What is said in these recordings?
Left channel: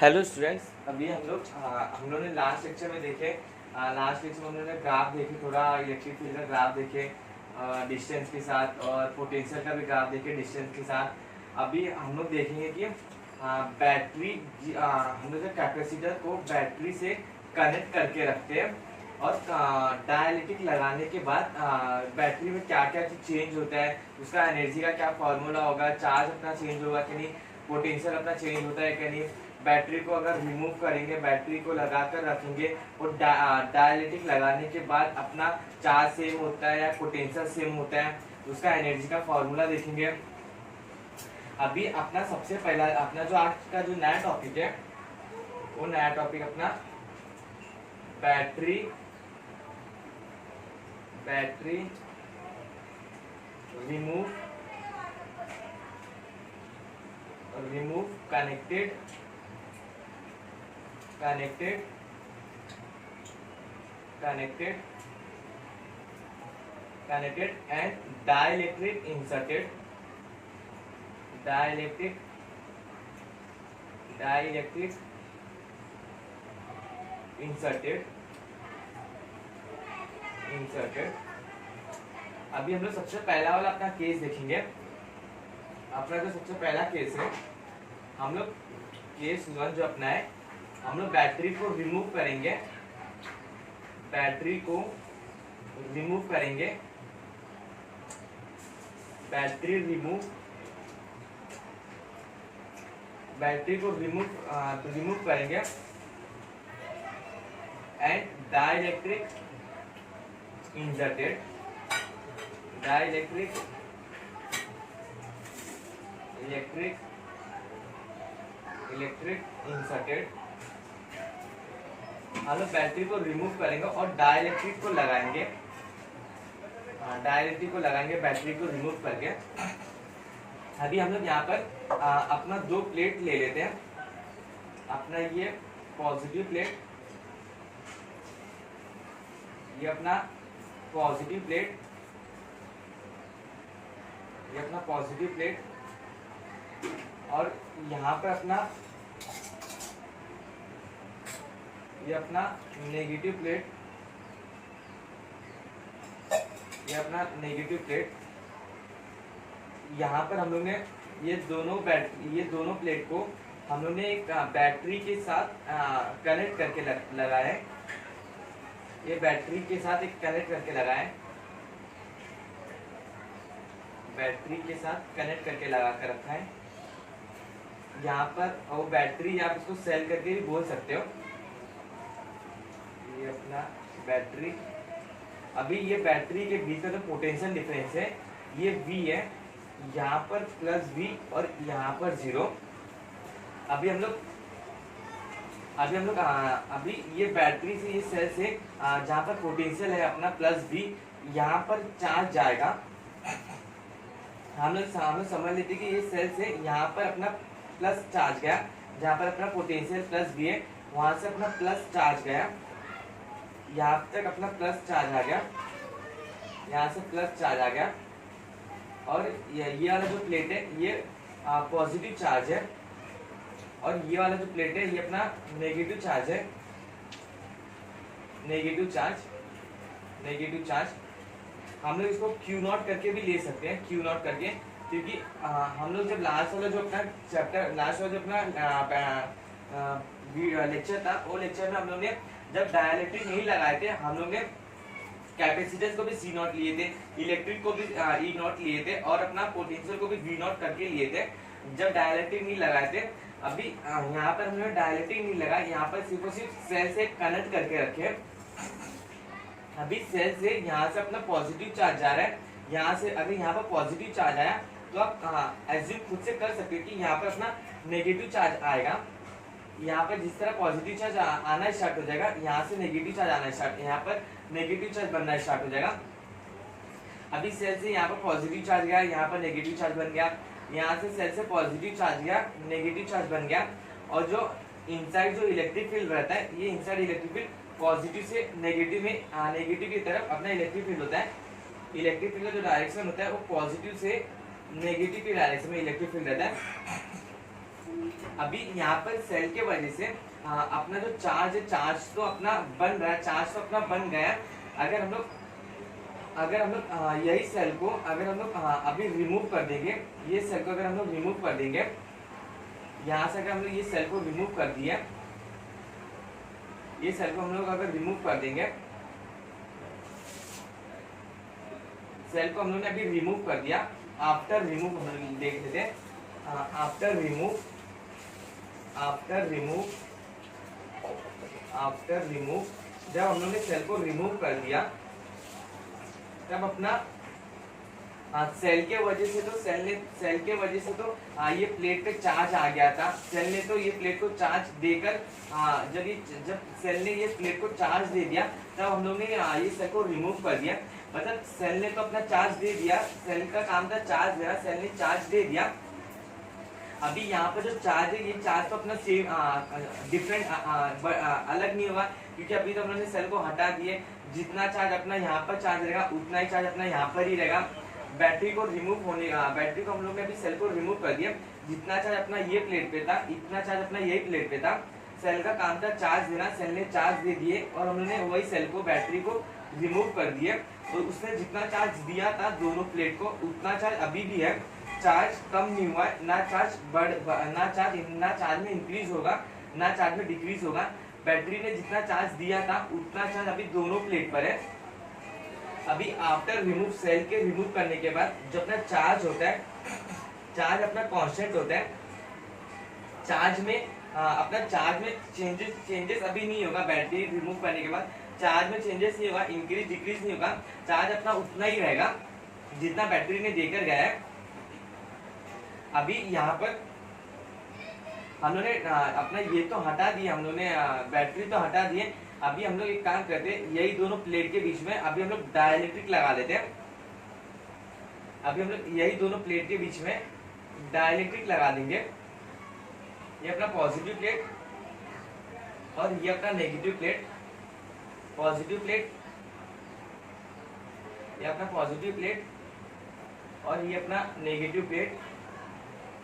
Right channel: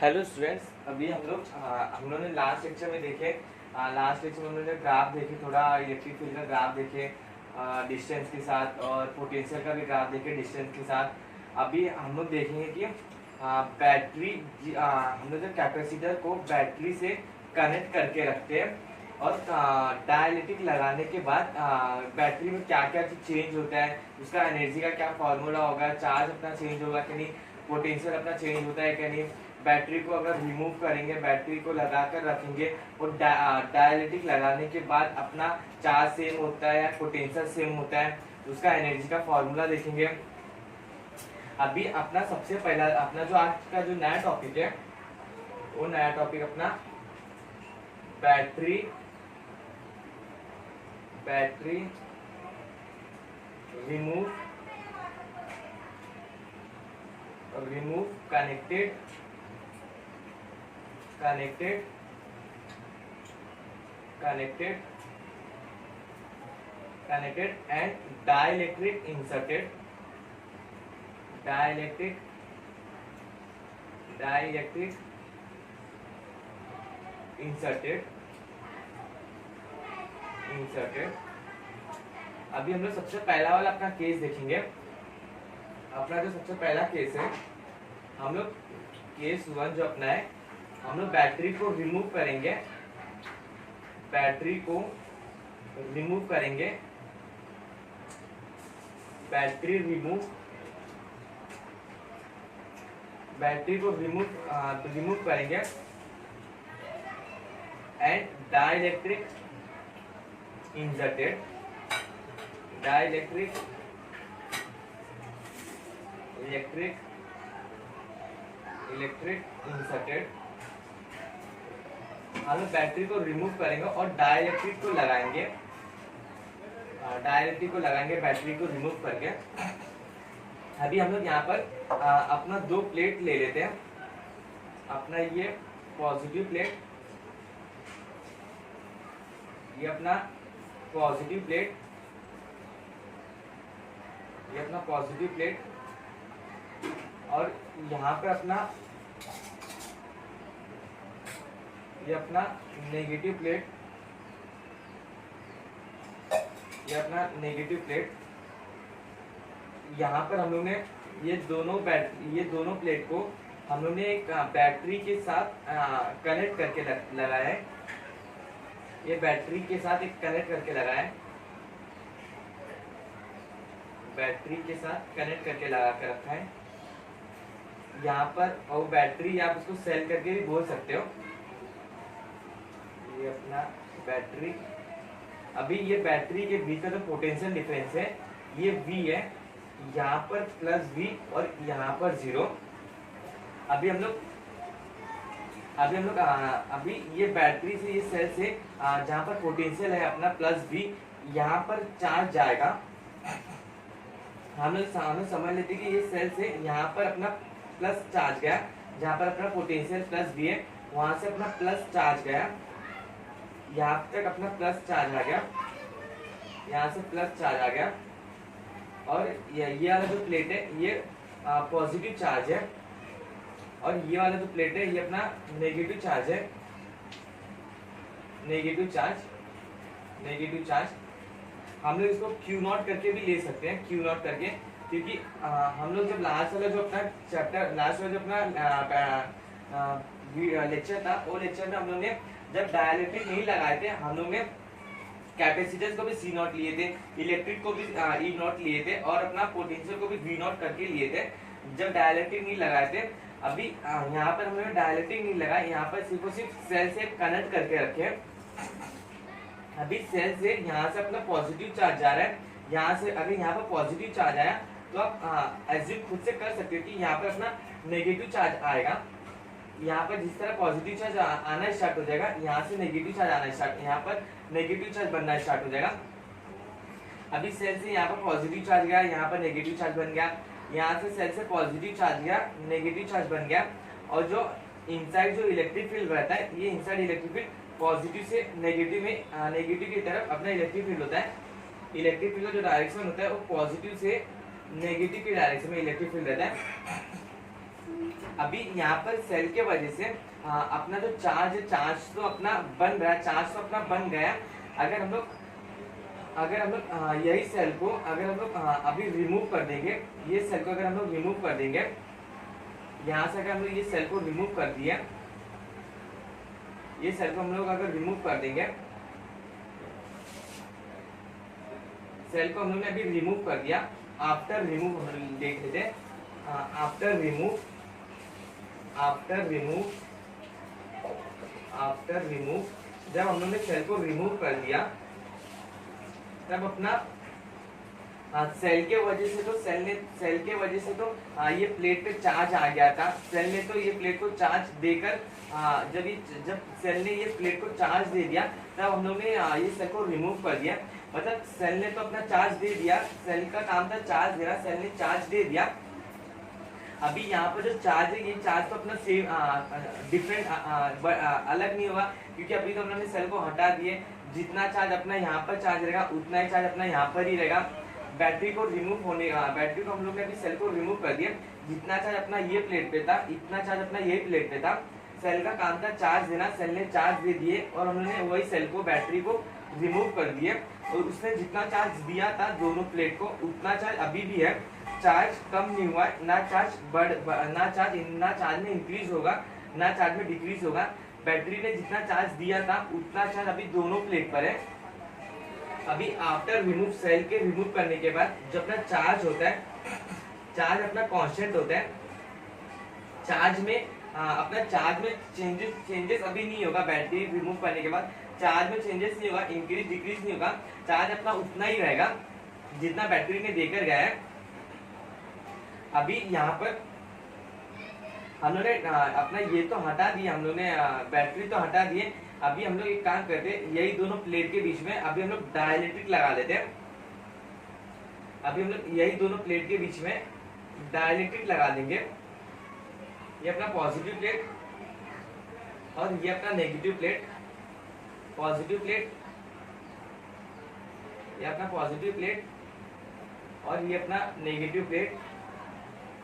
Hello students, अभी हम लोग ने लास्ट लेक्चर में देखे। लास्ट लेक्चर में हम लोग ने ग्राफ देखे, थोड़ा इलेक्ट्रिक फील्ड का ग्राफ देखे डिस्टेंस के साथ, और पोटेंशियल का भी ग्राफ देखे डिस्टेंस के साथ। अभी हम लोग देखेंगे कि बैटरी, हम लोग कैपेसिटर को बैटरी से कनेक्ट करके रखते हैं, और डायलिटिक लगाने के बाद बैटरी में क्या क्या चीज चेंज होता है, उसका एनर्जी का क्या फॉर्मूला होगा, चार्ज अपना चेंज होगा कि नहीं, पोटेंशियल अपना चेंज होता है कि नहीं, बैटरी को अगर रिमूव करेंगे, बैटरी को लगा कर रखेंगे और डायलिटिक लगाने के बाद अपना चार्ज सेम होता है या पोटेंशियल सेम होता है, उसका एनर्जी का फॉर्मूला देखेंगे। अभी अपना सबसे पहला अपना जो आज का जो नया टॉपिक है, वो नया टॉपिक अपना battery remove connected and dielectric inserted अभी हम लोग सबसे पहला वाला अपना केस देखेंगे। अपना जो सबसे पहला केस है, हम लोग केस 1 जो अपना है, हम लोग बैटरी को रिमूव करेंगे, बैटरी को रिमूव करेंगे एंड डाइलेक्ट्रिक इंसर्टेड हम लोग बैटरी को रिमूव करेंगे और डाइलेक्ट्रिक को लगाएंगे, बैटरी को रिमूव करके। अभी हम लोग यहाँ पर अपना 2 प्लेट ले लेते हैं। अपना ये पॉजिटिव प्लेट, ये अपना पॉजिटिव प्लेट, और यहाँ पर अपना ये अपना नेगेटिव प्लेट, यहाँ पर हम लोग ने ये दोनों प्लेट को हम लोग ने एक बैटरी के साथ कनेक्ट करके लगाया है। ये बैटरी के साथ एक कनेक्ट करके लगाया है, बैटरी के साथ कनेक्ट करके लगा कर रखा है यहाँ पर। और बैटरी आप इसको सेल करके भी बोल सकते हो। ये अपना बैटरी, अभी ये बैटरी के बीच का जो पोटेंशियल डिफरेंस है, ये V है, यहाँ पर प्लस V और यहाँ पर 0। अभी हम लोग अभी ये बैटरी से, ये सेल से जहाँ पर पोटेंशियल है अपना प्लस V, यहाँ पर चार्ज जाएगा। हम लोग समझ लेते कि ये सेल से यहाँ पर अपना प्लस चार्ज गया, जहाँ पर अपना पोटेंशियल प्लस V है, वहां से अपना प्लस चार्ज गया, यहाँ तक अपना प्लस चार्ज आ गया, यहाँ से प्लस चार्ज आ गया। और ये वाला जो प्लेट है, ये पॉजिटिव चार्ज है, और ये वाला जो प्लेट है, ये अपना नेगेटिव चार्ज है, नेगेटिव चार्ज। हम लोग इसको Q0 करके भी ले सकते हैं, Q0 करके, क्योंकि हम लोग जब लास्ट वाला जो अपना चैप्टर, लास्ट वाला जो अपना लेक्चर था, वो लेक्चर में हम लोग ने जब डाइलेक्ट्रिक नहीं लगाए थे, हम लोग ने कैपेसिटर्स को भी C0 लिए थे, इलेक्ट्रिक को भी E0 लिए थे, और अपना पोटेंशियल को भी V0 करके लिए थे जब डाइलेक्ट्रिक नहीं लगाए थे। अभी यहाँ पर हमने डाइलेक्ट्रिक नहीं लगाया, यहाँ पर सिर्फ और सिर्फ सेल से कनेक्ट करके रखे। अभी सेल से यहाँ से अपना पॉजिटिव चार्ज जा रहा है, यहाँ से अगर यहाँ पर पॉजिटिव चार्ज आया तो आप एज्यूम खुद से कर सकते हो कि यहाँ पर अपना नेगेटिव चार्ज आएगा। यहाँ पर जिस तरह पॉजिटिव चार्ज आना स्टार्ट हो जाएगा, यहाँ से नेगेटिव चार्ज आना स्टार्ट, यहाँ पर नेगेटिव चार्ज बनना स्टार्ट हो जाएगा। अभी सेल से यहाँ पर पॉजिटिव चार्ज गया, यहाँ पर नेगेटिव चार्ज बन गया, यहाँ से सेल से पॉजिटिव चार्ज गया, नेगेटिव चार्ज बन गया। और जो इनसाइड जो इलेक्ट्रिक फील्ड रहता है, ये इनसाइड इलेक्ट्रिक फील्ड पॉजिटिव से नेगेटिव में, नेगेटिव की तरफ अपना इलेक्ट्रिक फील्ड होता है। इलेक्ट्रिक फील्ड का जो डायरेक्शन होता है, वो पॉजिटिव से नेगेटिव की डायरेक्शन में इलेक्ट्रिक फील्ड रहता है। अभी यहाँ पर सेल के वजह से अपना जो चार्ज है, चार्ज तो अपना बन रहा है, चार्ज तो अपना बन गया। अगर हम लोग यही सेल को अगर हम लोग अभी रिमूव कर देंगे, ये सेल को अगर हम लोग रिमूव कर देंगे, यहाँ से अगर हम लोग ये सेल को रिमूव कर दिया, ये सेल को हम लोग अगर रिमूव कर देंगे, सेल को हम लोग ने अभी रिमूव कर दिया। आफ्टर रिमूव देख लेते हैं, आफ्टर रिमूव जब हम लोग ने सेल को रिमूव कर दिया, तब अपना सेल के वजह से तो ये प्लेट पे चार्ज आ गया था। सेल ने तो ये प्लेट को चार्ज देकर जब सेल ने ये प्लेट को चार्ज दे दिया, तब हम लोग ने ये सेल को रिमूव कर दिया। मतलब सेल ने तो अपना चार्ज दे दिया, सेल का काम था चार्ज देना, सेल ने चार्ज दे दिया। अभी यहाँ पर जो चार्ज है, ये चार्ज तो अपना सेम डिफरेंट अलग नहीं होगा, क्योंकि अभी तो हम लोगों ने सेल को हटा दिए। जितना चार्ज अपना यहाँ पर चार्ज रहेगा, उतना ही चार्ज अपना यहाँ पर ही रहेगा। बैटरी को बैटरी को हम लोग ने अभी सेल को रिमूव कर दिया। जितना चार्ज अपना ये प्लेट पे था, इतना चार्ज अपना यही प्लेट पे था। सेल का काम था चार्ज देना, सेल ने चार्ज दे दिए और हम लोग ने वही सेल को, बैटरी को रिमूव कर दिए। और उसने जितना चार्ज दिया था दोनों प्लेट को, उतना चार्ज अभी भी है। चार्ज कम नहीं हुआ है, ना चार्ज में इंक्रीज होगा, ना चार्ज में डिक्रीज होगा। बैटरी ने जितना चार्ज दिया था उतना चार्ज अभी दोनों प्लेट पर है। अभी आफ्टर रिमूव, सेल के रिमूव करने के बाद जो अपना चार्ज होता है, चार्ज अपना कांस्टेंट होता है। चार्ज में अपना चार्ज में चेंजेस अभी नहीं होगा। बैटरी रिमूव करने के बाद चार्ज में चेंजेस नहीं होगा, इंक्रीज डिक्रीज नहीं होगा। चार्ज अपना उतना ही रहेगा जितना बैटरी ने देकर गया है। अभी यहाँ पर हम लोग ने अपना ये तो हटा दिया, हम लोग ने बैटरी तो हटा दिए। अभी हम लोग एक काम करते हैं, यही दोनों प्लेट के बीच में अभी हम लोग डाइलेक्ट्रिक लगा देते हैं। अभी हम लोग यही दोनों प्लेट के बीच में डाइलेक्ट्रिक लगा देंगे। ये अपना पॉजिटिव प्लेट और ये अपना नेगेटिव प्लेट। पॉजिटिव प्लेट, ये अपना पॉजिटिव प्लेट और ये अपना नेगेटिव प्लेट।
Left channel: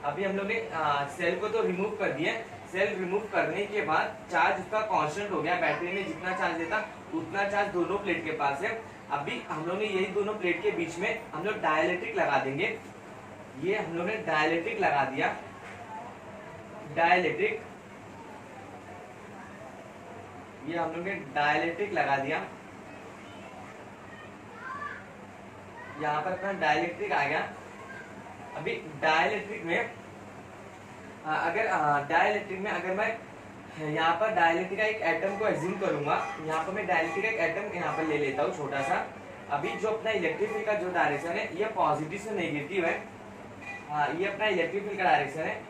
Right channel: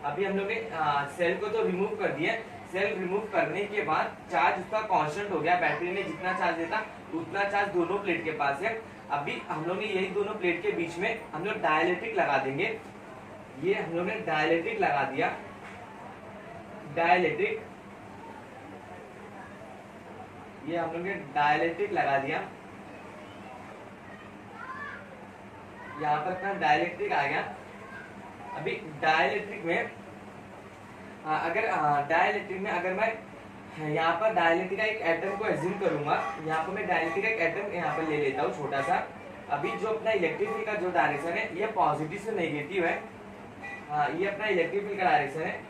अभी हम लोग ने सेल को तो रिमूव कर दिया। सेल रिमूव करने के बाद चार्ज उसका कांस्टेंट हो गया। बैटरी में जितना चार्ज देता उतना चार्ज दोनों प्लेट के पास है। अभी हम लोग ने यही दोनों प्लेट के बीच में हम लोग डाइलेक्ट्रिक लगा देंगे। ये हम लोग ने डाइलेक्ट्रिक लगा दिया। डाइलेक्ट्रिक, ये हम लोग ने डाइलेक्ट्रिक लगा दिया। यहाँ पर अपना डाइलेक्ट्रिक आ गया। अभी डाइलेक्ट्रिक में अगर मैं यहाँ पर डाइलेक्ट्रिक का एक एटम को एज्यूम करूंगा, यहाँ पर मैं डाइलेक्ट्रिक का एक एटम यहाँ पर ले लेता हूँ छोटा सा। अभी जो अपना इलेक्ट्रिक फील्ड का जो डायरेक्शन है, ये पॉजिटिव से नेगेटिव है। ये अपना इलेक्ट्रिक फील्ड का डायरेक्शन है।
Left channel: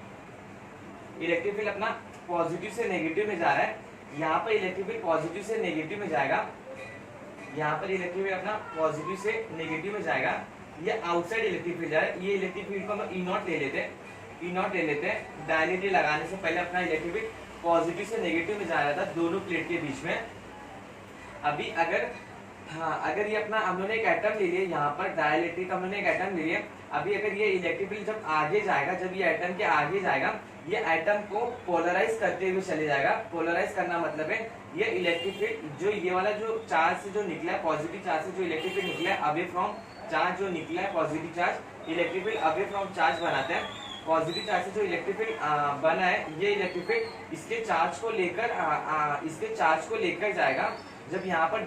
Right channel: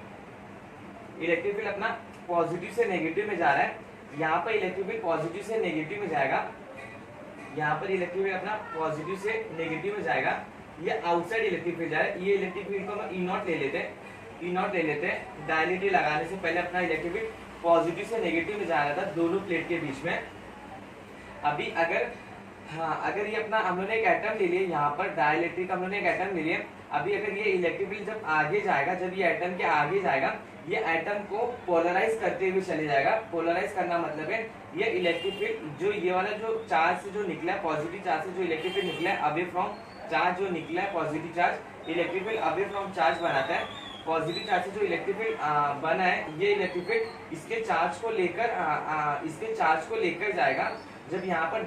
इलेक्ट्रिक फील्ड अपना पॉजिटिव से नेगेटिव में जा रहा है। यहाँ पर इलेक्ट्रिक फील्ड पॉजिटिव से नेगेटिव में जाएगा। यहाँ पर इलेक्ट्रिक फील्ड अपना पॉजिटिव से नेगेटिव में जाएगा। ये आउटसाइड इलेक्ट्रिक फील्ड जा रहा है। ये इलेक्ट्रिक फील्ड को हम ई नॉट ले लेते हैं। डायलेक्ट्रिक लगाने से पहले अपना इलेक्ट्रिक फील्ड पॉजिटिव से नेगेटिव में जा रहा था दोनों प्लेट के बीच में। अभी अगर ये अपना हम लोग ने एक एटम ले लिया, यहाँ पर डाइलेक्ट्रिक हम लोग ने एक एटम ले लिया। अभी अगर ये इलेक्ट्रिक फील्ड जब आगे जाएगा, जब ये एटम के आगे जाएगा, ये एटम को पोलराइज करते हुए चले जाएगा। पोलराइज करना मतलब है ये इलेक्ट्रिक फील्ड जो ये वाला जो चार्ज से जो निकला है, पॉजिटिव चार्ज से जो इलेक्ट्रिक फील्ड निकला है, अवे फ्रॉम चार्ज जो निकला है positive charge, electric field away from charge बनाता है। पॉजिटिव चार्ज से जो इलेक्ट्रिक फील्ड बना है, ये इलेक्ट्रिक फील्ड इसके चार्ज को लेकर जाएगा। जब यहाँ पर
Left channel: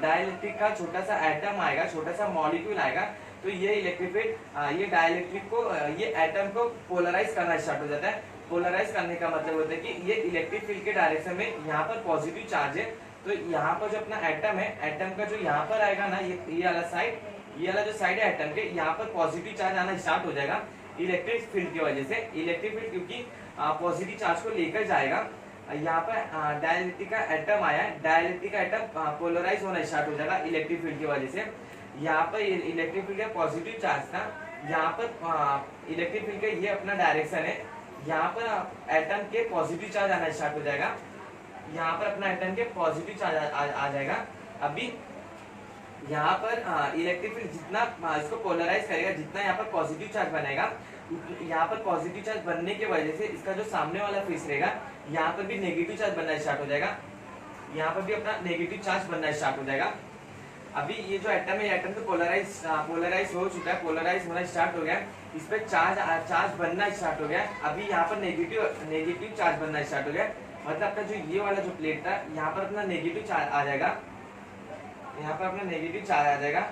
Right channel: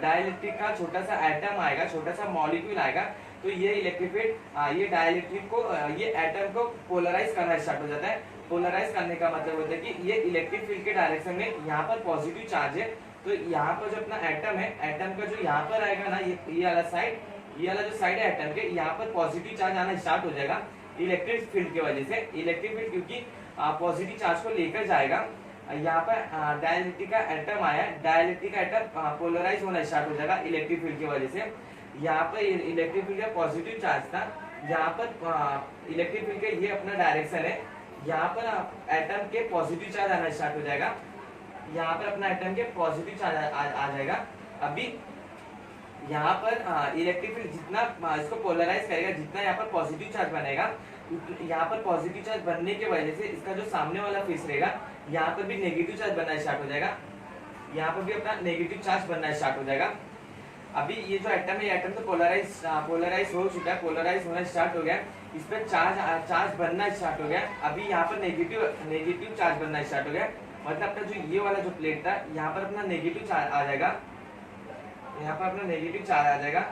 डाइलेक्ट्रिक का छोटा सा एटम आएगा, छोटा सा मॉलिक्यूल आएगा, तो ये इलेक्ट्रिक फील्ड ये डाइलेक्ट्रिक को ये एटम को पोलराइज करना स्टार्ट हो जाता है। पोलराइज करने का मतलब होता है कि ये इलेक्ट्रिक फील्ड के डायरेक्शन में यहाँ पर पॉजिटिव चार्ज है, तो यहाँ पर जो अपना एटम है, एटम का जो यहाँ पर आएगा ना, ये वाला साइड, ये वाला जो साइड है एटम के, यहाँ पर पॉजिटिव चार्ज आना स्टार्ट हो जाएगा इलेक्ट्रिक फील्ड की वजह से। इलेक्ट्रिक फील्ड क्योंकि पॉजिटिव चार्ज को लेकर जाएगा, यहाँ पर डाइलेक्ट्रिक का एटम आया, डाइलेक्ट्रिक का एटम पोलराइज होना स्टार्ट हो जाएगा इलेक्ट्रिक फील्ड की वजह से। यहाँ पर इलेक्ट्रिक फील्ड का पॉजिटिव चार्ज था, यहाँ पर इलेक्ट्रिक फील्ड का ये अपना डायरेक्शन है, यहाँ पर एटम के पॉजिटिव चार्ज आना स्टार्ट हो जाएगा। यहाँ पर अपना एटम के पॉजिटिव चार्ज आ जाएगा। अभी यहाँ पर इलेक्ट्रिक फील्ड जितना इसको पोलराइज करेगा, जितना यहाँ पर पॉजिटिव चार्ज बनेगा, यहाँ पर पॉजिटिव चार्ज बनने की वजह से इसका जो सामने वाला फेस रहेगा यहाँ पर भी नेगेटिव चार्ज बनना स्टार्ट हो जाएगा, यहाँ पर भी अपना नेगेटिव चार्ज बनना स्टार्ट हो जाएगा। अभी ये जो एटम है, एटम तो पोलराइज हो चुका है, पोलराइज होना स्टार्ट हो गया, इस पर चार्ज बनना स्टार्ट हो गया। अभी यहाँ पर नेगेटिव चार्ज बनना स्टार्ट हो गया, मतलब अपना जो ये वाला जो प्लेट था यहाँ पर अपना नेगेटिव चार्ज आ जाएगा, यहाँ पर अपना नेगेटिव चार्ज आ जाएगा।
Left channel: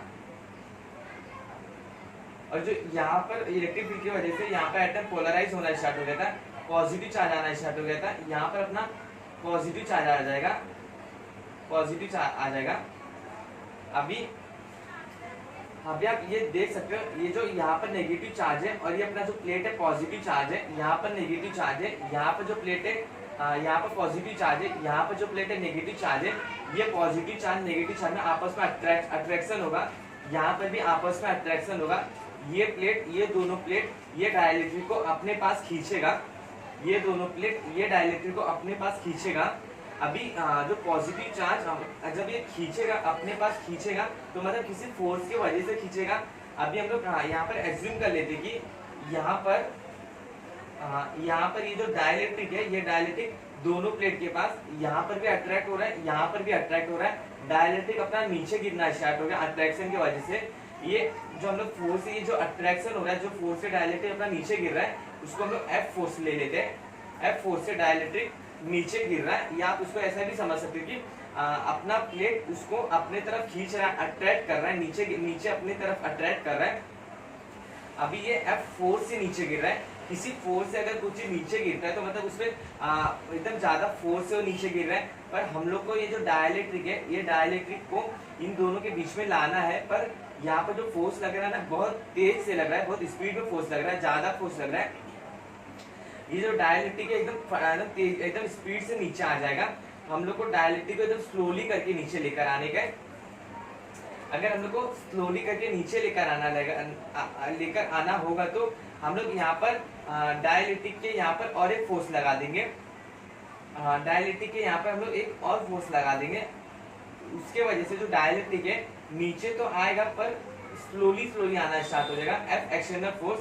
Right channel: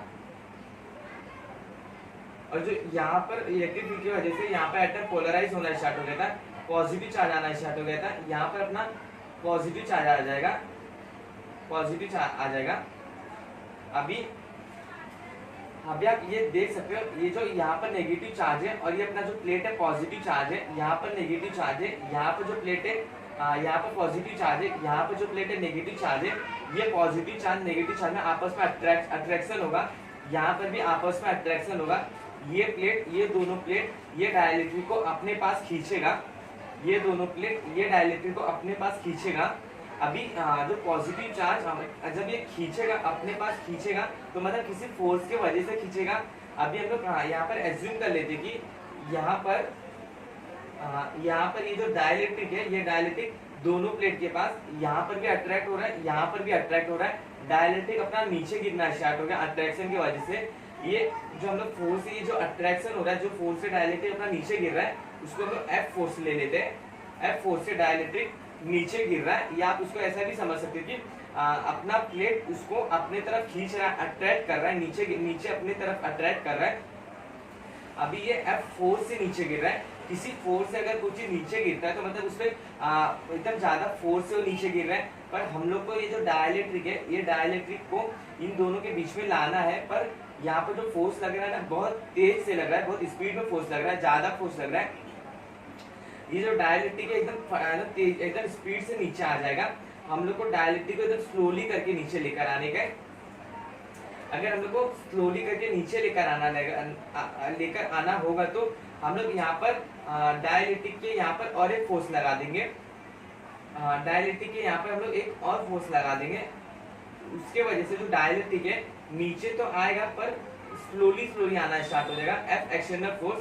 और जो यहाँ पर इलेक्ट्रिक फील्ड की वजह से यहाँ पर एटम पोलराइज होना स्टार्ट हो गया था, पॉजिटिव चार्ज आना स्टार्ट हो गया था, यहाँ पर अपना पॉजिटिव चार्ज आ जाएगा, पॉजिटिव चार्ज आ जाएगा। अभी आप ये देख सकते हो, ये जो यहाँ पर नेगेटिव चार्ज है और ये अपना जो प्लेट है पॉजिटिव चार्ज है, यहाँ पर नेगेटिव चार्ज है, यहाँ पर जो प्लेट है यहाँ पर पॉजिटिव चार्ज है, यहाँ पर जो प्लेट है नेगेटिव चार्ज है। ये पॉजिटिव चार्ज नेगेटिव चार्ज में आपस में अट्रैक्शन होगा, यहाँ पर भी आपस में अट्रैक्शन होगा। ये प्लेट, ये दोनों प्लेट ये डाइलेक्ट्रिक को अपने पास खींचेगा, ये दोनों प्लेट ये डाइलेक्ट्रिक को अपने पास खींचेगा। अभी जो पॉजिटिव चार्ज जब ये खींचेगा अपने पास खींचेगा तो मतलब किसी फोर्स की वजह से खींचेगा। अभी हम लोग यहाँ पर एज्यूम कर लेते कि यहाँ पर ये जो डाइलेक्ट्रिक है, ये डाइलेक्ट्रिक दोनों प्लेट के पास यहाँ पर भी अट्रैक्ट हो रहा है, यहाँ पर भी अट्रैक्ट हो रहा है। डाइलेक्ट्रिक अपना नीचे गिरना स्टार्ट हो गया अट्रैक्शन की वजह से। ये जो हम लोग फोर्स, ये जो अट्रैक्शन हो रहा है, जो फोर्स से डाइलेक्ट्रिक अपना नीचे गिर रहा है, उसको हम लोग एफ फोर्स ले लेते हैं। एफ फोर्स से डाइलेक्ट्रिक नीचे गिर रहा है, या आप उसको ऐसा भी समझ सकते हो कि अपना प्लेट उसको अपने तरफ खींच रहा है, अट्रैक्ट कर रहा है, नीचे अपने तरफ अट्रैक्ट कर रहा है। अभी ये एफ फोर्स से नीचे गिर रहा है। किसी फोर्स से अगर कुछ नीचे गिरता है तो मतलब उसमें एकदम ज्यादा फोर्स से वो नीचे गिर रहा है। पर हम लोग को ये जो डाइलेक्ट्रिक है, ये डाइलेक्ट्रिक को इन दोनों के बीच में लाना है। पर यहाँ पर जो फोर्स लग रहा है ना, बहुत तेज से लग रहा है, बहुत स्पीड में फोर्स लग रहा है, ज्यादा फोर्स लग रहा है। ये जो डाइलेक्ट्रिक है एकदम तेज, एकदम स्पीड से नीचे आ जाएगा। हम लोग को डाइलेक्ट्रिक को एकदम स्लोली करके नीचे लेकर आने का। अगर हम लोग को स्लोली करके नीचे लेकर आना होगा तो हम लोग यहाँ पर डाइलेक्ट्रिक के यहाँ पर और एक फोर्स लगा देंगे। डाइलेक्ट्रिक के यहाँ पर हम लोग एक और फोर्स लगा देंगे। उसके वजह से जो डाइलेक्ट्रिक है नीचे तो आएगा पर स्लोली आना स्टार्ट हो जाएगा। एफ एक्सटर्नल फोर्स,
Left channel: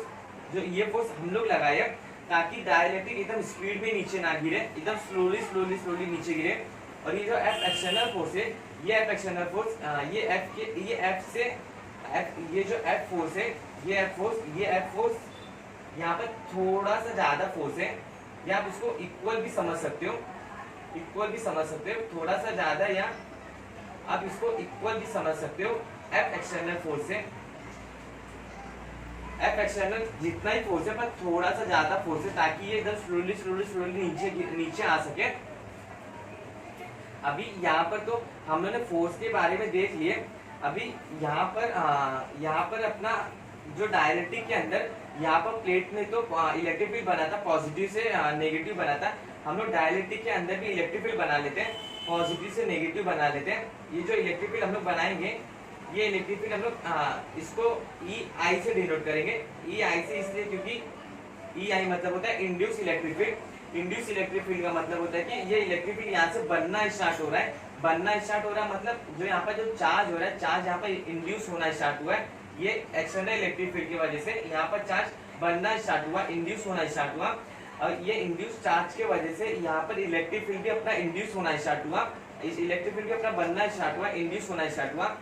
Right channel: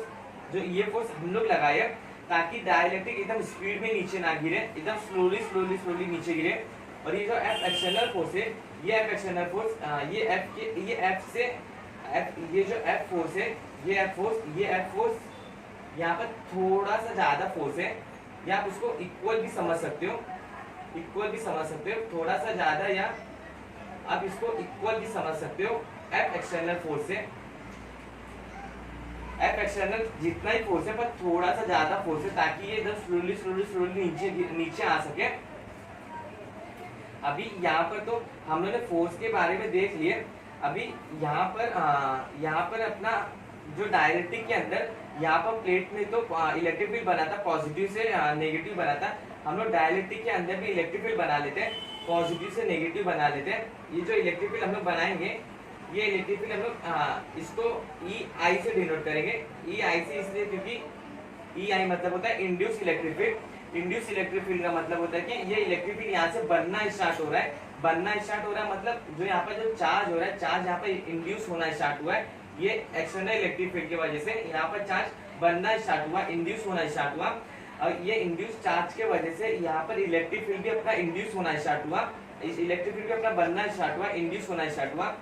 जो ये फोर्स हम लोग लगाए ताकि डाइलेक्ट्रिक एकदम स्पीड में नीचे ना गिरे, एकदम स्लोली नीचे गिरे। और ये जो एफ एक्सटर्नल फोर्स है, ये एफ एक्सटर्नल फोर्स, ये जो एफ फोर्स है, ये एफ फोर्स यहाँ पर थोड़ा सा ज्यादा फोर्स है, या आप उसको इक्वल भी समझ सकते हो, थोड़ा सा ज्यादा, या आप इसको इक्वल भी समझ सकते हो एफ एक्सटर्नल फोर्स से। एफ एक्सटर्नल जितना ही फोर्स है पर थोड़ा सा ज्यादा फोर्स है, ताकि ये एकदम स्लोली नीचे आ सके। अभी यहाँ पर तो हम लोगों ने फोर्स के बारे में देख लिए। अभी यहाँ पर अपना जो डाइलेक्ट्रिक के अंदर यहाँ पर प्लेट में तो इलेक्ट्रिक फील्ड बना था, पॉजिटिव से नेगेटिव बना था। हम लोग डाइलेक्ट्रिक के अंदर भी इलेक्ट्रिक फील्ड बना लेते हैं, पॉजिटिव से नेगेटिव बना लेते हैं। ये जो इलेक्ट्रिक फील्ड हम लोग बनाएंगे, ये इलेक्ट्रिक फील्ड हम लोग इसको ई आई से डिनोट करेंगे। ई आई से इसलिए क्योंकि ई आई मतलब होता है induce electric field. Induce electric field का मतलब होता है कि ये इलेक्ट्रिक फील्ड यहाँ से बनना स्टार्ट हो रहा है, मतलब जो यहाँ पर जो चार्ज हो रहा है, चार्ज यहाँ पर इंड्यूस होना स्टार्ट हुआ है। ये एक्सटर्नल इलेक्ट्रिक फील्ड की वजह से यहाँ पर चार्ज बनना स्टार्ट हुआ, इंड्यूस होना स्टार्ट हुआ। और ये इंड्यूस चार्ज के वजह से यहाँ पर इलेक्ट्रिक फील्ड भी अपना इंड्यूस होना स्टार्ट हुआ, इस इलेक्ट्रिक फील्ड भी अपना बनना स्टार्ट हुआ, इंड्यूस होना स्टार्ट हुआ।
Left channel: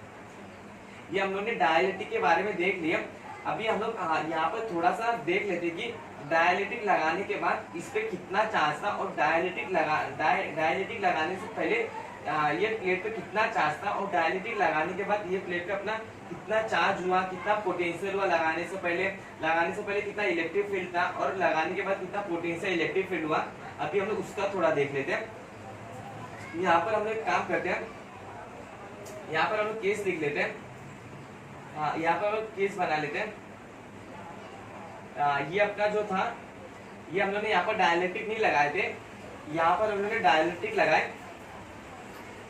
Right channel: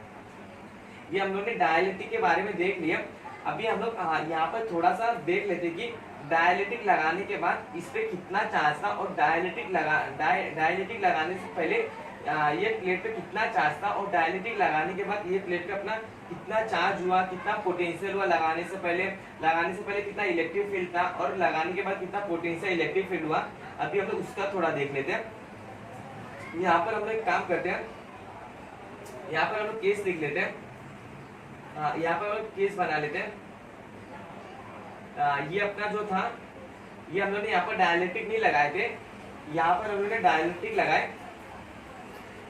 ये हम लोग ने डाइलेक्ट्रिक के बारे में देख लिया। अभी हम लोग यहाँ पर थोड़ा सा देख लेते कि डाइलेक्ट्रिक लगाने के बाद इस पे कितना चार्ज था, और डाइलेक्ट्रिक लगाने से पहले ये प्लेट पे कितना चार्ज था, और डाइलेक्ट्रिक लगाने के बाद ये प्लेट पे अपना कितना चार्ज हुआ, कितना पोटेंशियल हुआ, लगाने से पहले कितना इलेक्ट्रिक फील्ड था, और लगाने के बाद कितना पोटेंशियल इलेक्ट्रिक फील्ड हुआ। अभी हम लोग उसका थोड़ा देख लेते हैं। यहाँ पर हम लोग एक काम करते हैं, यहाँ पर हम लोग केस लिख लेते हैं। यहाँ पर हम लोग केस बना लेते हैं। ये अपना जो था, ये हम लोग ने यहाँ पर डाइलेक्ट्रिक नहीं लगाए थे, यहाँ पर हम लोग ने डाइलेक्ट्रिक लगाए।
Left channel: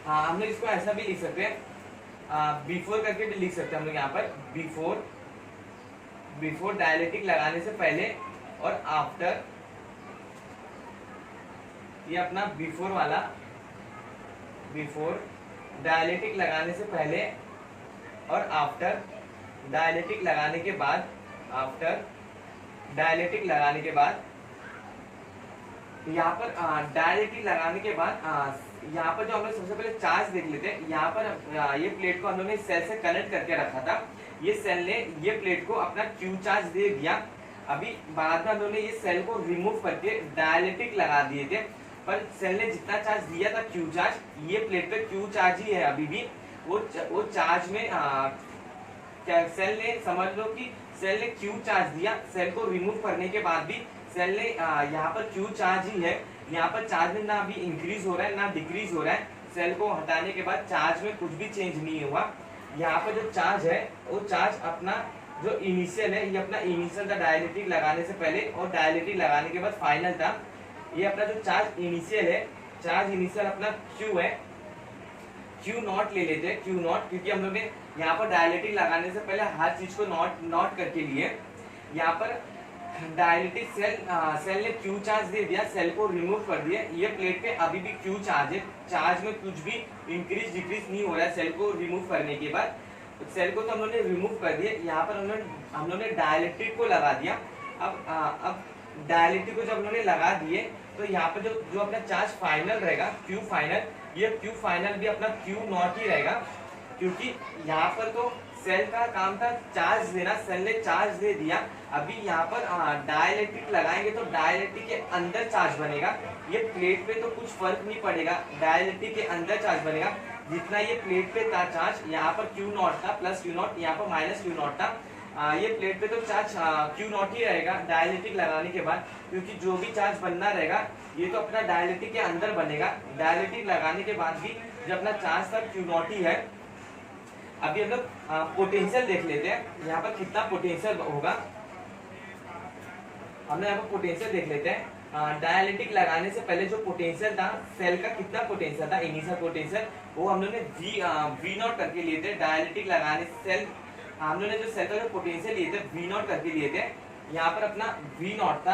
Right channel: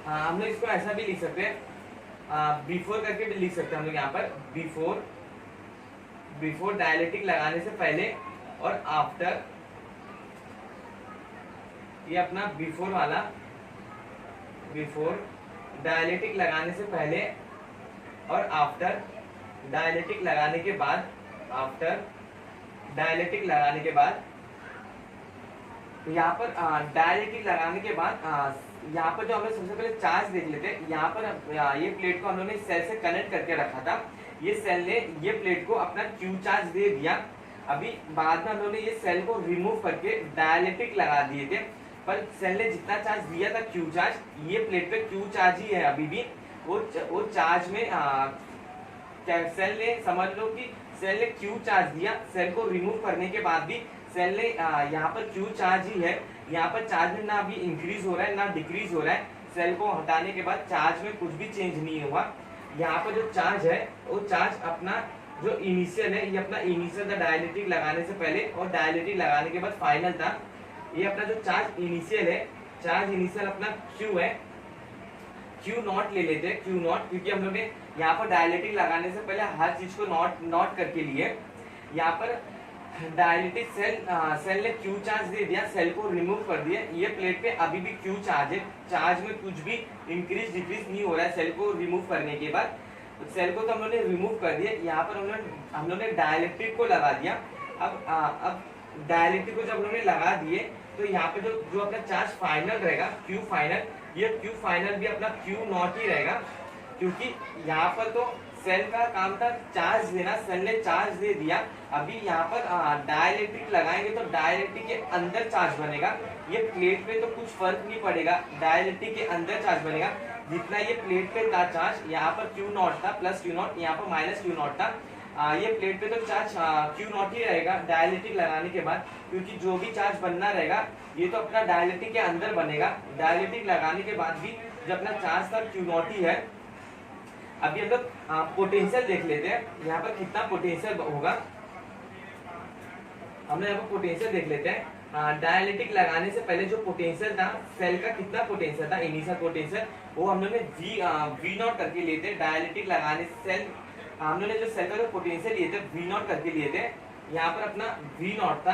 हम लोग इसको ऐसा भी लिख सकते हैं, बिफोर करके भी लिख सकते हैं हम लोग यहाँ पर, बिफोर डाइलेक्ट्रिक लगाने से पहले और आफ्टर। ये अपना बिफोर वाला, बिफोर डाइलेक्ट्रिक लगाने से पहले और आफ्टर डाइलेक्ट्रिक लगाने के बाद, आफ्टर डायलेक्ट्रिक लगाने के बाद यहाँ पर डायलेक्ट्रिक लगाने के बाद यहाँ पर जो हम लोग सबसे पहले चार्ज देख लेते हैं। यहाँ पर ये प्लेट को हम लोग ने सेल से कनेक्ट करके रखा था, ये सेल ने ये प्लेट को अपना क्यू चार्ज दे दिया। अभी बाद में हम लोग ने ये सेल को रिमूव करके डायलेक्ट्रिक लगा दिए थे, पर सेल ने जितना चार्ज दिया था क्यू चार्ज, ये प्लेट पे क्यू चार्ज ही है अभी भी। वो चार्ज में सेल ने समझ लो कि सेल ने क्यू चार्ज दिया, सेल को रिमूव करने के बाद भी सेल ने यहाँ पर क्यू चार्ज ही है। यहाँ पर चार्ज में ना अभी इंक्रीज हो रहा है ना डिक्रीज हो रहा है। सेल को हटाने के बाद चार्ज में कुछ भी चेंज नहीं हुआ। यहाँ पर जो चार्ज है वो चार्ज अपना जो इनिशियल है, ये अपना इनिशियल था डायलेक्ट्रिक लगाने से पहले और डायलेक्ट्रिक लगाने के बाद फाइनल था। ये अपना जो चार्ज इनिशियल है, चार्ज इनिशियल अपना क्यू है, क्यू नॉट ले लेते हैं, क्यू नॉट, क्योंकि हम लोग ने यहाँ पर डायलेक्ट्रिक लगाने से पहले हर चीज को नॉट करके लिए। यहाँ पर डायलेक्ट्रिक सेल ने क्यू चार्ज दे दिया, सेल को रिमूव कर दिया। ये प्लेट पे अभी भी क्यू चार्ज है, चार्ज में कुछ भी इंक्रीज डिक्रीज नहीं हो रहा है सेल को रिमूव करने के बाद। सेल को तो हम लोग ने रिमूव कर दिया। यहाँ पर हम लोग ने डायलेक्ट्रिक को लगा दिया। अब डायलेक्ट्रिक को जब हम लोग ने लगा दिए तो यहाँ पे जो अपना चार्ज फाइनल रहेगा क्यू फाइनल, ये क्यू फाइनल भी अपना क्यू नॉट ही रहेगा, क्योंकि यहाँ पर तो सेल का काम था चार्ज देना, सेल ने चार्ज दे दिया। अभी यहाँ पर डायलेक्ट्रिक लगाएंगे तो डायलेक्ट्रिक के अंदर चार्ज बनेगा। ये प्लेट पे तो कुछ फर्क नहीं पड़ेगा, डायलेक्ट्रिक के अंदर चार्ज बनेगा। जितना ये प्लेट पे था चार्ज, यहाँ पर क्यू नॉट था प्लस क्यू नॉट, यहाँ पर माइनस क्यू नॉट था। ये प्लेट पे तो चार्ज क्यू नॉट ही रहेगा डायलेक्ट्रिक लगाने के बाद, क्योंकि जो भी चार्ज बनना रहेगा ये तो अपना डायलेक्ट्रिक के अंदर बनेगा। डायलेक्ट्रिक लगाने के बाद भी जो अपना चार्ज था क्यू नॉट ही है। अभी हम लोग पोटेंशियल देख लेते हैं, यहाँ पर कितना पोटेंशियल होगा। हमने यहाँ पर पोटेंशियल देख लेते हैं। डायलेक्ट्रिक लगाने से पहले जो पोटेंशियल था सेल का, कितना पोटेंशियल था इनिशियल पोटेंशियल, वो हम लोग ने वी नॉट करके लिए थे। डायलेक्ट्रिक लगाने से सेल हम लोग ने जो सेल का जो पोटेंशियल लिए थे वी नॉट करके लिए थे। यहाँ पर अपना वी नॉट था,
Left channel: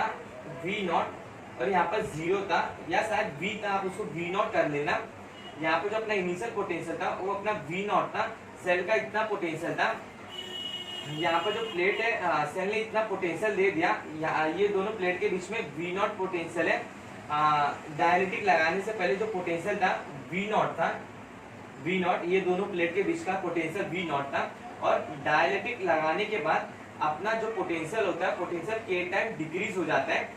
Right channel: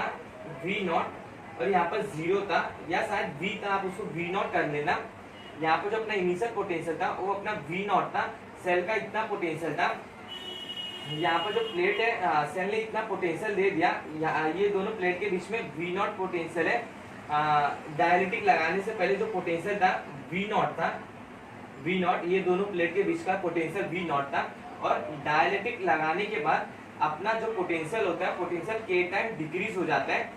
वी नॉट, और यहाँ पर 0 था या शायद वी था, आप उसको वी नॉट कर लेना। यहाँ पर जो अपना इनिशियल पोटेंशियल था वो अपना वी नॉट था, सेल का इतना पोटेंशियल था। यहाँ पर जो प्लेट है सेल ने इतना पोटेंशियल दे दिया। ये दोनों प्लेट के बीच में वी नॉट पोटेंशियल है। डायलेक्ट्रिक लगाने से पहले जो पोटेंशियल था वी नॉट था, वी नॉट, ये दोनों प्लेट के बीच का पोटेंशियल वी नॉट था। और डायलेक्ट्रिक लगाने के बाद अपना जो पोटेंशियल होता है, पोटेंशियल के टाइम डिक्रीज हो जाता है।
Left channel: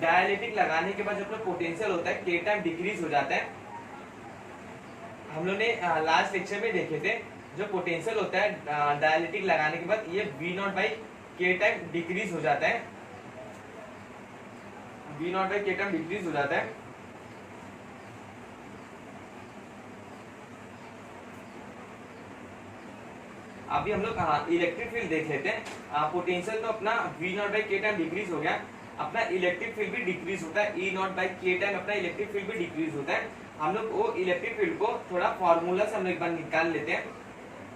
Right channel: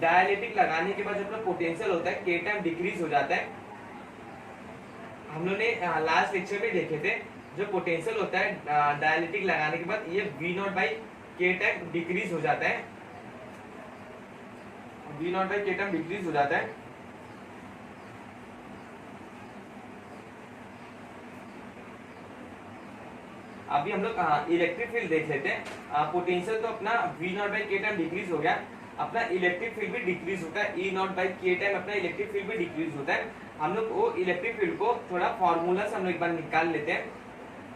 डायलेक्ट्रिक लगाने के बाद जो अपना पोटेंशियल होता है के टाइम डिक्रीज हो जाता है। हम लोग ने लास्ट लेक्चर में देखे थे जो पोटेंशियल होता है डायलेक्ट्रिक लगाने के बाद ये वी नॉट बाई के टाइम डिक्रीज हो जाता है, वी नॉट बाई के टाइम डिक्रीज हो जाता है। अभी हम लोग इलेक्ट्रिक फील्ड देख लेते हैं। पोटेंशियल तो अपना वी नॉट बाई के टाइम डिक्रीज हो गया, अपना इलेक्ट्रिक फील्ड भी डिक्रीज होता है। ई नॉट बाई के टाइम अपना इलेक्ट्रिक फील्ड भी डिक्रीज होता है। हम लोग वो इलेक्ट्रिक फील्ड को थोड़ा फॉर्मूला से हम लोग एक बार निकाल लेते हैं।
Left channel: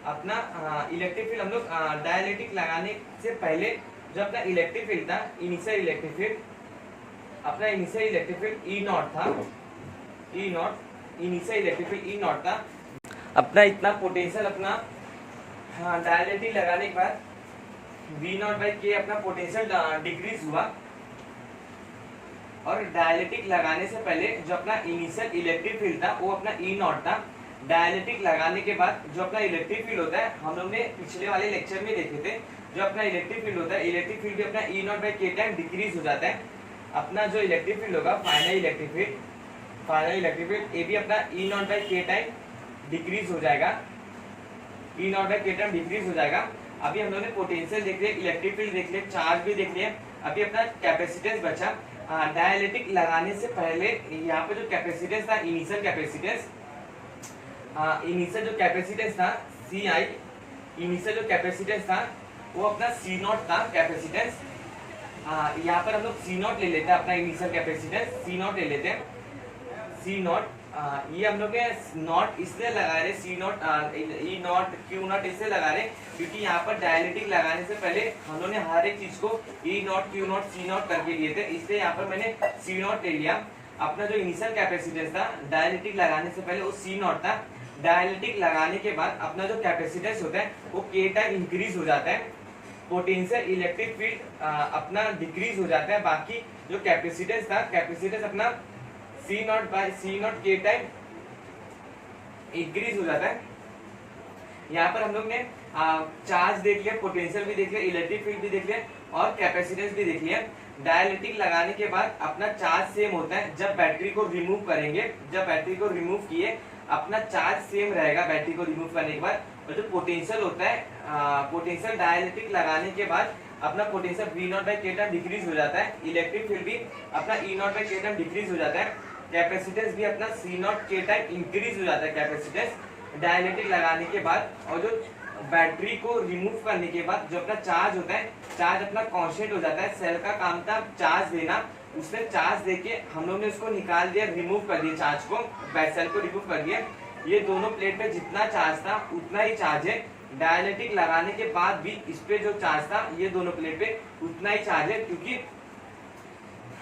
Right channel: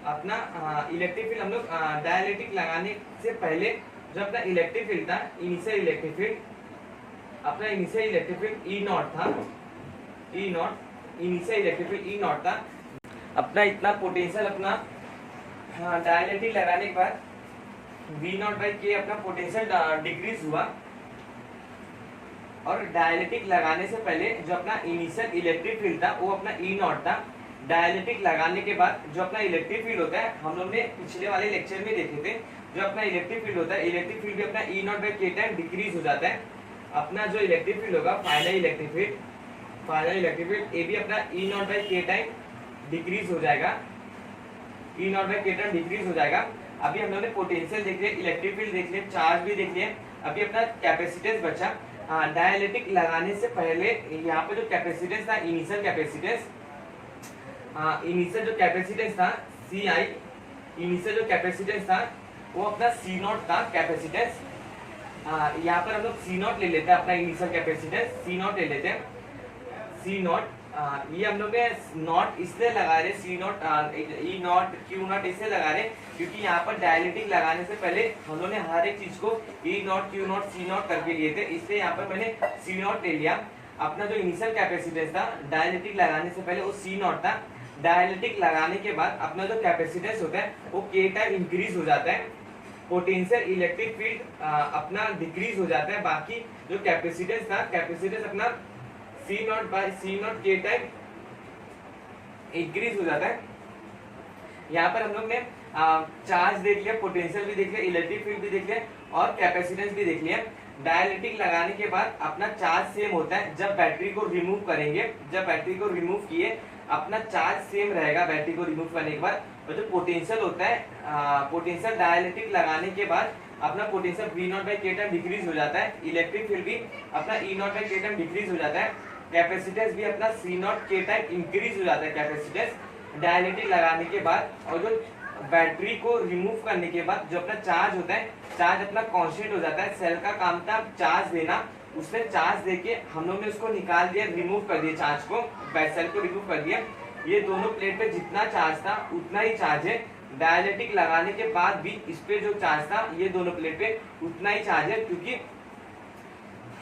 अपना इलेक्ट्रिक फील्ड हम लोग डायलेक्ट्रिक लगाने से पहले जो अपना इलेक्ट्रिक फील्ड था, इनिशियल इलेक्ट्रिक फील्ड, अपना initial electric field E naught था, E naught, initial electric field E naught था। अपना इतना पोटेंशियल अपना डायलेक्ट्रिक लगाने के बाद वी नॉट बाई के अपना पोटेंशियल डिक्रीज हुआ। और डायलेक्ट्रिक लगाने से पहले जो अपना इनिशियल इलेक्ट्रिक फील्ड था वो अपना ई नॉट था। डायलेक्ट्रिक लगाने के बाद जो अपना इलेक्ट्रिक फील्ड होता है, हम लोग ने पिछले वाले लेक्चर में देखे थे, जो अपना इलेक्ट्रिक फील्ड होता है, इलेक्ट्रिक फील्ड भी अपना ई नॉट बाई के टाइम डिक्रीज हो जाता है। अपना जो इलेक्ट्रिक फील्ड होगा final electric field, final electric field ये भी अपना ई नॉट बाई के टाइम डिक्रीज हो जाएगा, ई नॉट बाई के टाइम डिक्रीज हो जाएगा। अभी हम लोग ने पोटेंशियल देख लिया, इलेक्ट्रिक फील्ड देख लिया, चार्ज भी देख लिया। अभी अपना कैपेसिटेंस बचा। डायलेक्ट्रिक लगाने से पहले यहाँ पे जो कैपेसिटेंस था, इनिशियल कैपेसिटेंस, इनिशियल जो कैपेसिटेंस था सी आई, इनिशियल जो कैपेसिटेंस था वो अपना सी नॉट था कैपेसिटेंस। यहाँ पर हम लोग सी नॉट ले लेते हैं, अपना इनिशियल कैपेसिटेंस सी नॉट ले लेते हैं, सी नॉट। ये हम लोग नॉट इसलिए लगा रहे, C naught, E naught, Q naught इसलिए लगा रहे क्योंकि यहाँ पर डायलेक्ट्रिक लगाने से पहले हम लोगों ने हर एक चीज को E naught, Q naught, C naught करके लिए थे, इसलिए यहाँ पर मैंने सी नॉट ले लिया। अपना जो इनिशियल कैपेसिटेंस था डायलेक्ट्रिक लगाने से पहले वो सी नॉट था। डायलेक्ट्रिक लगाने के बाद अपना जो कैपेसिटेंस होता है वो के टाइम इंक्रीज हो जाता है, पोटेंशियल इलेक्ट्रिक फील्ड अपना डिक्रीज हो जाता है, बाकी जो कैपेसिटेंस था, कैपेसिटेंस अपना सी नॉट बाई सी नॉट के टाइम इंक्रीज हो जाता है। यहाँ पर हम लोग ने चार्ज देख लिया, पोटेंशियल भी देख लिया, इलेक्ट्रिक फील्ड भी देख लिया और कैपेसिटेंस भी देख लिया। डायलेक्ट्रिक लगाने के बाद अपना चार्ज सेम होता है। जब बैटरी को रिमूव करेंगे, जब बैटरी को रिमूव किए अपना चार्ज सेम रहेगा बैटरी को रिमूव करने के बाद। और जो पोटेंशियल होता है, पोटेंशियल डायलेक्ट्रिक लगाने के बाद अपना पोटेंशियल V नॉट बाई के टाइम डिक्रीज हो जाता है। इलेक्ट्रिक फील्ड भी अपना E नॉट बाई के टाइम डिक्रीज हो जाता है। कैपेसिटेंस भी अपना C नॉट के टाइम इंक्रीज हो जाता है कैपेसिटेंस डायलेक्ट्रिक लगाने के बाद। और जो बैटरी को रिमूव करने के बाद जो अपना चार्ज होता है, चार्ज अपना कांस्टेंट हो जाता है। सेल का काम था चार्ज देना, उसने चार्ज देके हम लोग ने उसको निकाल दिया, रिमूव कर दिया चार्ज को, सेल को रिमूव कर दिया। ये दोनों प्लेट पे जितना चार्ज था उतना ही चार्ज है। डायलेक्ट्रिक लगाने के बाद भी इस पे जो चार्ज था ये दोनों प्लेट पे उतना ही चार्ज है, क्योंकि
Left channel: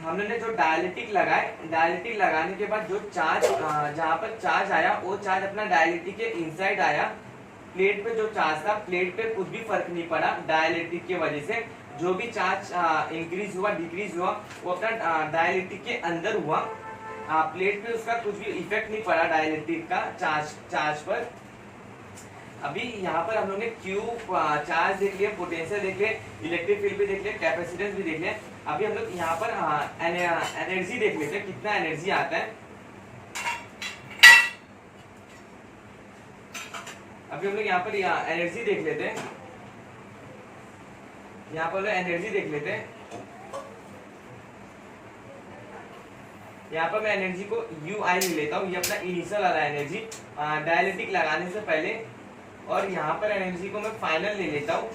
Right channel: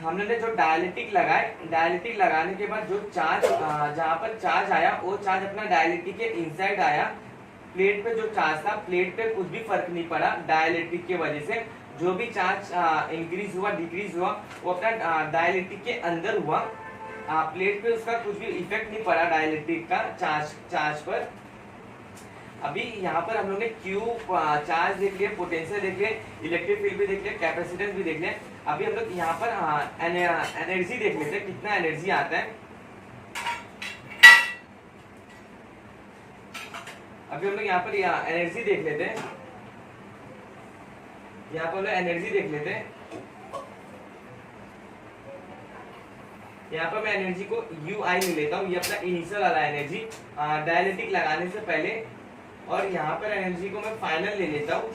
हमने जो डायलेक्ट्रिक लगाए, डायलेक्ट्रिक लगाने के बाद जो चार्ज जहाँ पर चार्ज आया वो चार्ज अपना डायलेक्ट्रिक के इनसाइड आया। प्लेट पे जो चार्ज था, प्लेट पे कुछ भी फर्क नहीं पड़ा डायलेक्ट्रिक की वजह से। जो भी चार्ज इंक्रीज हुआ डिक्रीज हुआ वो अपना डायलेक्ट्रिक के अंदर हुआ। प्लेट पे उसका कुछ भी इफेक्ट नहीं पड़ा डायलेक्ट्रिक का चार्ज पर। अभी यहाँ पर हम लोग ने क्यू चार्ज देख लिया, पोटेंशियल देख लिया, इलेक्ट्रिक फील्ड भी देख लिया, कैपेसिटेंस भी देख लिया। अभी हम लोग यहाँ पर एनर्जी देख लेते हैं, कितना एनर्जी आता है। अभी हम लोग यहाँ पर एनर्जी देख लेते हैं, यहाँ पर एनर्जी देख लेते हैं। यहाँ पर मैं एनर्जी को UI ले लेता हूँ, ये अपना इनिशियल वाला एनर्जी डायलेक्ट्रिक लगाने से पहले। और यहाँ पर एनर्जी को मैं फाइनल ले लेता हूँ,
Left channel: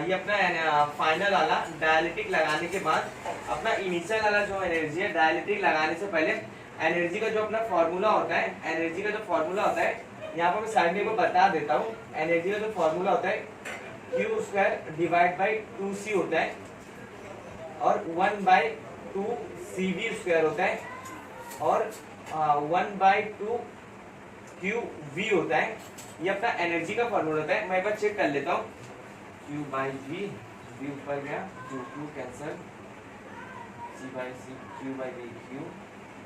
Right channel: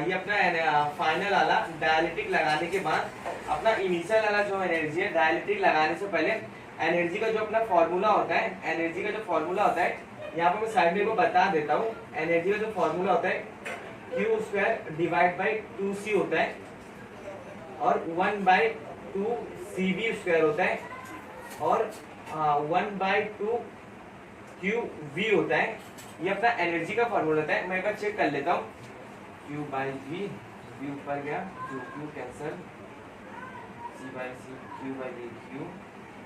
ये अपना फाइनल वाला डायलेक्ट्रिक लगाने के बाद। अपना इनिशियल वाला जो एनर्जी है डायलेक्ट्रिक लगाने से पहले, एनर्जी का जो अपना फॉर्मूला होता है, एनर्जी का जो फॉर्मूला होता है यहाँ पर मैं साइड में बता देता हूँ। एनर्जी का जो फॉर्मूला होता है Q square divide by 2C होता है और 1/2 CV स्क्वायर होता है और 1/2 QV होता है। ये अपना एनर्जी का फॉर्मूला होता है। मैं एक बार चेक कर लेता हूँ। Q/V, V ऊपर गया, Q cancel, C/C, Q/V,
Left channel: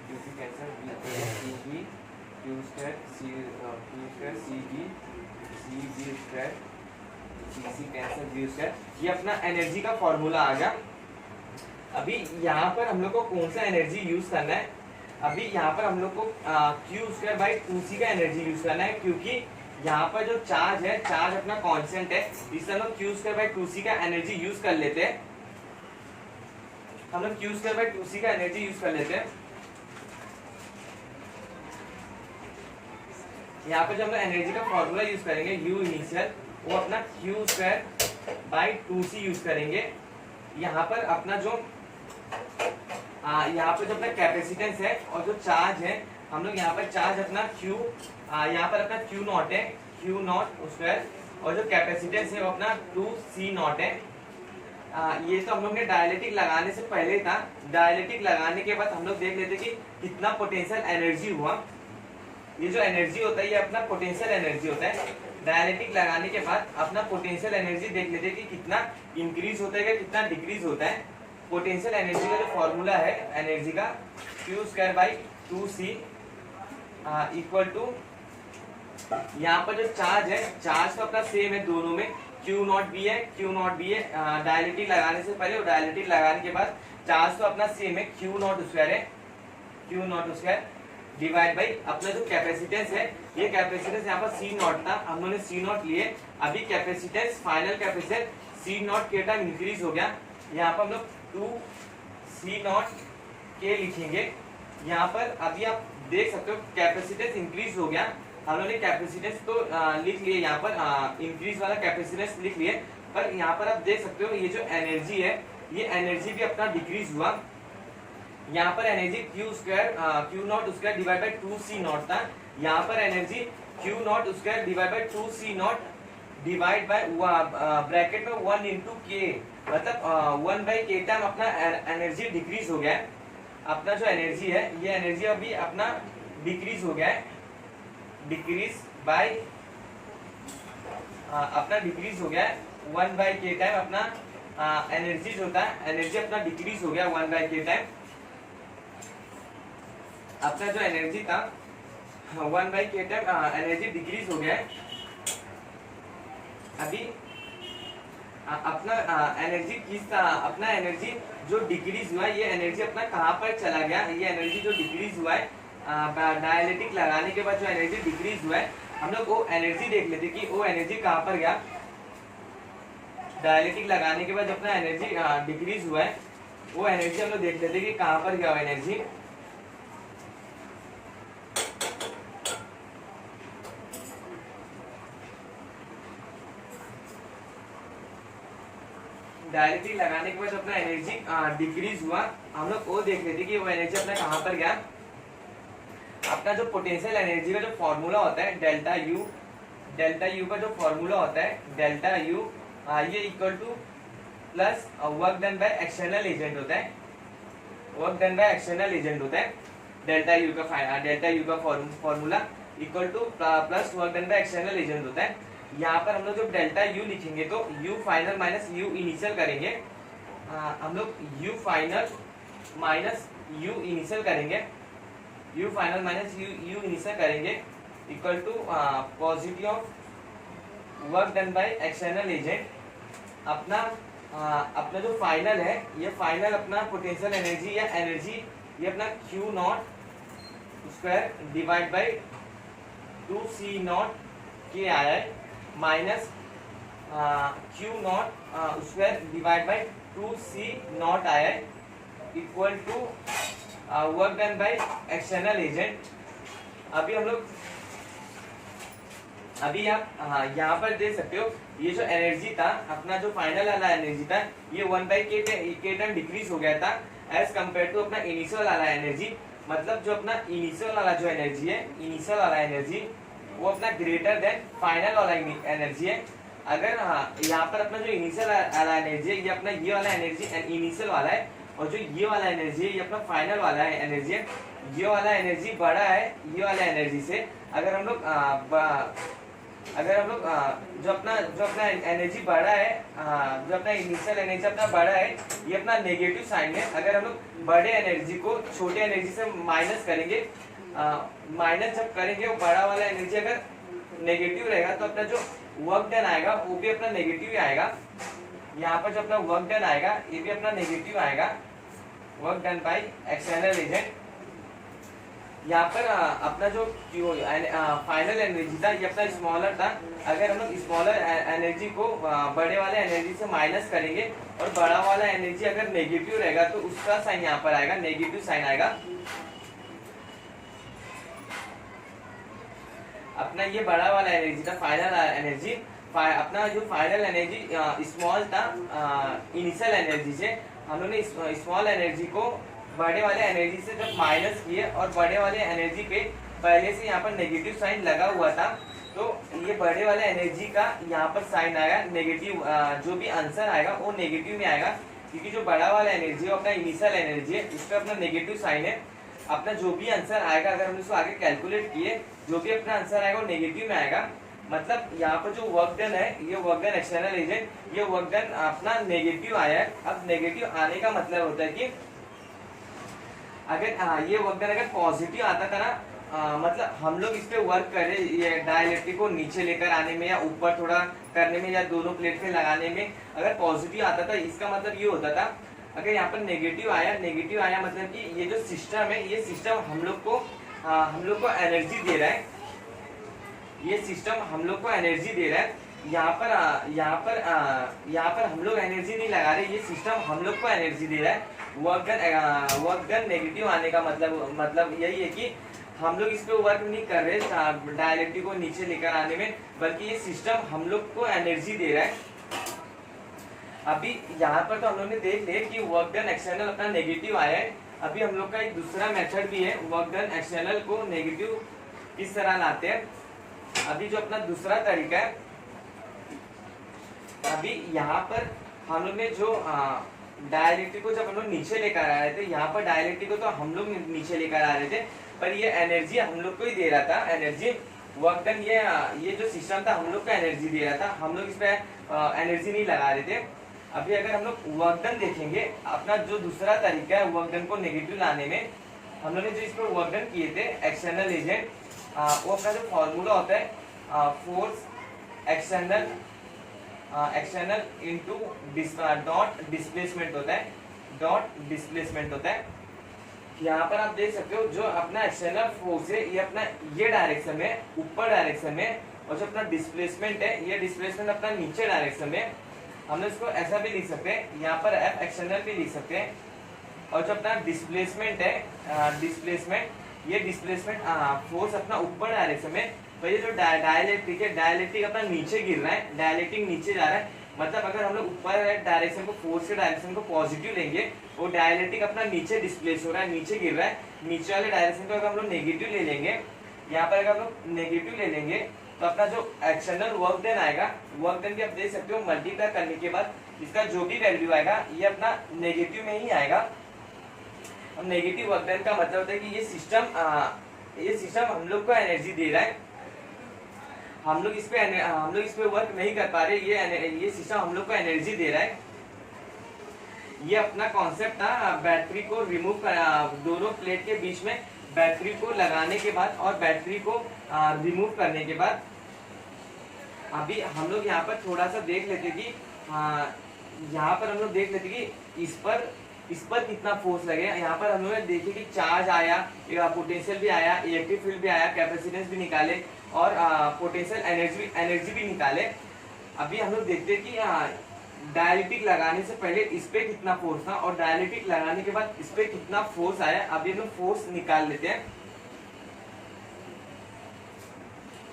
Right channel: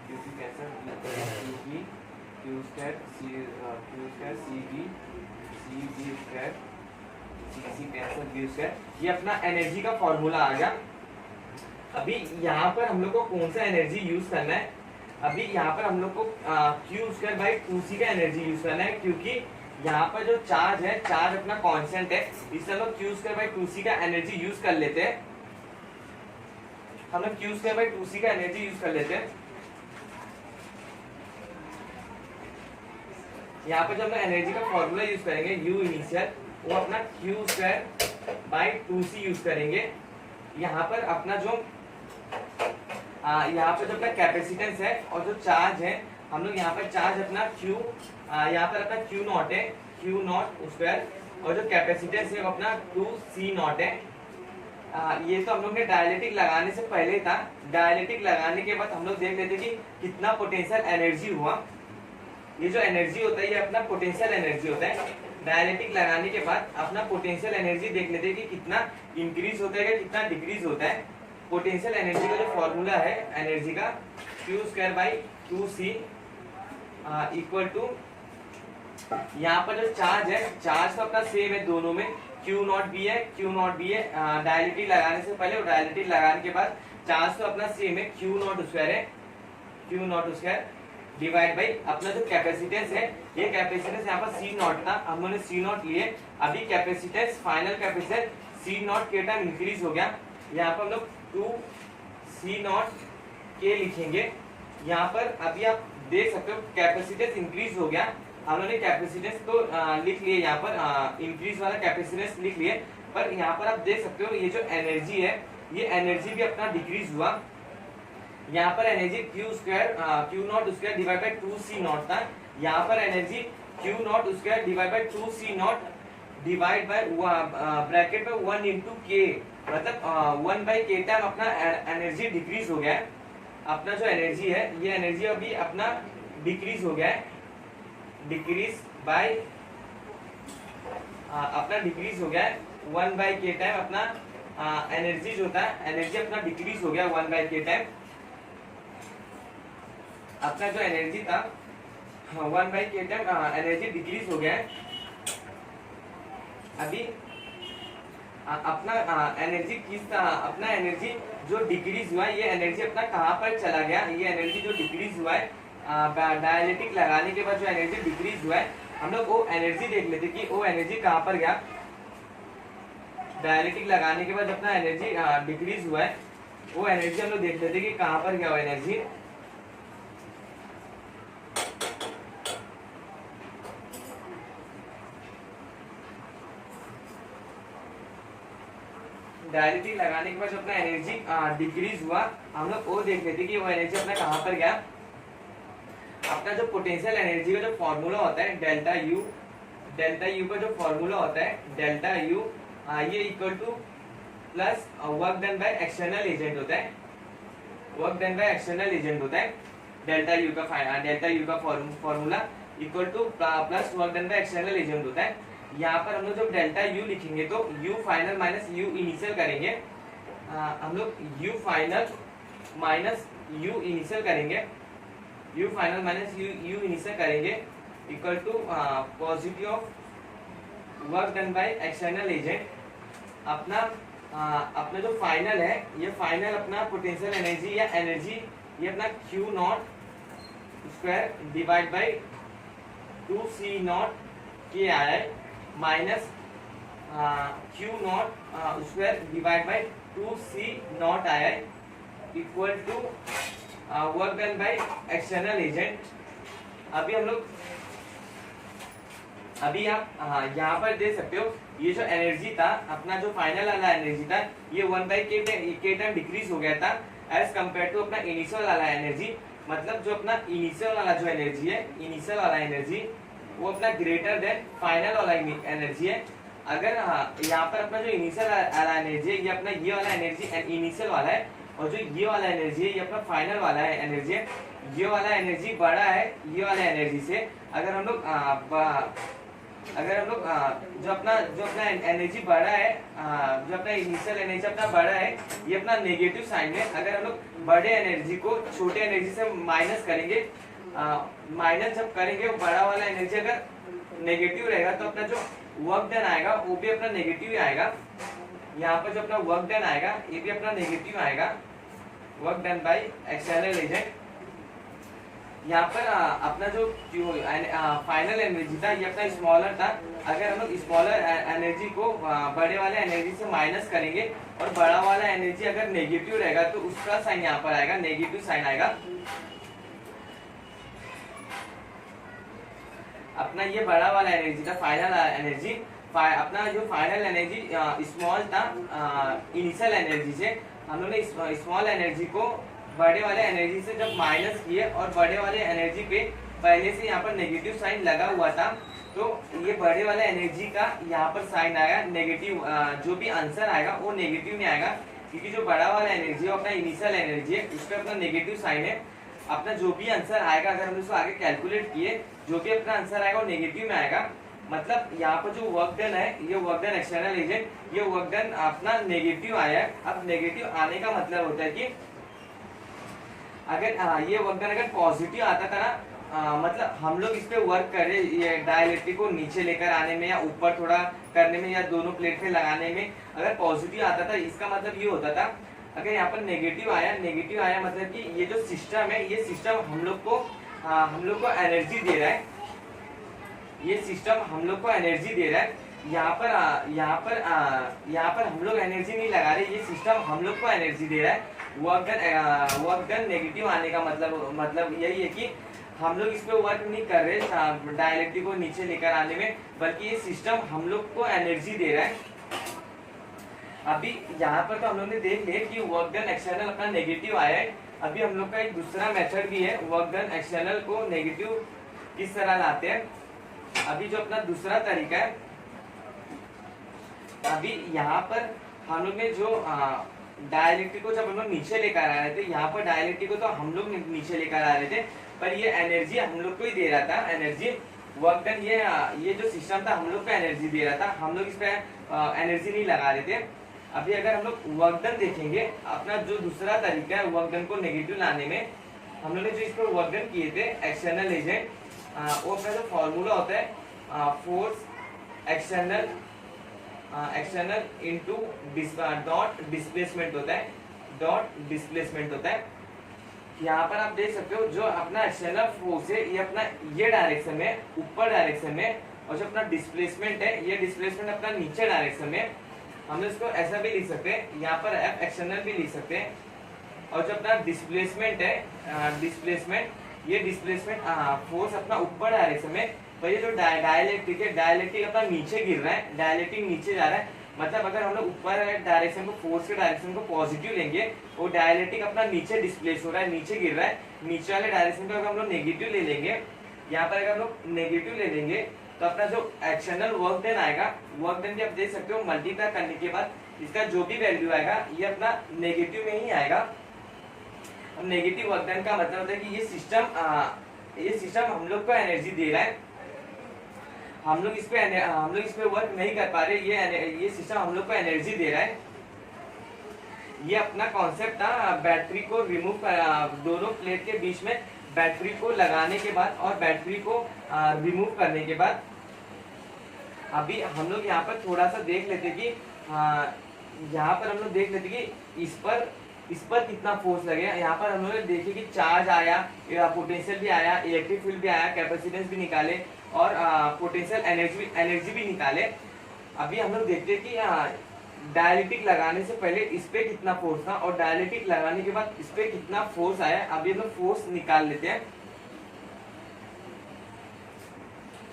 Q cancel, V ऊपर गया, CV, Q square, Q square, CV square, C cancel, V square. ये अपना एनर्जी का फॉर्मूला आ गया। अभी यहाँ पर हम लोग को कौन सा एनर्जी यूज करना है? अभी यहाँ पर हम लोग को Q स्क्वायर बाई 2C का एनर्जी यूज करना है, क्योंकि यहाँ पर जो चार्ज है, चार्ज अपना कांस्टेंट है। इससे हम लोग Q स्क्वायर बाई 2C का एनर्जी यूज कर लेते हैं। हम लोग Q स्क्वायर बाई 2C का एनर्जी यूज कर लेते हैं। यहाँ पर जब हम एनर्जी का फॉर्मूला यूज करेंगे, U इनिशियल, वो अपना Q square by 2C use करेंगे। यहाँ पर अपना जो यहाँ पर जो अपना कैपेसिटेंस है और जो चार्ज है, हम लोग यहाँ पर चार्ज अपना Q, यहाँ पर अपना Q नॉट है, Q नॉट स्क्वायर, और जो कैपेसिटेंस है वो अपना 2C नॉट है। ये तो हम लोग ने डायलेक्ट्रिक लगाने से पहले था। डायलेक्ट्रिक लगाने के बाद हम लोग देख लेते कि कितना पोटेंशियल एनर्जी हुआ। ये जो एनर्जी होता है ये अपना पोटेंशियल एनर्जी होता है। डायलेक्ट्रिक लगाने के बाद अपना पोटेंशियल एनर्जी देख लेते हैं कि कितना इंक्रीज होता है, कितना डिक्रीज होता है। पोटेंशियल एनर्जी का जो फॉर्मूला है एनर्जी का, Q square by 2C equal to, यहाँ पर जो चार्ज है, चार्ज तो अपना सेम है दोनों में, Q नॉट भी है, Q नॉट भी है। डायलेक्ट्रिक लगाने से पहले और डायलेक्ट्रिक लगाने के बाद चार्ज तो अपना सेम है, Q नॉट स्क्वायर है, Q not square divide by अपना जो कैपेसिटेंस है, ये कैपेसिटेंस यहाँ पर C नॉट था, हम लोगने C नॉट लिए। अभी capacitance, final capacitance C not के टाइम इंक्रीज हो गया। यहाँ पर हम लोग 2C नॉट के लिखेंगे। यहाँ पर अभी आप देख सकते हो कैपेसिटेंस इंक्रीज हो गया। हम लोगों ने कैपेसिटेंस तो लिख लिए, यहाँ पर इंक्रीज वाला कैपेसिटेंस लिख लिए, पर यहाँ पर आप देख सकते हो ये जो एनर्जी है, ये एनर्जी भी अपना डिक्रीज हुआ। यहाँ पर energy Q square, Q not square divide by 2C not था। यहाँ पर energy Q not square divide by 2C not divide by bracket में 1 इंटू के, मतलब 1/k टाइम अपना एनर्जी डिक्रीज हो गया है। अपना जो एनर्जी है, ये एनर्जी अभी अपना डिक्रीज हो गया है, डिक्रीज बाय अपना डिक्रीज हो गया है 1 बाई के टाइम अपना एनर्जी जो होता है, एनर्जी अपना डिक्रीज हो गया 1 बाई के टाइम। अपना जो एनर्जी था 1 बाई के टाइम एनर्जी डिक्रीज हो गया है। अभी अपना एनर्जी किस अपना एनर्जी जो डिक्रीज हुआ है, ये एनर्जी अपना कहाँ पर चला गया, ये एनर्जी जो डिक्रीज हुआ है डायलिटिक लगाने के बाद जो एनर्जी डिक्रीज हुआ है, हम लोग वो एनर्जी देख लेते कि वो एनर्जी कहाँ पर गया। डायलिटिक लगाने के बाद अपना एनर्जी डिक्रीज हुआ है, वो एनर्जी हम लोग देख लेते कि कहाँ पर गया वो एनर्जी। डायलिटिक लगाने के बाद अपना एनर्जी डिक्रीज हुआ, हम लोग वो देख लेते कि वो एनर्जी अपना कहाँ पर गया। अपना जो पोटेंशियल एनर्जी का जो फॉर्मूला होता है डेल्टा यू का जो फॉर्मूला होता है डेल्टा यू, ये equal two plus work done by external agent होता है, work done by external agent होता है। डेल्टा यू का formula equal two plus work done by external agent होता है। यहाँ पर हम लोग जब डेल्टा यू लिखेंगे तो U final minus U initial करेंगे, हम लोग U final minus U initial करेंगे, U final minus U initial करेंगे equal to positive of work done by external agent. अपना जो फाइनल है, ये फाइनल अपना पोटेंशियल एनर्जी या एनर्जी ये अपना Q not square divide by 2 C0 के आया है minus Q not square divide by 2C0 आया है equal to work done by external agent. अभी हम लोग अभी आप यहाँ पर देख सकते हो, ये जो एनर्जी था अपना जो फाइनल वाला एनर्जी था ये 1 बाई के टाइम डिक्रीज हो गया था एज कम्पेयर टू अपना इनिशियल वाला एनर्जी। मतलब जो अपना इनिशियल वाला जो एनर्जी है, इनिशियल वाला एनर्जी वो अपना ग्रेटर देन फाइनल वाला एनर्जी है। अगर यहाँ पर अपना जो इनिशियल वाला एनर्जी है ये अपना ये वाला एनर्जी इनिशियल वाला है, और जो ये वाला एनर्जी है ये अपना फाइनल वाला है एनर्जी है। ये वाला एनर्जी बड़ा है ये वाला एनर्जी से। अगर हम लोग जो अपना एनर्जी बड़ा है, जो अपना इनिशियल एनर्जी अपना बड़ा है, ये अपना नेगेटिव साइन है। अगर हम लोग बड़े एनर्जी को छोटे एनर्जी से माइनस करेंगे, माइनस जब करेंगे वो बड़ा वाला एनर्जी अगर नेगेटिव रहेगा तो अपना जो वर्क डन आएगा वो भी अपना नेगेटिव ही आएगा। यहाँ पर जो अपना वर्क डन आएगा ये भी अपना नेगेटिव आएगा, work done by external agent. यहाँ पर अपना जो फाइनल एनर्जी था ये अपना स्मॉलर था। अगर हम लोग स्मॉलर एनर्जी को बड़े वाले एनर्जी से माइनस करेंगे और बड़ा वाला एनर्जी अगर नेगेटिव रहेगा तो उसका साइन यहाँ पर आएगा, नेगेटिव साइन आएगा। अपना ये बड़ा वाला एनर्जी था फाइनल एनर्जी, अपना जो फाइनल एनर्जी स्मॉल था इनिशियल एनर्जी से, हम लोगों ने स्मॉल एनर्जी को बड़े वाले एनर्जी से जब माइनस किए और बड़े वाले एनर्जी पे पहले से यहाँ पर नेगेटिव साइन लगा हुआ था तो ये बड़े वाले एनर्जी का यहाँ पर साइन आएगा नेगेटिव। जो भी आंसर आएगा वो नेगेटिव में आएगा क्योंकि जो बड़ा वाला एनर्जी है अपना इनिशियल एनर्जी है, उस पर अपना नेगेटिव साइन है। अपना जो भी आंसर आएगा अगर हम इसको आगे कैलकुलेट किए, जो भी अपना आंसर आएगा वो नेगेटिव में आएगा। मतलब यहाँ पर जो वर्क डन है ये वर्क डन एक्सटर्नल एजेंट, ये वर्क डन अपना नेगेटिव आया है। अब नेगेटिव आने का मतलब होता है कि अगर ये वर्क डन अगर पॉजिटिव आता था ना, मतलब हम लोग इस पे वर्क कर रहे ये डायइलेक्ट्रिक को नीचे लेकर आने में या ऊपर थोड़ा करने में या दोनों प्लेट पे लगाने में अगर पॉजिटिव आता था, इसका मतलब ये होता था अगर यहाँ पर नेगेटिव आया मतलब कि ये जो सिस्टम है ये सिस्टम हम लोग को एनर्जी दे रहा है, ये सिस्टम हम लोग को एनर्जी दे रहा है। यहाँ पर हम लोग एनर्जी नहीं लगा रहे, ये सिस्टम हम लोग को एनर्जी दे रहा है। वर्क डन नेगेटिव आने का मतलब यही है कि हम लोग इस पे वर्क नहीं कर रहे डायइलेक्ट्रिक को नीचे लेकर आने में, बल्कि ये सिस्टम हम लोग को एनर्जी दे रहा है। अभी यहाँ पर तो हम लोग ने देख लिया कि वर्क डन एक्सटर्नल अपना नेगेटिव आया है। अभी हम लोग का एक दूसरा मेथड भी है वर्क डन एक्सटर्नल को नेगेटिव किस तरह लाते हैं। अभी जो अपना दूसरा तरीका है, अभी यहाँ पर हम लोग ने जो डायइलेक्ट्रिक को जब हम लोग नीचे लेकर आ रहे थे, यहाँ पर डायइलेक्ट्रिक को तो हम लोग नीचे लेकर आ रहे थे, पर ये एनर्जी हम लोग को ही दे रहा था। एनर्जी वर्क डन ये जो सिस्टम था हम लोग को एनर्जी दे रहा था, हम लोग इस पे एनर्जी नहीं लगा रहे थे। अभी अगर हम लोग वर्क डन देखेंगे, अपना जो दूसरा तरीका है वर्क डन को नेगेटिव लाने में, हम लोग ने जो इस पर वर्क डन किए थे एक्सटर्नल एजेंट, वो अपना जो फॉर्मूला होता है force external into dot displacement होता है, डॉट डिस्प्लेसमेंट होता है। यहाँ पर आप देख सकते हो जो अपना एक्सटर्नल फोर्स है ये अपना ये डायरेक्शन में, ऊपर डायरेक्शन में, और जो अपना डिस्प्लेसमेंट है ये डिस्प्लेसमेंट अपना नीचे डायरेक्शन में। हम लोग इसको ऐसा भी लिख सकते हैं, यहाँ पर एफ एक्सटर्नल भी लिख सकते हैं। और जो अपना डिस्प्लेसमेंट है डिस्प्लेसमेंट, ये डिस्प्लेसमेंट फोर्स अपना ऊपर डायरेक्शन में। तो ये जो डायलेक्ट्रिक है, डायलेक्ट्रिक अपना नीचे गिर रहा है, डायलेक्ट्रिक नीचे जा रहा है। मतलब अगर हम लोग ऊपर डायरेक्शन को, फोर्स के डायरेक्शन को पॉजिटिव लेंगे, वो डायलेक्ट्रिक अपना नीचे डिस्प्लेस हो रहा है, नीचे गिर रहा है। नीचे वाले डायरेक्शन को अगर हम लोग नेगेटिव ले लेंगे, यहाँ पर अगर हम लोग नेगेटिव ले लेंगे तो अपना जो एक्सटर्नल वर्क डन आएगा, वर्क डन भी आप देख सकते हो मल्टीप्लाई करने के बाद इसका जो भी वैल्यू आएगा ये अपना नेगेटिव में ही आएगा। अब नेगेटिव वर्क डन का मतलब होता है कि ये सिस्टम हम लोग को एनर्जी दे रहा है, हम लोग इस पे वर्क नहीं कर पा रहे, ये सिस्टम हम लोग को एनर्जी दे रहा है। ये अपना कॉन्सेप्ट था बैटरी को रिमूव, दोनों प्लेट के बीच में बैटरी को लगाने के बाद और बैटरी को रिमूव करने के बाद। अभी हम लोग यहाँ पर थोड़ा सा देख लेते कि यहाँ पर हम लोग देख लेते कि इस पर कितना फोर्स लगेगा। यहाँ पर हम लोग ने देखे कि चार्ज आया, पोटेंशियल भी आया, इलेक्ट्रिक फील्ड भी आया, कैपेसिटेंस भी निकाले और पोटेंशियल एनर्जी भी निकाले। अभी हम लोग देखते हैं कि डायलेक्ट्रिक लगाने से पहले इस पे कितना फोर्स था और डायलेक्ट्रिक लगाने के बाद इस पे कितना फोर्स आया। अभी हम लोग फोर्स निकाल लेते हैं।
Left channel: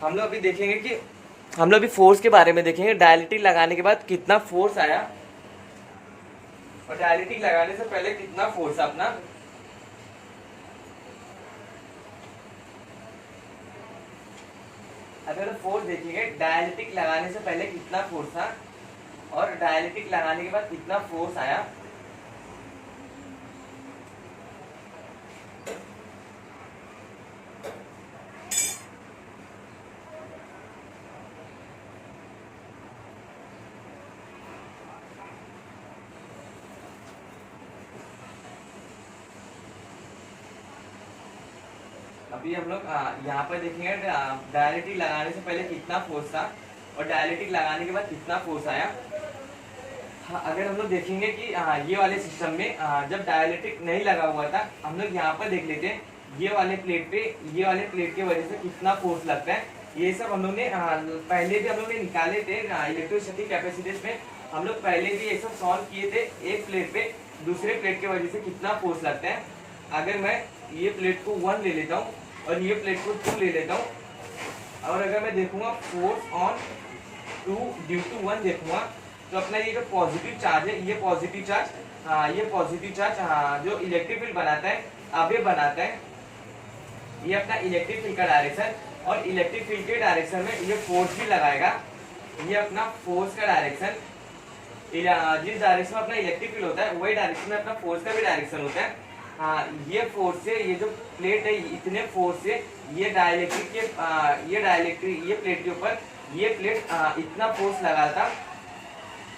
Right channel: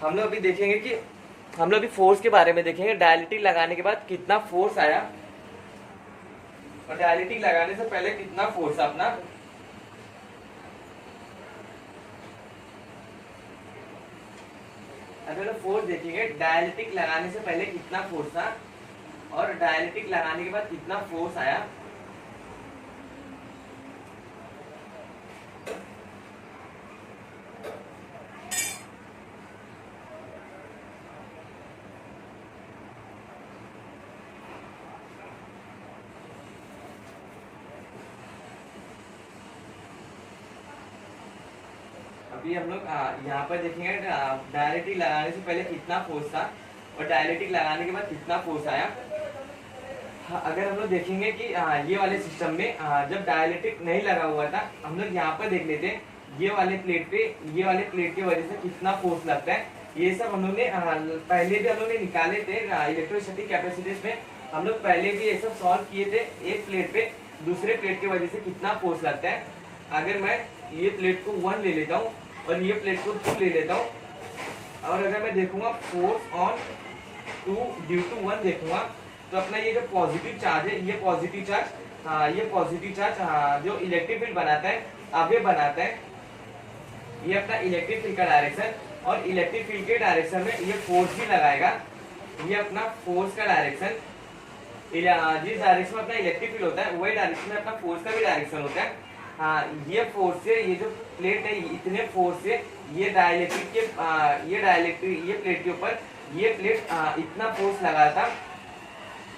हम लोग अभी देखेंगे कि हम लोग अभी फोर्स के बारे में देखेंगे, डायलेक्ट्रिक लगाने के बाद कितना फोर्स आया और डायलेक्ट्रिक लगाने से पहले कितना फोर्स अपना। अगर फोर्स देखेंगे, डायलेक्ट्रिक लगाने से पहले कितना फोर्स था और डायलेक्ट्रिक लगाने के बाद कितना फोर्स आया। अभी हम लोग यहाँ पर देखेंगे डायलेक्ट्रिक लगाने से पहले कितना फोर्स था और डायलेक्ट्रिक लगाने के बाद कितना फोर्स आया। अगर हम लोग देखेंगे कि ये वाले सिस्टम में जब डायलेक्ट्रिक नहीं लगा हुआ था, हम लोग यहाँ पर देख लेते हैं ये वाले प्लेट की वजह से कितना फोर्स लगता है। ये सब हम लोग ने पहले भी हम लोग ने निकाले थे इलेक्ट्रोस्टैटिक कैपेसिटेंस में। हम लोग पहले भी ये सब सॉल्व किए थे। एक प्लेट पे दूसरे प्लेट की वजह से कितना फोर्स लगता है। अगर मैं ये प्लेट को 1 ले लेता हूँ और ये प्लेट को 2 ले लेता हूँ, और अगर मैं देखूंगा फोर्स ऑन 2 ड्यू टू 1 देखूंगा, तो अपना ये जो पॉजिटिव चार्ज है, ये पॉजिटिव चार्ज जो इलेक्ट्रिक फील्ड बनाता है, अब ये बनाता है ये अपना इलेक्ट्रिक फील्ड का डायरेक्शन, और इलेक्ट्रिक फील्ड के डायरेक्शन में ये फोर्स भी लगाएगा। ये अपना फोर्स का डायरेक्शन, जिस डायरेक्शन में अपना इलेक्ट्रिक फील्ड होता है वही डायरेक्शन में अपना फोर्स का भी डायरेक्शन होता है। ये फोर्स से, ये जो प्लेट है इतने फोर्स से ये प्लेट के ऊपर ये प्लेट इतना फोर्स लगा था।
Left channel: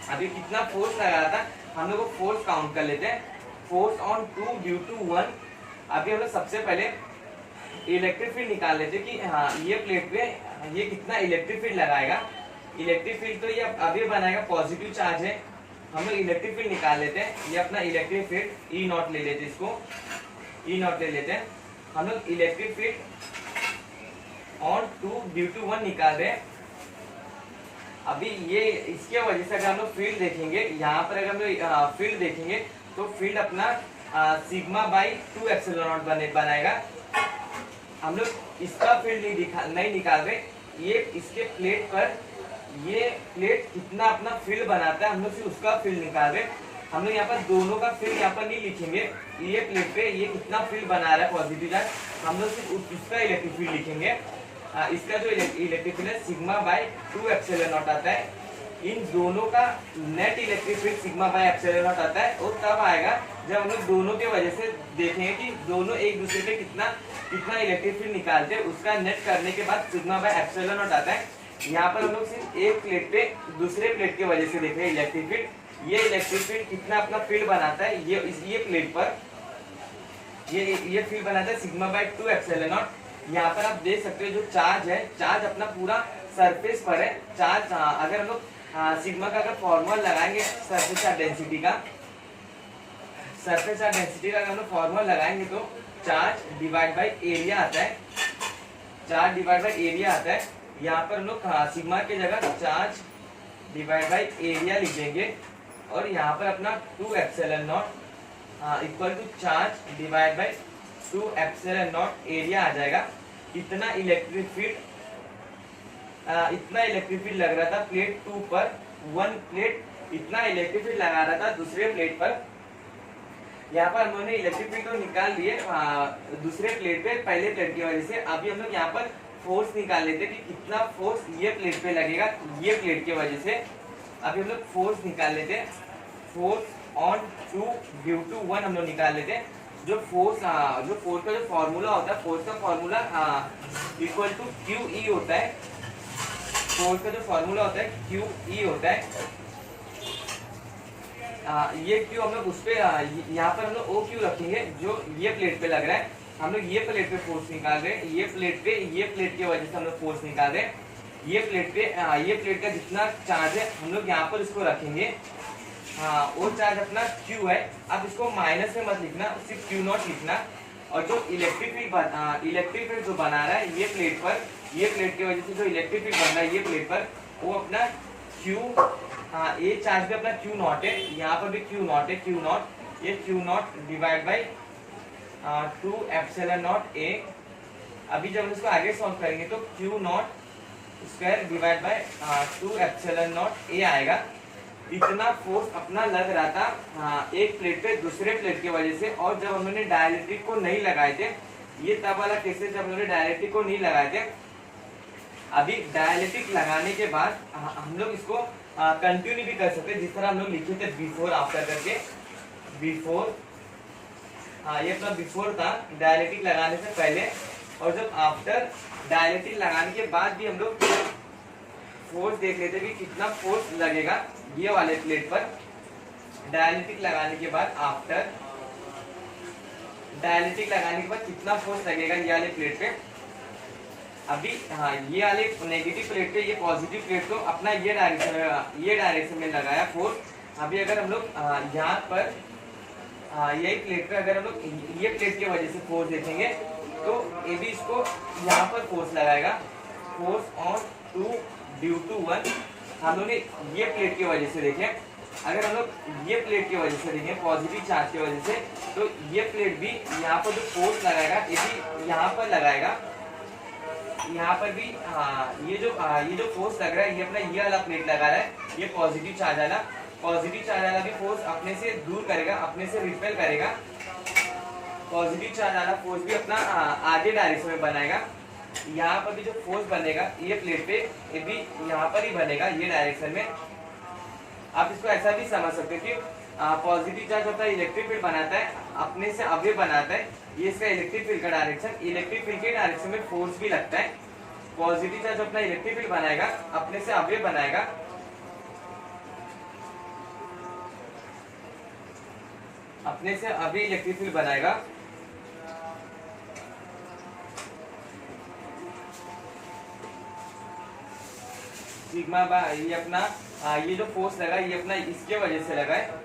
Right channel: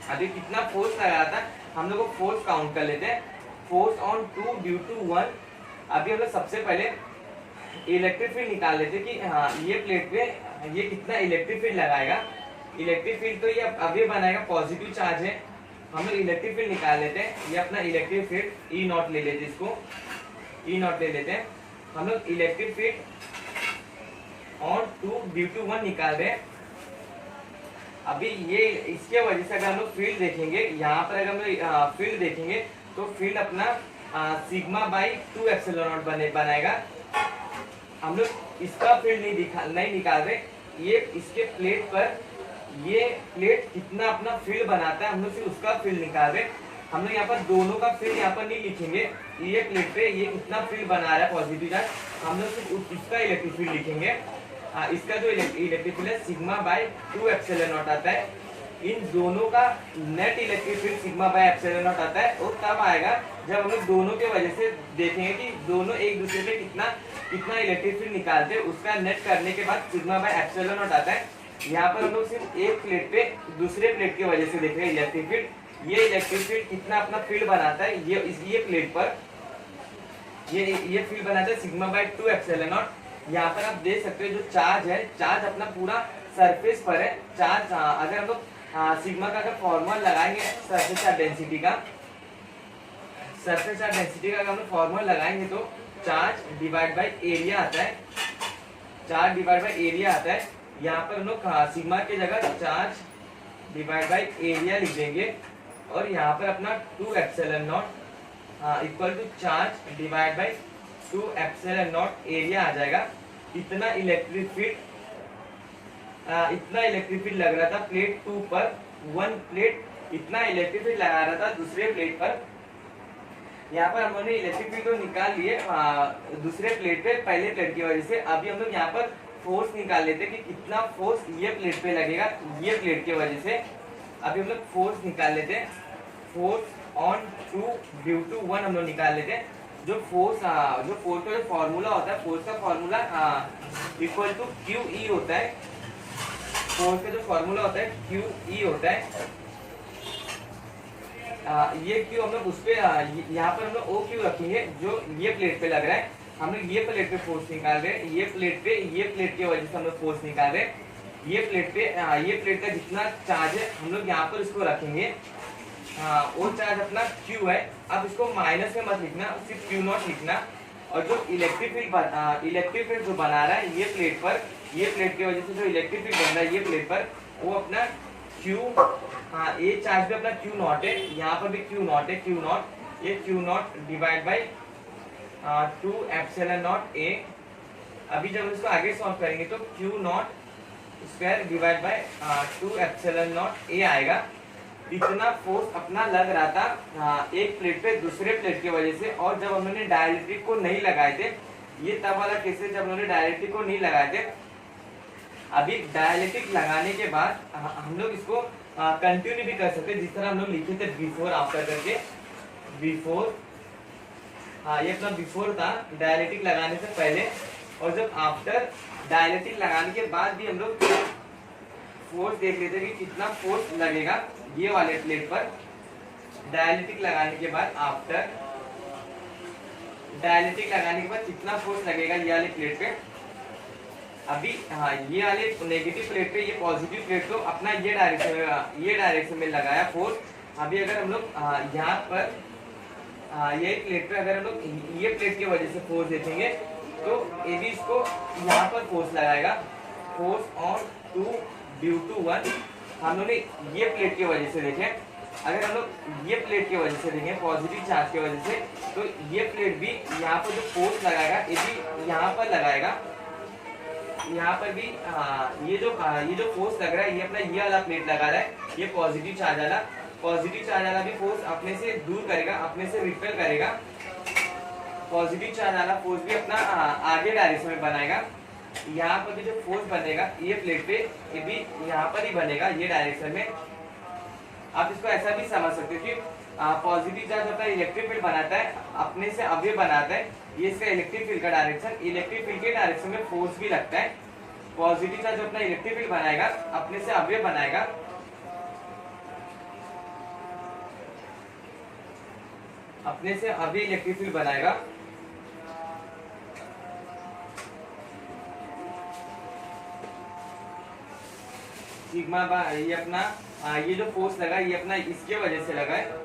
अभी कितना फोर्स लगा था हम लोग को फोर्स काउंट कर लेते हैं। Force on 2 due to 1। अभी हम लोग सबसे पहले इलेक्ट्रिक फील्ड निकाल लेते कि ये प्लेट पे ये कितना इलेक्ट्रिक फील्ड लगाएगा। इलेक्ट्रिक फील्ड तो ये अभी बनाएगा, पॉजिटिव चार्ज है। हम लोग इलेक्ट्रिक फील्ड निकाल लेते हैं। ये अपना इलेक्ट्रिक फील्ड ई नॉट ले लेते हैं, इसको ई नॉट ले लेते हैं। हम लोग electric field on 2 due to 1 निकाल रहे हैं। अभी ये इसके वजह से अगर हम लोग फील्ड देखेंगे, यहाँ पर अगर हम लोग फील्ड देखेंगे तो फील्ड अपना सिग्मा बाई 2 एप्सिलॉन नॉट बनाएगा। हम लोग इसका फील्ड नहीं निकाल रहे। ये इसके प्लेट पर ये प्लेट कितना अपना फील्ड बनाता है, हम लोग सिर्फ उसका फील्ड निकाल रहे। हम लोग यहाँ पर दोनों का फील्ड यहाँ पर नहीं लिखेंगे। ये प्लेट पे ये कितना फील्ड बना रहा है पॉजिटिव चार्ज, हम लोग सिर्फ उसका इलेक्ट्रिक फील्ड लिखेंगे। इसका जो इलेक्ट्रिक फील्ड है सिग्मा बाई 2 एप्सिलॉन नॉट आता है। इन दोनों का net electric field sigma by epsilon not आता है। वो तब आएगा जब हम लोग दोनों के वजह से देखेंगे कि दोनों एक दूसरे पे कितना कितना इलेक्ट्रिक फील्ड निकालते हैं, उसका नेट करने के बाद सिग्मा बाय एप्सिलॉन नॉट आता है। यहाँ पर हम लोग सिर्फ एक प्लेट पे दूसरे प्लेट की वजह से देख रहे हैं इलेक्ट्रिक फील्ड। ये इलेक्ट्रिक फील्ड कितना अपना फील्ड बनाता है, ये प्लेट पर ये फील्ड बनाता है सिग्मा बाय 2 एप्सिलॉन नॉट। यहाँ पर आप देख सकते हो जो चार्ज है, चार्ज अपना पूरा सरफेस पर है। चार्ज अगर हम लोग सिग्मा का अगर फॉर्मूला लगाएंगे सरफेस चार्ज डेंसिटी का, अगर हम लोग फॉर्मूला लगाएंगे तो चार्ज डिवाइड बाय एरिया आता है, चार्ज डिवाइड बाय एरिया आता है। यहाँ पर हम लोग सिग्मा की जगह चार्ज डिवाइड बाय एरिया लिख देंगे और यहाँ पर अपना 2 epsilon naught equal to charge divide by 2 epsilon naught area आ जाएगा। इतना इलेक्ट्रिक फील्ड लग रहा था प्लेट 2 पर, 1 प्लेट इतना इलेक्ट्रिक फील्ड लगा रहा था दूसरे प्लेट पर। यहाँ पर हमने इलेक्ट्रिक फील्ड को निकाल लिए दूसरे प्लेट पे पहले प्लेट की वजह से। अभी हम लोग यहाँ पर फोर्स निकाल लेते कि कितना फोर्स ये प्लेट पे लगेगा ये प्लेट की वजह से। अभी हम लोग फोर्स निकाल लेते हैं, फोर्स ऑन 2 ड्यू टू 1 हम लोग निकाल लेते हैं। जो फोर्स का जो फॉर्मूला होता है, फोर्स का formula equal to Q E होता है। फोर्स का जो फॉर्मूला होता है क्यू ई होता है। ये क्यू हम लोग उस पे यहाँ पर हम लोग ओ क्यू रखेंगे जो ये प्लेट पे लग रहा है। हम लोग ये प्लेट पे फोर्स निकाल रहे हैं, ये प्लेट की वजह से हम लोग फोर्स निकाल रहे हैं। ये प्लेट का जितना चार्ज है हम लोग यहाँ पर इसको रखेंगे। वो चार्ज अपना Q है। अब इसको माइनस में मत लिखना, सिर्फ Q नॉट लिखना। और जो इलेक्ट्रिक फील्ड जो बना रहा है ये प्लेट की वजह से जो इलेक्ट्रिक फील्ड बन रहा है ये प्लेट पर, वो अपना Q ये चार्ज भी अपना Q नॉट है, यहाँ पर भी Q नॉट है, ये Q not divide by 2 epsilon not A। अभी जब हम इसको आगे सॉल्व करेंगे तो Q not square divide by 2 epsilon not A आएगा। इतना फोर्स अपना लग रहा था एक प्लेट पे दूसरे प्लेट की वजह से। और जब हमने डायइलेक्ट्रिक को नहीं लगाए थे, ये तब वाला केस है जब हमने डायइलेक्ट्रिक को नहीं लगाए थे। अभी डायइलेक्ट्रिक लगाने के बाद हम लोग इसको कंटिन्यू भी कर सकते हैं, जिस तरह हम लोग लिखे थे बिफोर आफ्टर करके। बिफोर ये अपना बिफोर था डायइलेक्ट्रिक लगाने से पहले, और जब आफ्टर डायइलेक्ट्रिक लगाने के बाद भी हम लोग फोर्स देख लेते कि कितना फोर्स लगेगा ये वाले प्लेट पर। डायइलेक्ट्रिक लगाने के बाद आफ्टर डायइलेक्ट्रिक लगाने के बाद कितना फोर्स लगेगा ये वाले प्लेट पे। अभी ये वाले नेगेटिव प्लेट पे, ये पॉजिटिव प्लेट तो अपना ये डायरेक्शन में लगाया फोर्स। अभी अगर हम लोग यहाँ पर ये प्लेट पे अगर हम लोग ये प्लेट की वजह से फोर्स देखेंगे तो ये भी इसको यहाँ पर फोर्स लगाएगा। फोर्स ऑन 2 ड्यू टू 1 हम लोग ने ये प्लेट की वजह से देखें। अगर हम लोग ये प्लेट की वजह से देखें पॉजिटिव चार्ज की वजह से, तो ये प्लेट भी यहाँ पर जो फोर्स लगाएगा ये भी यहाँ पर लगाएगा। यहाँ पर भी ये जो फोर्स लग रहा है ये अपना ये वाला प्लेट लगा रहा है, ये पॉजिटिव चार्ज वाला भी फोर्स अपने से दूर करेगा, अपने से रिपेल करेगा। पॉजिटिव चार्ज वाला फोर्स भी अपना आगे डायरेक्शन में बनाएगा। यहाँ पर भी जो फोर्स बनेगा ये प्लेट पे, ये भी यहाँ पर ही बनेगा ये डायरेक्शन में। आप इसको ऐसा भी समझ सकते हो कि पॉजिटिव चार्ज होता है इलेक्ट्रिक फील्ड बनाता है, अपने से अवयव बनाता है। ये इसका इलेक्ट्रिक फील्ड का डायरेक्शन, इलेक्ट्रिक फील्ड के डायरेक्शन में फोर्स भी लगता है। पॉजिटिव चार्ज अपना इलेक्ट्रिक फील्ड बनाएगा, अपने से अवयव बनाएगा, अपने से अभी इलेक्ट्रिक फील्ड बनाएगा। सिग्मा बाय ये अपना ये जो फोर्स लगा ये अपना इसके वजह से लगा है।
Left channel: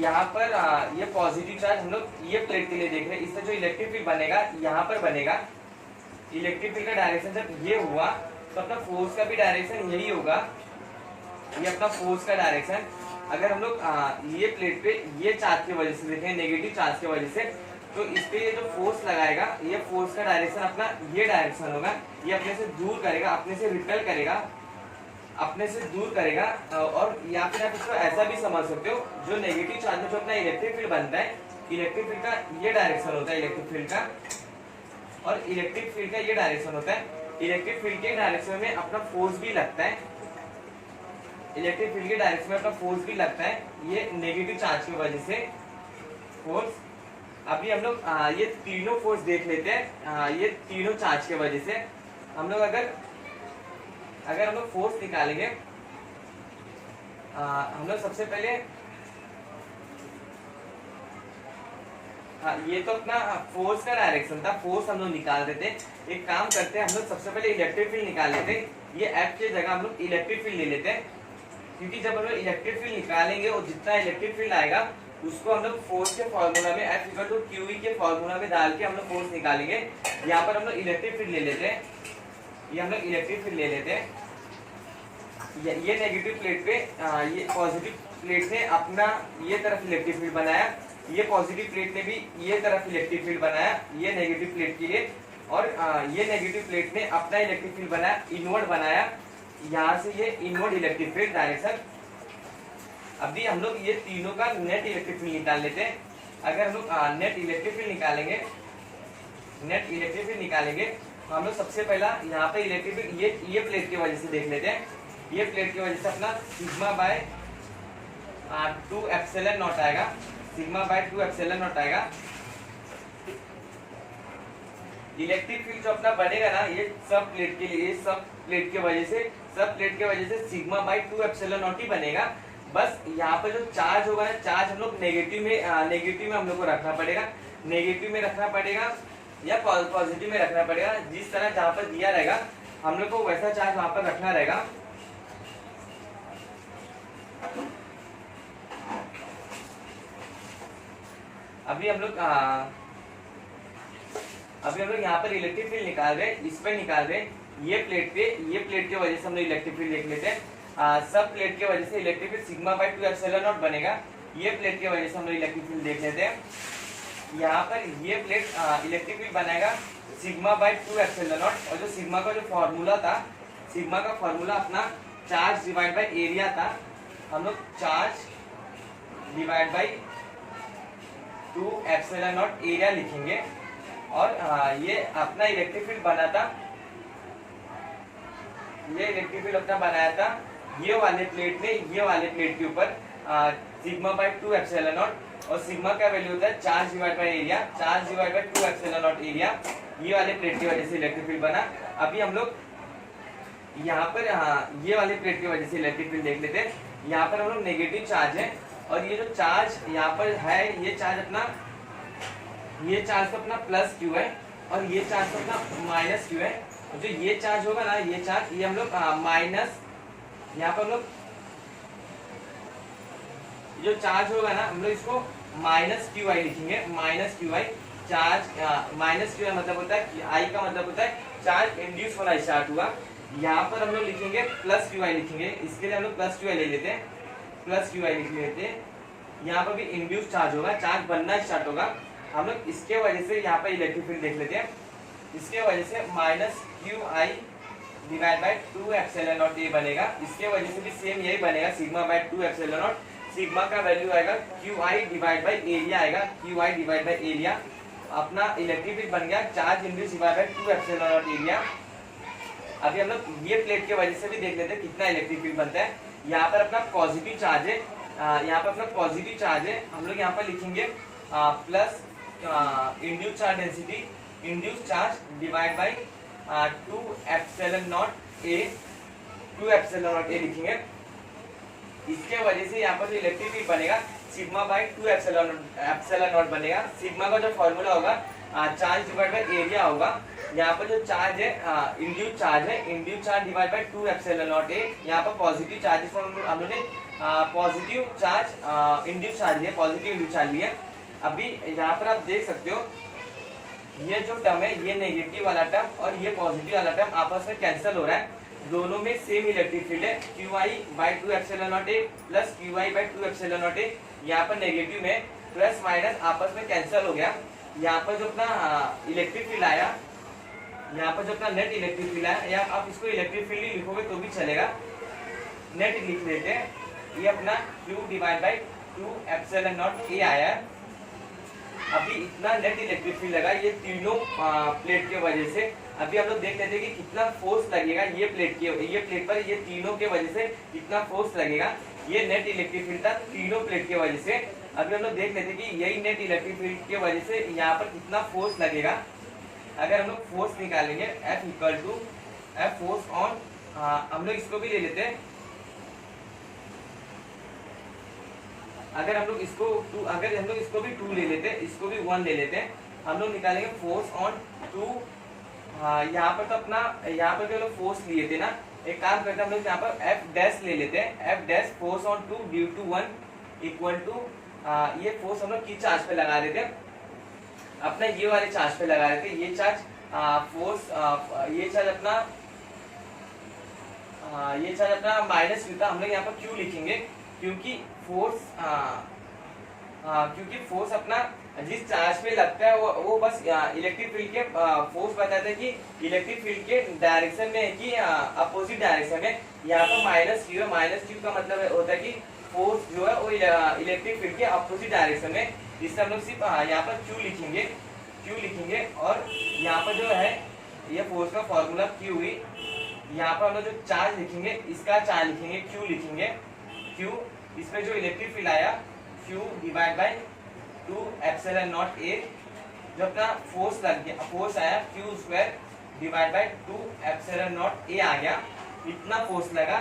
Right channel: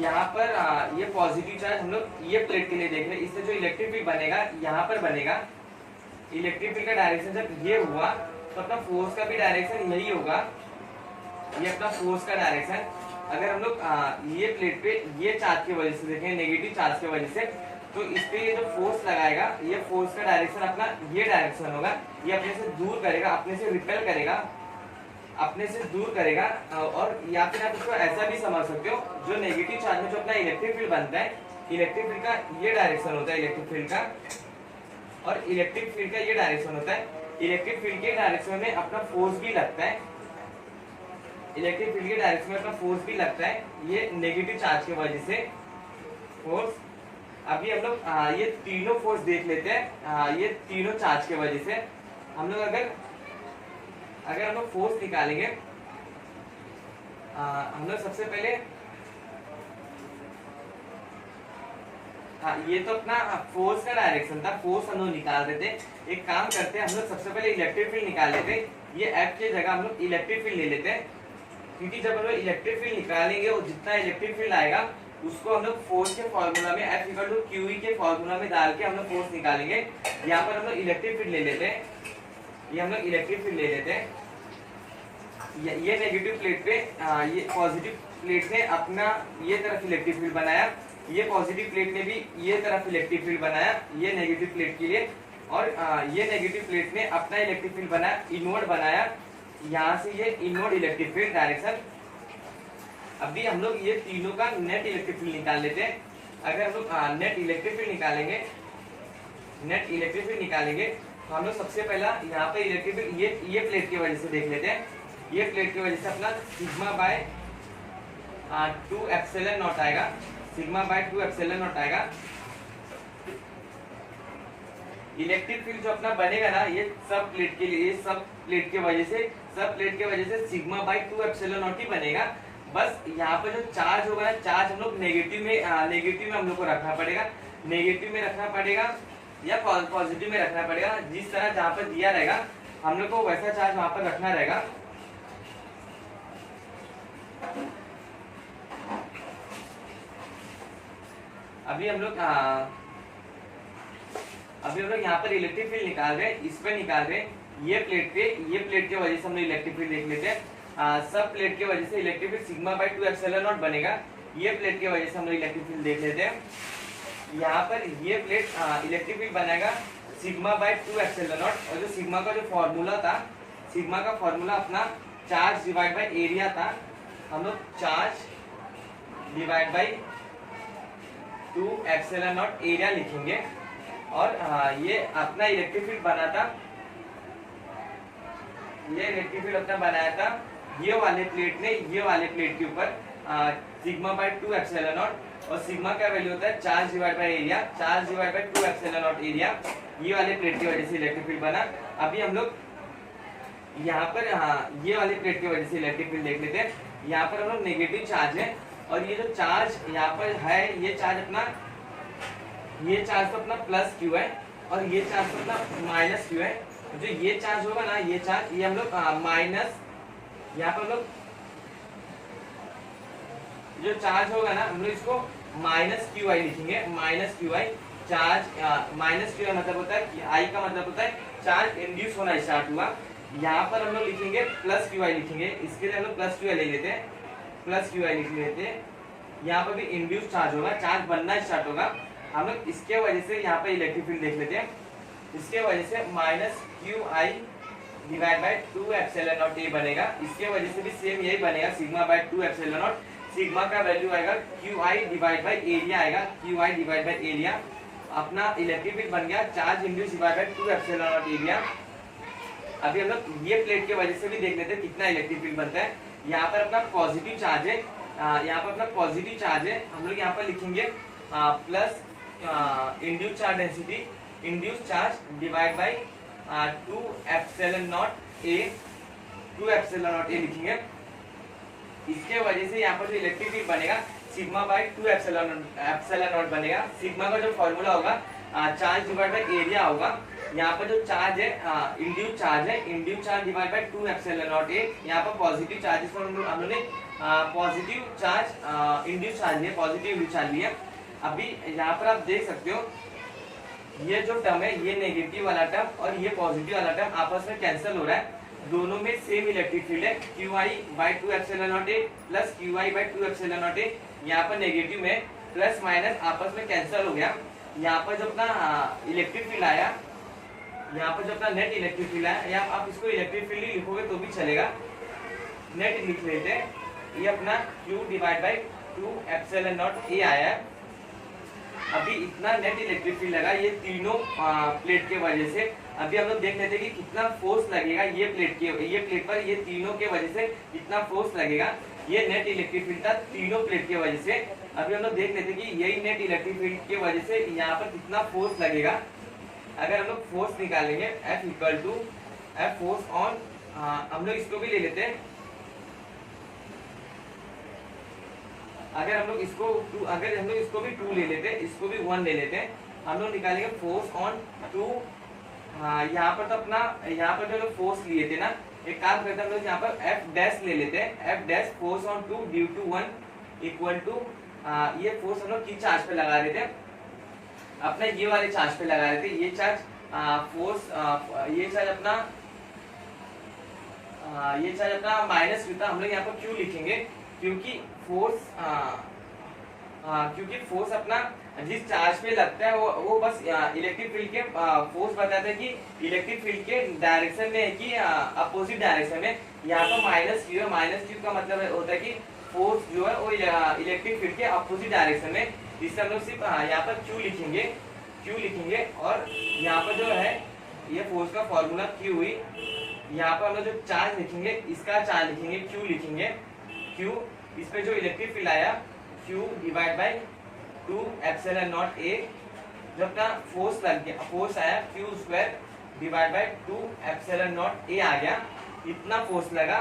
यहाँ पर ये पॉजिटिव चार्ज हम लोग ये प्लेट के लिए देख रहे हैं। इससे जो इलेक्ट्रिक फील्ड बनेगा यहाँ पर बनेगा। इलेक्ट्रिक फील्ड का डायरेक्शन जब ये हुआ तो अपना फोर्स का भी डायरेक्शन यही होगा, ये अपना फोर्स का डायरेक्शन। अगर हम लोग ये प्लेट पे ये चार्ज की वजह से देखें, नेगेटिव चार्ज की वजह से, तो इस पे ये जो फोर्स लगाएगा ये फोर्स का डायरेक्शन अपना ये डायरेक्शन होगा। ये अपने से दूर करेगा, अपने से रिपेल करेगा, अपने से दूर करेगा। और या फिर आप इसको ऐसा भी समझ सकते हो, जो नेगेटिव चार्ज में जो अपना इलेक्ट्रिक फील्ड बनता है, इलेक्ट्रिक फील्ड का ये डायरेक्शन होता है इलेक्ट्रिक फील्ड का, और इलेक्ट्रिक फील्ड का ये डायरेक्शन होता है। इलेक्ट्रिक फील्ड के डायरेक्शन में अपना फोर्स भी लगता है। इलेक्ट्रिक फील्ड के डायरेक्शन में अपना फोर्स भी लगता है, ये नेगेटिव चार्ज की वजह से फोर्स। अभी हम लोग ये तीनों फोर्स देख लेते हैं, ये तीनों चार्ज की वजह से हम लोग अगर हम लोग फोर्स निकालेंगे, हम लोग सबसे पहले ये तो अपना फोर्स का डायरेक्शन था, फोर्स हम लोग निकाल देते। एक काम करते हैं, हम लोग सबसे पहले इलेक्ट्रिक फील्ड निकाल लेते हैं। ये एफ की जगह हम लोग इलेक्ट्रिक फील्ड ले लेते हैं, क्योंकि जब हम लोग इलेक्ट्रिक फील्ड निकालेंगे और जितना इलेक्ट्रिक फील्ड आएगा उसको हम लोग फोर्स के फॉर्मूला में F इक्वल टू QE के फॉर्मूला में डाल के हम लोग फोर्स निकालेंगे। यहाँ पर हम लोग इलेक्ट्रिक फील्ड ले लेते हैं, ये हम लोग इलेक्ट्रिक फील्ड ले लेते हैं। ये नेगेटिव प्लेट पे ये पॉजिटिव प्लेट ने अपना ये तरफ इलेक्ट्रिक फील्ड बनाया, ये पॉजिटिव प्लेट ने भी ये तरफ इलेक्ट्रिक फील्ड बनाया ये नेगेटिव प्लेट के लिए, और ये नेगेटिव प्लेट ने अपना इलेक्ट्रिक फील्ड बनाया, इनवर्ड बनाया, यहाँ से ये इनवर्ड इलेक्ट्रिक फील्ड डायरेक्शन। अभी हम लोग ये तीनों का नेट इलेक्ट्रिक फील्ड निकाल लेते हैं। अगर हम लोग नेट इलेक्ट्रिक फील्ड निकालेंगे, तो हम लोग सबसे पहला यहाँ पे इलेक्ट्रिक फील्ड ये प्लेट की वजह से देख लेते हैं। ये प्लेट की वजह से अपना सिग्मा बाय 2 एप्सिलॉन नॉट आएगा, सिग्मा बाय 2 एप्सिलॉन नॉट आएगा। इलेक्ट्रिक फील्ड जो अपना बनेगा ना, ये सब प्लेट के लिए, सब प्लेट की वजह से सिग्मा बाय 2 एप्सिलॉन नॉट ही बनेगा। बस यहाँ पे जो चार्ज होगा ना, चार्ज हम लोग नेगेटिव में हम लोग को रखना पड़ेगा, नेगेटिव में रखना पड़ेगा या पॉजिटिव में रखना पड़ेगा। जिस तरह जहाँ पर दिया रहेगा हम लोग को वैसा चार्ज वहां पर रखना रहेगा। अभी हम लोग यहाँ पर इलेक्ट्रिक फील्ड निकाल रहे हैं, इस पे निकाल रहे हैं। ये प्लेट की वजह से हम लोग इलेक्ट्रिक फील्ड देख लेते हैं। सब प्लेट की वजह से electric field sigma by 2 epsilon not बनेगा। ये प्लेट की वजह से हम लोग इलेक्ट्रिक फील्ड देख लेते हैं। यहाँ पर ये प्लेट इलेक्ट्रिक फील्ड बनाएगा सिग्मा बाय 2 एप्सिलॉन नॉट, और जो सिग्मा का जो फॉर्मूला था, सिग्मा का फॉर्मूला अपना चार्ज डिवाइड बाय एरिया था। हम लोग charge divide by 2 epsilon naught area लिखेंगे, और ये अपना इलेक्ट्रिक फील्ड बना था, ये इलेक्ट्रिक फील्ड अपना बनाया था ये वाले प्लेट ने ये वाले प्लेट के ऊपर सिग्मा बाय 2 एप्सिलॉन नॉट, और सिग्मा का वैल्यू होता है charge divide by area, charge divide by 2 epsilon naught area. ये वाले प्लेट की वजह से इलेक्ट्रिक फील्ड बना। अभी हम लोग यहाँ पर ये वाले प्लेट की वजह से इलेक्ट्रिक फील्ड देख लेते हैं। यहाँ पर हम लोग नेगेटिव चार्ज है, और ये जो चार्ज यहाँ पर है, ये चार्ज तो अपना प्लस क्यू है, और ये चार्ज तो अपना माइनस क्यू है। जो ये चार्ज होगा ना, ये चार्ज, ये हम लोग माइनस, यहाँ पर हम लोग जो चार्ज होगा ना, हम लोग इसको माइनस क्यू आई लिखेंगे, माइनस क्यू आई चार्ज। माइनस क्यू मतलब होता है, आई का मतलब होता है चार्ज इंड्यूस होना स्टार्ट हुआ। यहाँ पर हम लोग लिखेंगे प्लस क्यू आई लिखेंगे, इसके लिए हम लोग प्लस क्यू आई ले लेते हैं, प्लस क्यू आई लिख लेते हैं। यहाँ पर भी इंड्यूस चार्ज होगा, चार्ज बनना स्टार्ट होगा। हम लोग इसके वजह से यहाँ पर इलेक्ट्रिक फील्ड देख लेते हैं। इसके वजह से minus Q I divide by 2 epsilon naught ये बनेगा। इसके वजह से भी सेम यही बनेगा, sigma by 2 epsilon naught. Sigma का वैल्यू आएगा Q I divide by area आएगा, Q I divide by area. अपना इलेक्ट्रिक फील्ड बन गया charge induce divide by 2 epsilon naught area. अभी हम लोग ये प्लेट की वजह से भी देख लेते हैं कितना इलेक्ट्रिक फील्ड बनता है। यहाँ पर अपना पॉजिटिव चार्ज है, यहाँ पर अपना पॉजिटिव चार्ज है। हम लोग यहाँ पर लिखेंगे plus induce charge density, induce charge divide by 2 epsilon not A, 2 epsilon not ए लिखेंगे। इसके वजह से यहाँ पर जो इलेक्ट्रिक फील्ड बनेगा सिग्मा बाय 2 एप्सिलॉन नॉट बनेगा। सिग्मा का जो फॉर्मूला होगा चार्ज डिवाइड बाय एरिया होगा। यहाँ पर जो चार्ज है इंड्यूस चार्ज है, induce charge divide by 2 epsilon not A. यहाँ पर पॉजिटिव चार्ज, इसको हम लोगों ने पॉजिटिव चार्ज इंड्यूस चार्ज लिया, पॉजिटिव इंड्यूस चार्ज लिया। अभी यहाँ पर आप देख सकते हो ये जो टर्म है, ये नेगेटिव वाला टर्म और ये पॉजिटिव वाला टर्म आपस में कैंसिल हो रहा है। दोनों में सेम इलेक्ट्रिक फील्ड है, Q I by 2 epsilon not A plus Q I by 2 epsilon not A. यहाँ पर नेगेटिव में प्लस माइनस आपस में कैंसिल हो गया। यहाँ पर जो अपना इलेक्ट्रिक फील्ड आया, यहाँ पर जो अपना नेट इलेक्ट्रिक फील्ड आया, या आप इसको इलेक्ट्रिक फील्ड ही लिखोगे तो भी चलेगा, नेट लिख लेते हैं। ये अपना Q divide by 2 epsilon not ए आया है। अभी इतना नेट इलेक्ट्रिक फील्ड लगा ये तीनों प्लेट के वजह से। अभी हम लोग देख लेते हैं कि कितना फोर्स लगेगा ये प्लेट पर, ये तीनों के वजह से कितना फोर्स लगेगा। ये नेट इलेक्ट्रिक फील्ड था तीनों प्लेट के वजह से। अभी हम लोग देख लेते हैं कि यही नेट इलेक्ट्रिक फील्ड की वजह से यहाँ पर कितना फोर्स लगेगा। अगर हम लोग फोर्स निकालेंगे F equal to F force on, हम लोग इसको भी ले लेते हैं। अगर हम लोग इसको भी 2 ले लेते हैं, इसको भी 1 ले लेते हैं, हम लोग निकालेंगे फोर्स ऑन 2। यहाँ पर तो अपना यहाँ पर जो लोग फोर्स लिए थे ना, एक काम करते हैं हम लोग यहाँ पर F डैश ले लेते हैं। F dash force on 2 due to 1 equal to, ये फोर्स हम लोग किस चार्ज पे लगा रहे थे, अपना ये वाले चार्ज पे लगा रहे थे। ये चार्ज फोर्स, ये चार्ज अपना माइनस क्यू था। हम लोग यहाँ पर क्यू लिखेंगे क्योंकि फोर्स अपना जिस चार्ज पे लगता है वो बस इलेक्ट्रिक फील्ड के फोर्स बताता है कि इलेक्ट्रिक फील्ड के डायरेक्शन में है कि अपोजिट डायरेक्शन में। यहाँ पर माइनस क्यू का मतलब होता है कि फोर्स जो है वो इलेक्ट्रिक फील्ड के अपोजिट डायरेक्शन में। इससे हम लोग सिर्फ यहाँ पर क्यू लिखेंगे और यहाँ पर जो है ये फोर्स का फॉर्मूला क्यू हुई। यहाँ पर हम लोग जो चार्ज लिखेंगे इसका चार्ज लिखेंगे, क्यू लिखेंगे, क्यू इसमें जो इलेक्ट्रिक फील्ड आया Q divide by 2 epsilon not A, जो अपना फोर्स लग गया, फोर्स आया Q square divide by 2 epsilon not A आ गया। इतना फोर्स लगा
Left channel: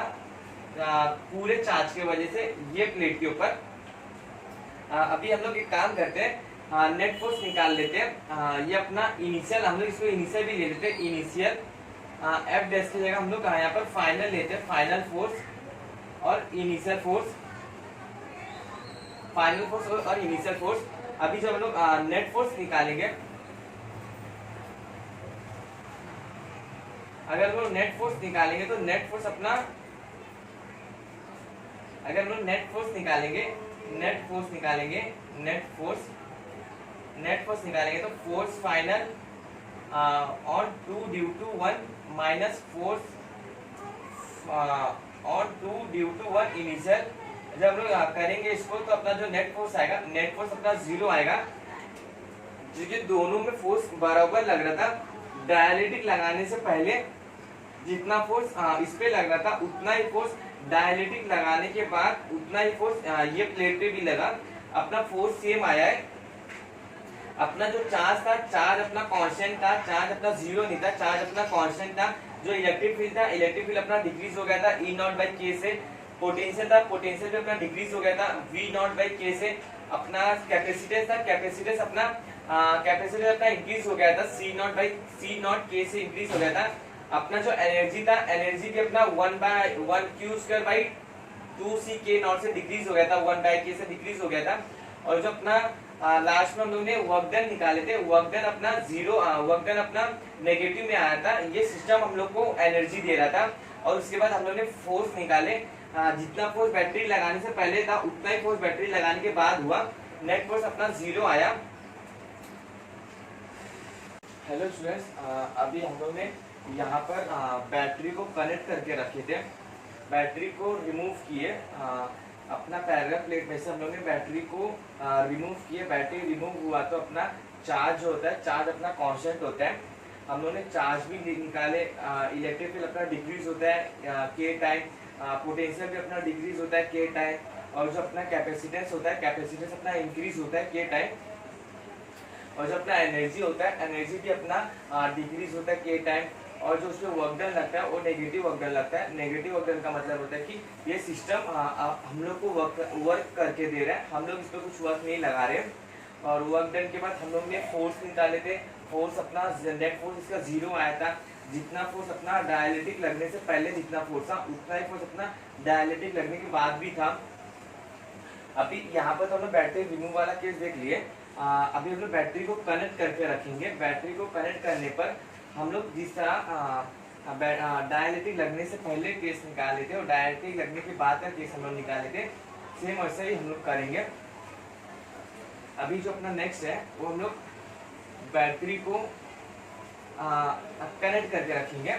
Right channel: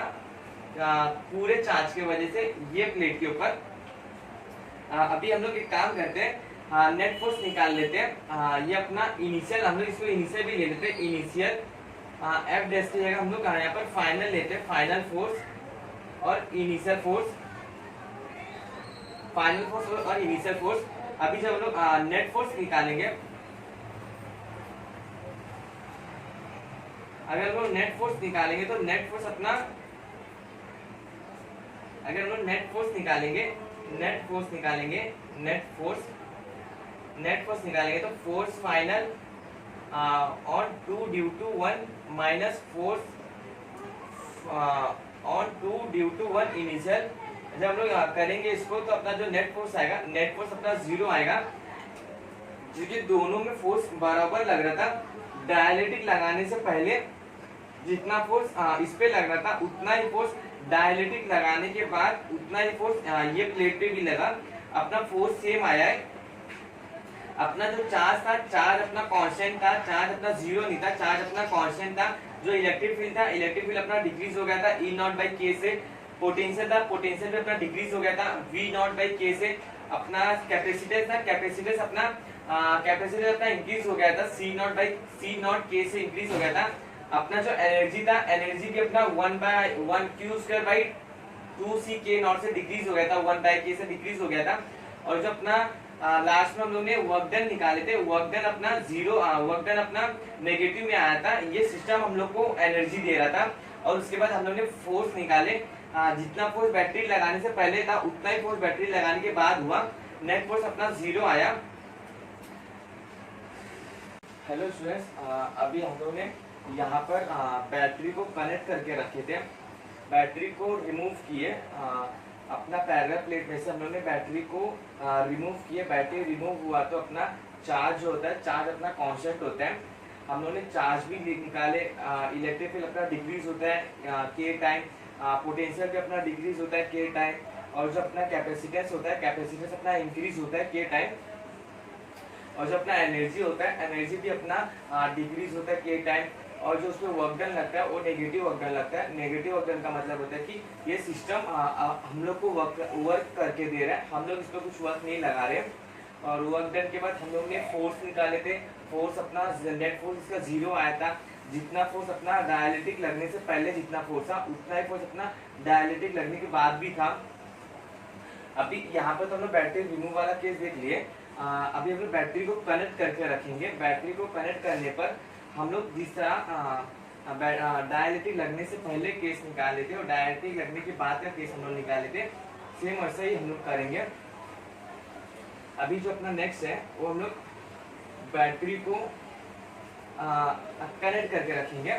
पूरे चार्ज की वजह से ये प्लेट के ऊपर। अभी हम लोग एक काम करते हैं, नेट फोर्स निकाल लेते हैं। ये अपना इनिशियल, हम लोग इसको इनिशियल भी ले लेते हैं। इनिशियल F डैश की जगह हम लोग यहाँ पर फाइनल लेते हैं, फाइनल फोर्स और इनिशियल फोर्स, फाइनल फोर्स और इनिशियल फोर्स। अभी जब हम लोग नेट फोर्स निकालेंगे, अगर हम लोग नेट फोर्स निकालेंगे तो नेट फोर्स अपना, अगर हम लोग नेट फोर्स निकालेंगे तो force final on 2 due to 1 minus force on 2 due to 1 initial. जब हम लोग करेंगे इसको तो अपना जो नेट फोर्स आएगा, नेट फोर्स अपना 0 आएगा, क्योंकि दोनों में फोर्स बराबर लग रहा था। डायलेक्ट्रिक लगाने से पहले जितना फोर्स इस पे लग रहा था उतना ही फोर्स डायलेक्ट्रिक लगाने के बाद उतना ही फोर्स ये प्लेट पे भी लगा। अपना फोर्स सेम आया है। अपना जो चार्ज था, चार्ज अपना कांस्टेंट था, चार्ज अपना 0 नहीं था, चार्ज अपना कांस्टेंट था। जो इलेक्ट्रिक फील्ड था, इलेक्ट्रिक फील्ड अपना डिक्रीज हो गया था E नॉट बाई के से। पोटेंशियल था, पोटेंशियल भी अपना डिक्रीज हो गया था V नॉट बाई के से। अपना कैपेसिटेंस था, कैपेसिटेंस अपना इंक्रीज हो गया था C नॉट के से इंक्रीज हो गया था। अपना जो एनर्जी था, एनर्जी भी अपना 1/1 Q स्क्वायर बाई 2C के नॉट से डिक्रीज हो गया था, 1/K से डिक्रीज हो गया था। और जो अपना लास्ट में हम लोग ने वर्क डन निकाले थे, वर्क डन अपना 0, वर्क डन अपना नेगेटिव में आया था। ये सिस्टम हम लोग को एनर्जी दे रहा था। और उसके बाद हम लोग ने फोर्स निकाले, जितना फोर्स बैटरी लगाने से पहले था उतना ही फोर्स बैटरी लगाने के बाद हुआ। नेट फोर्स अपना 0 आया। हेलो स्टूडेंट्स, अभी हम लोग ने यहाँ पर बैटरी को कनेक्ट करके रखे थे, बैटरी को रिमूव किए। अपना पैरेलल प्लेट में से हम लोग ने बैटरी को रिमूव किए। बैटरी रिमूव हुआ तो अपना चार्ज जो होता है, चार्ज अपना कांस्टेंट होता है। हम लोग ने चार्ज भी निकाले। इलेक्ट्रिक फील्ड अपना डिक्रीज होता है के टाइम, पोटेंशियल भी अपना डिक्रीज होता है के टाइम। और जो अपना कैपेसिटेंस होता है, कैपेसिटेंस अपना इंक्रीज होता है के टाइम। और जो अपना एनर्जी होता है, एनर्जी भी अपना डिक्रीज होता है के टाइम। और जो उसमें वर्क डन लगता है वो नेगेटिव वर्क डन लगता है। नेगेटिव वर्क डन का मतलब होता है कि ये सिस्टम हम लोग को वर्क करके दे रहा है, हम लोग इस पर कुछ वर्क नहीं लगा रहे हैं। और वर्क डन के बाद हम लोग ने फोर्स निकाले थे। फोर्स अपना नेट फोर्स इसका 0 आया था। जितना फोर्स अपना डायलेक्ट्रिक लगने से पहले जितना फोर्स था उतना ही फोर्स अपना डायलेक्ट्रिक लगने के बाद भी था। अभी यहाँ पर तो हम लोग बैटरी रिमूव वाला केस देख लिए। अभी हम लोग बैटरी को कनेक्ट करके रखेंगे। बैटरी को कनेक्ट करने पर हम लोग जिस तरह डायलेक्ट्रिक लगने से पहले केस निकाले थे और डायलेक्ट्रिक लगने के बाद का केस हम लोग निकाले थे, सेम वैसे ही हम लोग करेंगे। अभी जो अपना नेक्स्ट है वो हम लोग बैटरी को कनेक्ट करके रखेंगे।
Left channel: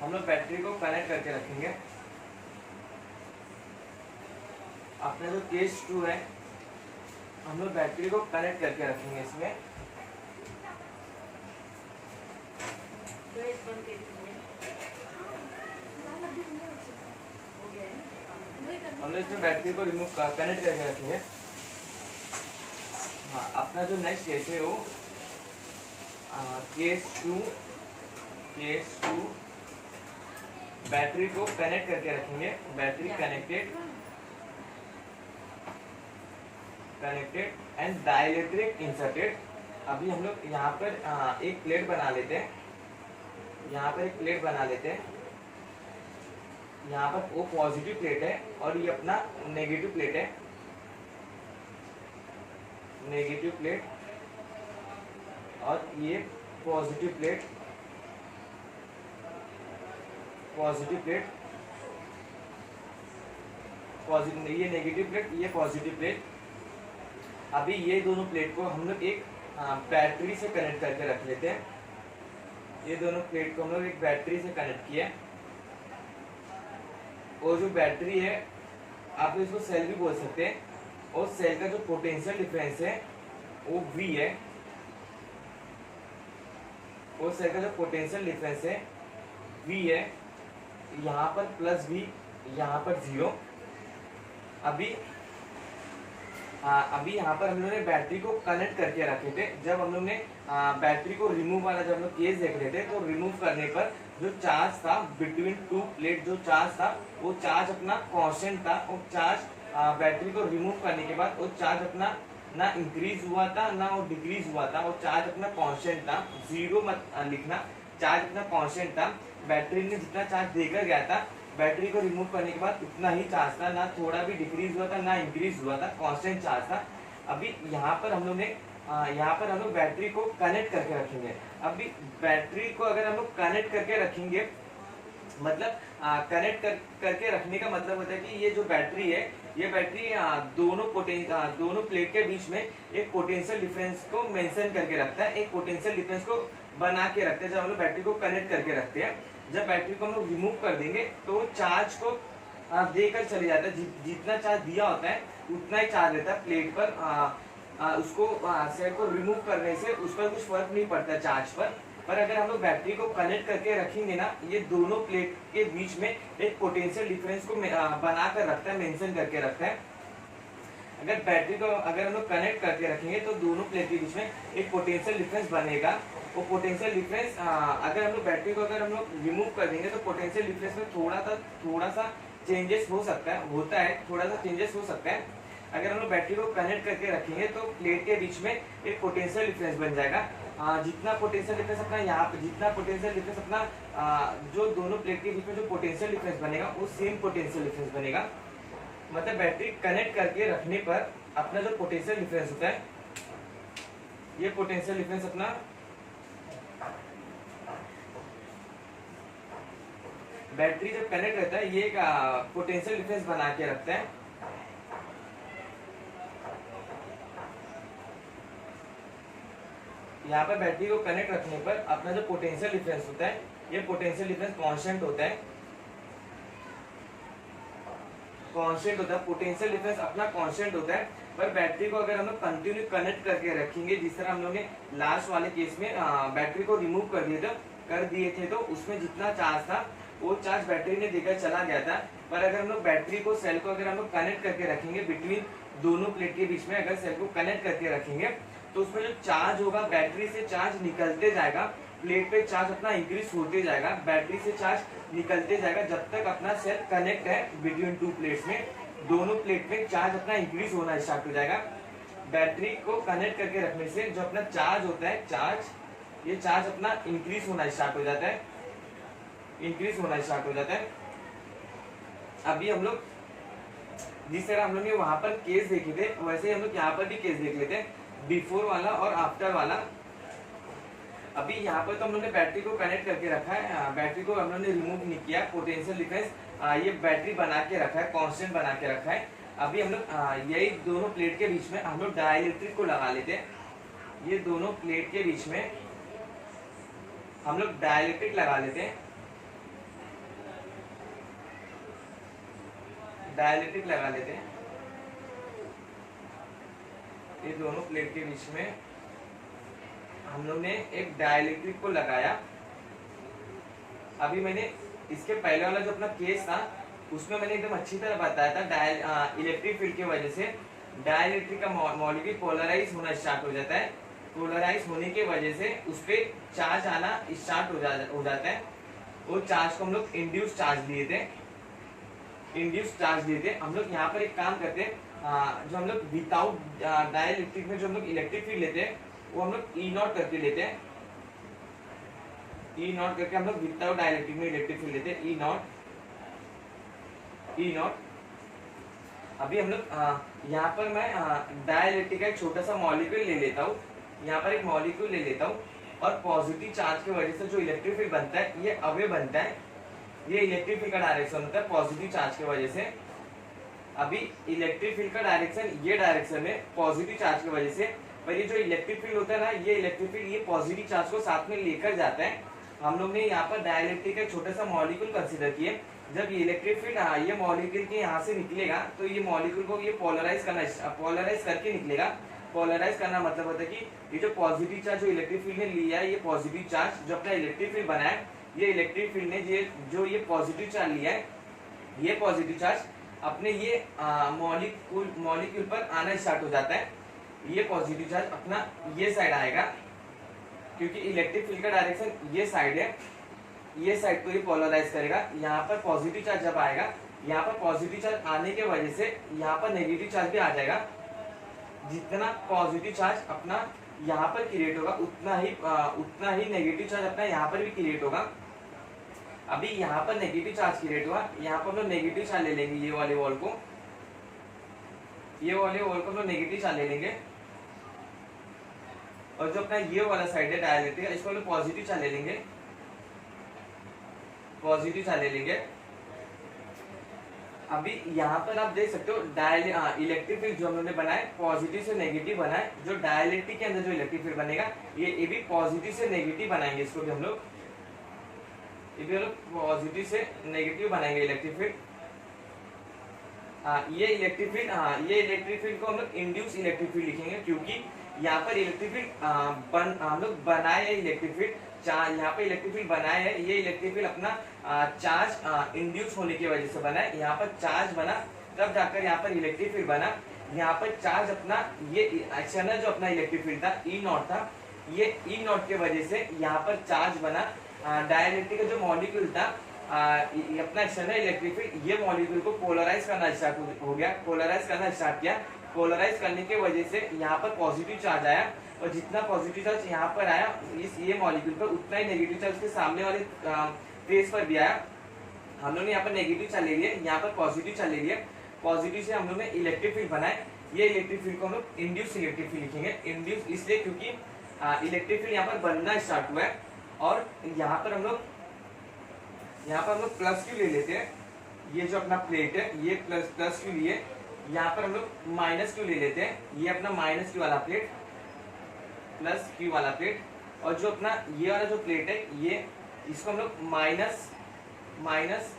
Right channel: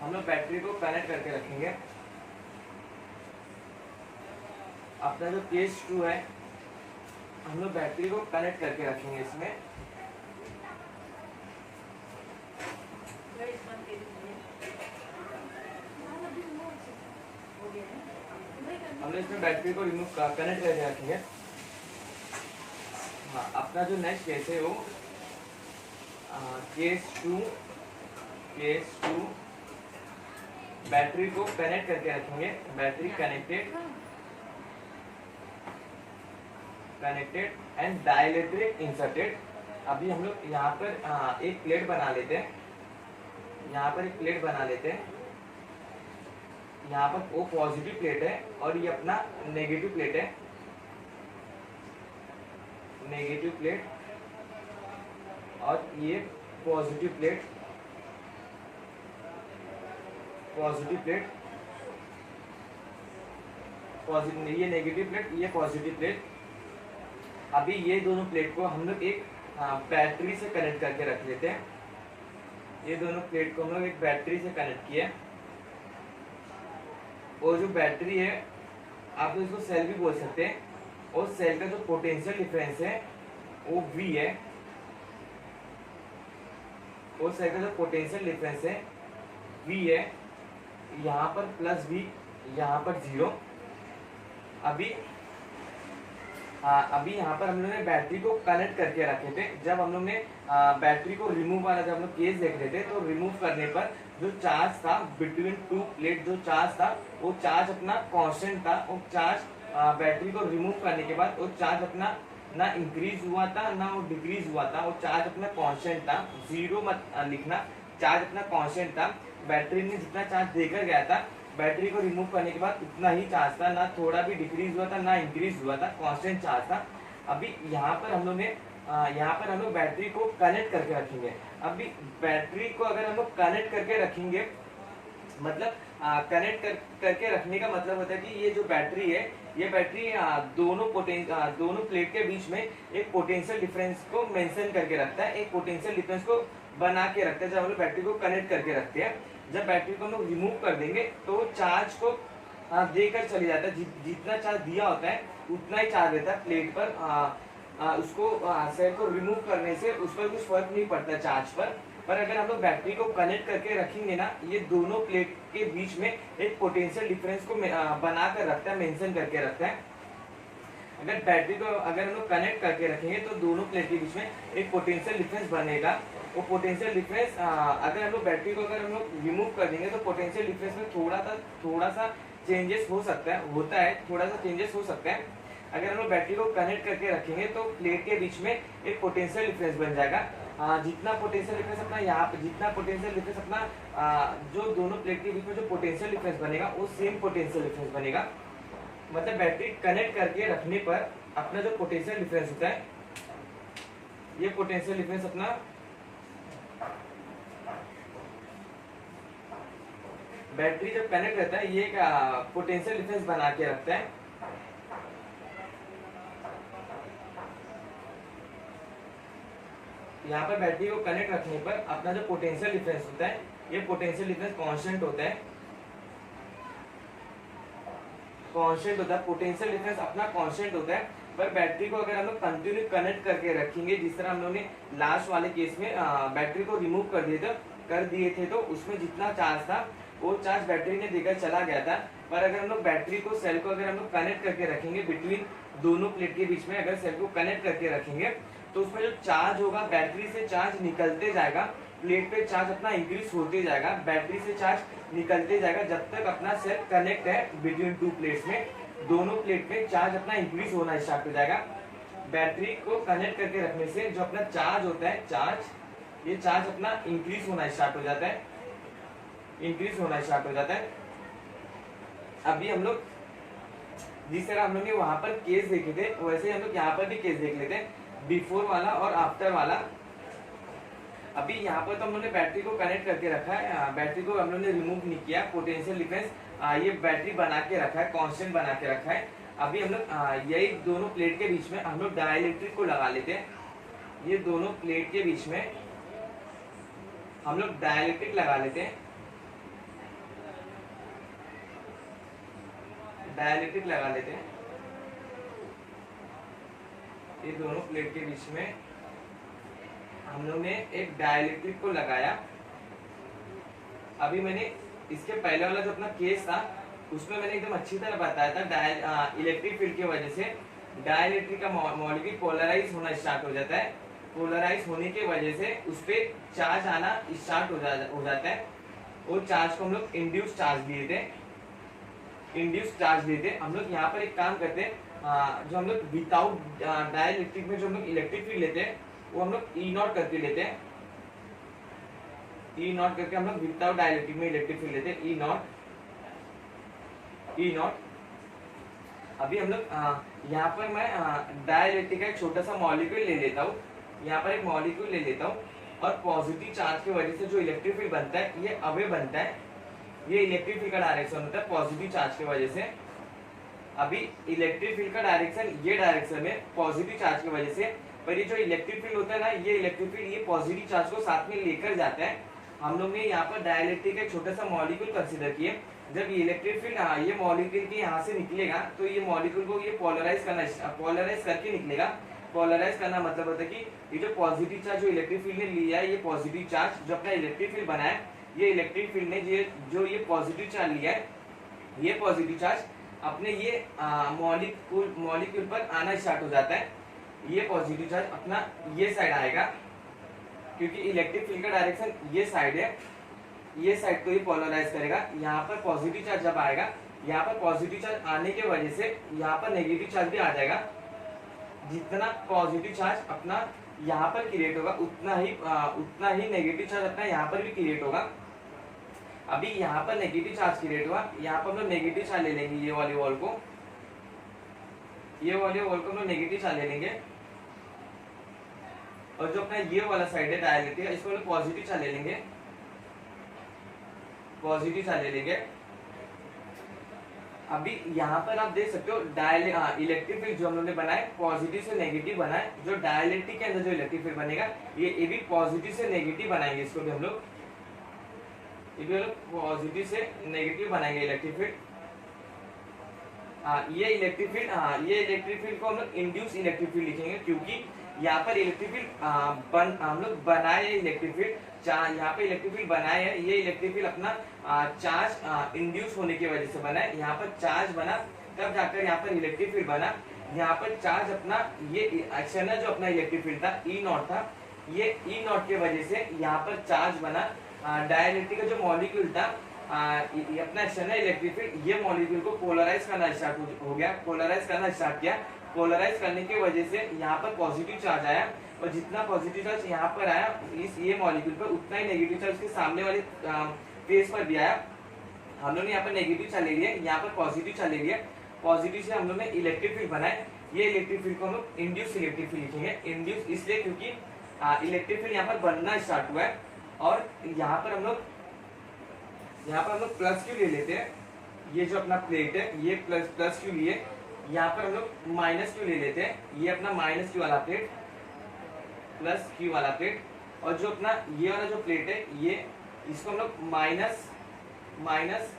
हम लोग बैटरी को कनेक्ट करके रखेंगे। अपना जो केस 2 है, हम लोग बैटरी को कनेक्ट करके रखेंगे इसमें। हम लोग इसमें बैटरी को रिमूव कनेक्ट करके रखेंगे। हाँ, अपना जो नेक्स्ट केस है वो केस टू बैटरी को कनेक्ट करके रखेंगे। Battery connected and dielectric inserted. अभी हम लोग यहाँ पर एक प्लेट बना लेते हैं। यहाँ पर एक प्लेट बना लेते हैं। यहाँ पर वो पॉजिटिव प्लेट है और ये अपना नेगेटिव प्लेट है। नेगेटिव प्लेट और ये पॉजिटिव प्लेट। ये नेगेटिव प्लेट, ये पॉजिटिव प्लेट। अभी ये दोनों प्लेट को हम लोग एक बैटरी से कनेक्ट करके रख लेते हैं। ये दोनों प्लेट को हम लोग एक बैटरी से कनेक्ट किया। और जो बैटरी है आप इसको सेल भी बोल सकते हैं। और सेल का जो पोटेंशियल डिफरेंस है वो V है। और सेल का जो पोटेंशियल डिफरेंस है V है। यहाँ पर प्लस V, यहाँ पर 0। अभी यहाँ पर हम लोग ने बैटरी को कनेक्ट करके रखे थे। जब हम लोग ने बैटरी को रिमूव वाला जब हम लोग केस देख रहे थे तो रिमूव करने पर जो चार्ज था बिटवीन टू प्लेट, जो चार्ज था वो चार्ज अपना कांस्टेंट था। वो चार्ज बैटरी को रिमूव करने के बाद वो चार्ज अपना ना इंक्रीज हुआ था ना वो डिक्रीज हुआ था। वो चार्ज अपना कांस्टेंट था। 0 मत लिखना, चार्ज अपना कांस्टेंट था। बैटरी ने जितना चार्ज देकर गया था बैटरी को रिमूव करने के बाद उतना ही चार्ज था, ना थोड़ा भी डिक्रीज हुआ था ना इंक्रीज हुआ था, कांस्टेंट चार्ज था। अभी यहाँ पर हम लोग बैटरी को कनेक्ट करके रखेंगे। अभी बैटरी को अगर हम लोग कनेक्ट करके रखेंगे मतलब करके रखने का मतलब होता है कि ये जो बैटरी है ये बैटरी दोनों प्लेट के बीच में एक पोटेंशियल डिफरेंस को मेंशन करके रखता है, एक पोटेंशियल डिफरेंस को बना के रखते हैं जब हम लोग बैटरी को कनेक्ट करके रखते हैं। जब बैटरी को हम लोग रिमूव कर देंगे तो चार्ज को देकर चले जाता है। जितना चार्ज दिया होता है उतना ही चार्ज रहता है प्लेट पर। उसको सेल को रिमूव करने से उस पर कुछ फर्क नहीं पड़ता चार्ज पर अगर हम लोग बैटरी को कनेक्ट करके रखेंगे ना, ये दोनों प्लेट के बीच में एक पोटेंशियल डिफरेंस को बना कर रखता है, मेंशन करके रखता है। अगर बैटरी को अगर हम लोग कनेक्ट करके रखेंगे तो दोनों प्लेट के बीच में एक पोटेंशियल डिफरेंस बनेगा। वो पोटेंशियल डिफरेंस अगर हम लोग बैटरी को अगर हम लोग रिमूव कर देंगे तो पोटेंशियल डिफरेंस में थोड़ा सा चेंजेस हो सकता है, होता है, थोड़ा सा चेंजेस हो सकता है। अगर हम लोग बैटरी को कनेक्ट करके रखेंगे तो प्लेट के बीच में एक पोटेंशियल डिफरेंस बन जाएगा। जितना पोटेंशियल डिफरेंस अपना यहाँ पे जो दोनों प्लेट के बीच में जो पोटेंशियल डिफरेंस बनेगा वो सेम पोटेंशियल डिफरेंस बनेगा। मतलब बैटरी कनेक्ट करके रखने पर अपना जो पोटेंशियल डिफरेंस होता है, ये पोटेंशियल डिफरेंस अपना बैटरी जब कनेक्ट रहता है ये एक पोटेंशियल डिफरेंस बना के रखता है। यहाँ पर बैटरी को कनेक्ट रखने पर अपना जो पोटेंशियल डिफरेंस होता है ये पोटेंशियल डिफरेंस कांस्टेंट होता है। पोटेंशियल डिफरेंस अपना कांस्टेंट होता है। पर बैटरी को अगर हम लोग कंटिन्यू कनेक्ट करके रखेंगे, जिस तरह हम लोग ने लास्ट वाले केस में बैटरी को रिमूव कर दिए थे तो उसमें जितना चार्ज था वो चार्ज बैटरी ने देकर चला गया था। पर अगर हम लोग बैटरी को सेल को अगर हम लोग कनेक्ट करके रखेंगे बिटवीन दोनों प्लेट के बीच में, अगर सेल को कनेक्ट करके रखेंगे तो उसमें जो चार्ज होगा बैटरी से चार्ज निकलते जाएगा, प्लेट पे चार्ज अपना इंक्रीज होते जाएगा, बैटरी से चार्ज निकलते जाएगा जब तक अपना सेल कनेक्ट है बिटवीन टू प्लेट्स में। दोनों प्लेट में चार्ज अपना इंक्रीज होना स्टार्ट हो जाएगा। बैटरी को कनेक्ट करके रखने से जो अपना चार्ज होता है ये चार्ज अपना इंक्रीज होना स्टार्ट हो जाता है। अभी हम लोग जिस तरह हम लोग ने वहां पर केस देखे थे वैसे हम लोग यहाँ पर भी केस देख लेते हैं, बिफोर वाला और आफ्टर वाला। अभी यहाँ पर तो हम लोग ने बैटरी को कनेक्ट करके रखा है, बैटरी को हम लोग ने रिमूव नहीं किया, पोटेंशियल डिफरेंस ये बैटरी बना के रखा है, कांस्टेंट बना के रखा है। अभी हम लोग यही दोनों प्लेट के बीच में हम लोग डाइलेक्ट्रिक को लगा लेते हैं। ये दोनों प्लेट के बीच में हम लोग डाइलेक्ट्रिक लगा लेते हैं। ये दोनों प्लेट के बीच में हम लोग ने एक डाइलेक्ट्रिक को लगाया। अभी मैंने इसके पहले वाला जो अपना केस था उसमें मैंने एकदम अच्छी तरह बताया था, इलेक्ट्रिक फील्ड की वजह से डाइलेक्ट्रिक का मॉलिक्यूल पोलराइज होना स्टार्ट हो जाता है। पोलराइज होने की वजह से उस पर चार्ज आना स्टार्ट हो जाता है। वो चार्ज को हम लोग इंड्यूस चार्ज लिए थे, हम लोग यहाँ पर एक काम करते हैं, जो हम लोग विदाउट डाइलेक्ट्रिक में जो हम लोग इलेक्ट्रिक फील्ड लेते हैं वो हम लोग ई नॉट करके लेते हैं। ई नॉट करके हम लोग विदाउट डाइलेक्ट्रिक में इलेक्ट्रिक फील्ड लेते हैं, ई नॉट। अभी हम लोग यहाँ पर मैं डाइलेक्ट्रिक का एक छोटा सा मॉलिक्यूल ले लेता हूँ, यहाँ पर एक मॉलिक्यूल ले लेता हूँ और पॉजिटिव चार्ज की वजह से जो इलेक्ट्रिक फील्ड बनता है ये अवे बनता है, ये इलेक्ट्रिक फील्ड का डायरेक्शन होता है पॉजिटिव चार्ज की वजह से। अभी इलेक्ट्रिक फील्ड का डायरेक्शन ये डायरेक्शन है पॉजिटिव चार्ज की वजह से, पर ये जो इलेक्ट्रिक फील्ड होता है ना, ये इलेक्ट्रिक फील्ड ये पॉजिटिव चार्ज को साथ में लेकर जाता है। हम लोग ने यहाँ पर डाइलेक्ट्रिक का छोटा सा मॉलिक्यूल कंसीडर किए। जब ये इलेक्ट्रिक फील्ड ये मॉलिक्यूल के यहाँ से निकलेगा तो ये मॉलिक्यूल को ये पोलराइज करके निकलेगा। पोलराइज करना मतलब होता है कि ये जो पॉजिटिव चार्ज जो इलेक्ट्रिक फील्ड ने लिया है, ये पॉजिटिव चार्ज जो अपना इलेक्ट्रिक फील्ड बना है, ये इलेक्ट्रिक फील्ड ने ये पॉजिटिव चार्ज लिया है, ये पॉजिटिव चार्ज अपने ये मॉलिक्यूल पर आना स्टार्ट हो जाता है। ये पॉजिटिव चार्ज अपना ये साइड आएगा, क्योंकि इलेक्ट्रिक फील्ड का डायरेक्शन ये साइड है, ये साइड को ये पोलराइज करेगा। यहाँ पर पॉजिटिव चार्ज जब आएगा, यहाँ पर पॉजिटिव चार्ज आने की वजह से यहाँ पर नेगेटिव चार्ज भी आ जाएगा। जितना पॉजिटिव चार्ज अपना यहाँ पर क्रिएट होगा उतना ही नेगेटिव चार्ज अपना यहाँ पर भी क्रिएट होगा। अभी यहाँ पर नेगेटिव चार्ज क्रिएट हुआ, यहाँ पर हम लोग नेगेटिव चार्ज ले लेंगे, ये वाले वॉल को हम लोग नेगेटिव चार्ज ले लेंगे। और जो अपना ये वाला साइड है डायलेक्ट्रिक, इसको हम लोग पॉजिटिव चार्ज ले लेंगे, अभी यहाँ पर आप देख सकते हो इलेक्ट्रिक फील्ड जो हम लोगों ने बनाया पॉजिटिव से नेगेटिव बना है। जो डाइलेक्ट्रिक के अंदर जो इलेक्ट्रिक फील्ड बनेगा ये भी पॉजिटिव से नेगेटिव बनाएंगे, इसको भी हम लोग पॉजिटिव से नेगेटिव बनाएंगे इलेक्ट्रिक फील्ड। ये इलेक्ट्रिक फील्ड को हम लोग इंड्यूस इलेक्ट्रिक फील्ड लिखेंगे, क्योंकि यहाँ पर इलेक्ट्रिक फील्ड हम लोग बनाए है इलेक्ट्रिक फील्ड, यहाँ पे इलेक्ट्रिक फील्ड बनाए है। ये इलेक्ट्रिक फील्ड अपना चार्ज इंड्यूस होने की वजह से बना है। यहाँ पर चार्ज बना तब जाकर यहाँ पर इलेक्ट्रिक फील्ड बना। यहाँ पर चार्ज अपना ये एक्सटर्नल जो अपना इलेक्ट्रिक फील्ड था ई नॉट था, ये ई नॉट की वजह से यहाँ पर चार्ज बना। डाइलेक्ट्रिक का जो मॉलिक्यूल था अपना एक्सटर्नल इलेक्ट्रिक फील्ड ये मॉलिक्यूल को पोलराइज करना स्टार्ट हो गया, पोलराइज करना स्टार्ट किया। पोलराइज करने की वजह से यहाँ पर पॉजिटिव चार्ज आया, और जितना पॉजिटिव चार्ज यहाँ पर आया ये मॉलिक्यूल पर, उतना ही नेगेटिव चार्ज के सामने वाले फेस पर भी आया। हम लोग ने यहाँ पर नेगेटिव चार्ज ले लिया, यहाँ पर पॉजिटिव चार्ज ले लिया। पॉजिटिव से हम लोग ने इलेक्ट्रिक फील्ड बनाए। ये इलेक्ट्रिक फील्ड को हम लोग इंड्यूस इलेक्ट्रिक फील्ड लिखेंगे। इंड्यूस इसलिए क्योंकि इलेक्ट्रिक फील्ड यहाँ पर बनना स्टार्ट हुआ है, और यहाँ पर हम लोग प्लस क्यू ले लेते हैं। ये जो अपना प्लेट है ये प्लस क्यू लिए, यहाँ पर हम लोग माइनस क्यू ले लेते हैं। ये अपना माइनस क्यू वाला प्लेट, प्लस क्यू वाला प्लेट, और जो अपना ये वाला जो प्लेट है ये इसको हम लोग माइनस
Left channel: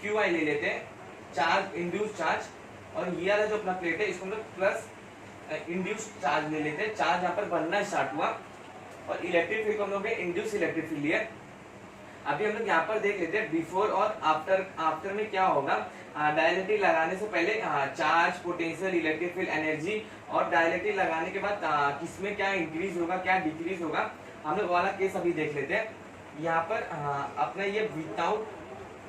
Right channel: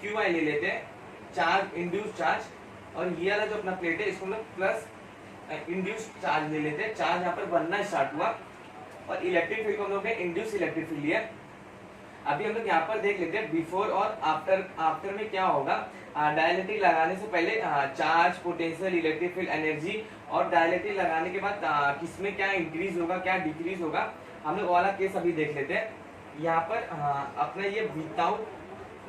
क्यू आई ले लेते हैं, चार्ज इंड्यूस चार्ज। और ये वाला जो अपना प्लेट है इसको हम लोग प्लस इंड्यूस चार्ज ले लेते हैं। चार्ज यहाँ पर बनना स्टार्ट हुआ, और इलेक्ट्रिक फील्ड को हम लोग ने इंड्यूस इलेक्ट्रिक फील्ड लिया। अभी हम लोग यहाँ पर देख लेते हैं बिफोर और आफ्टर में क्या होगा। डाइलेक्ट्रिक लगाने से पहले charge, potential, electric field, energy, और डाइलेक्ट्रिक लगाने के बाद किसमें क्या इंक्रीज होगा क्या डिक्रीज होगा, हम लोग वाला केस अभी देख लेते हैं। यहाँ पर अपना ये विदाउट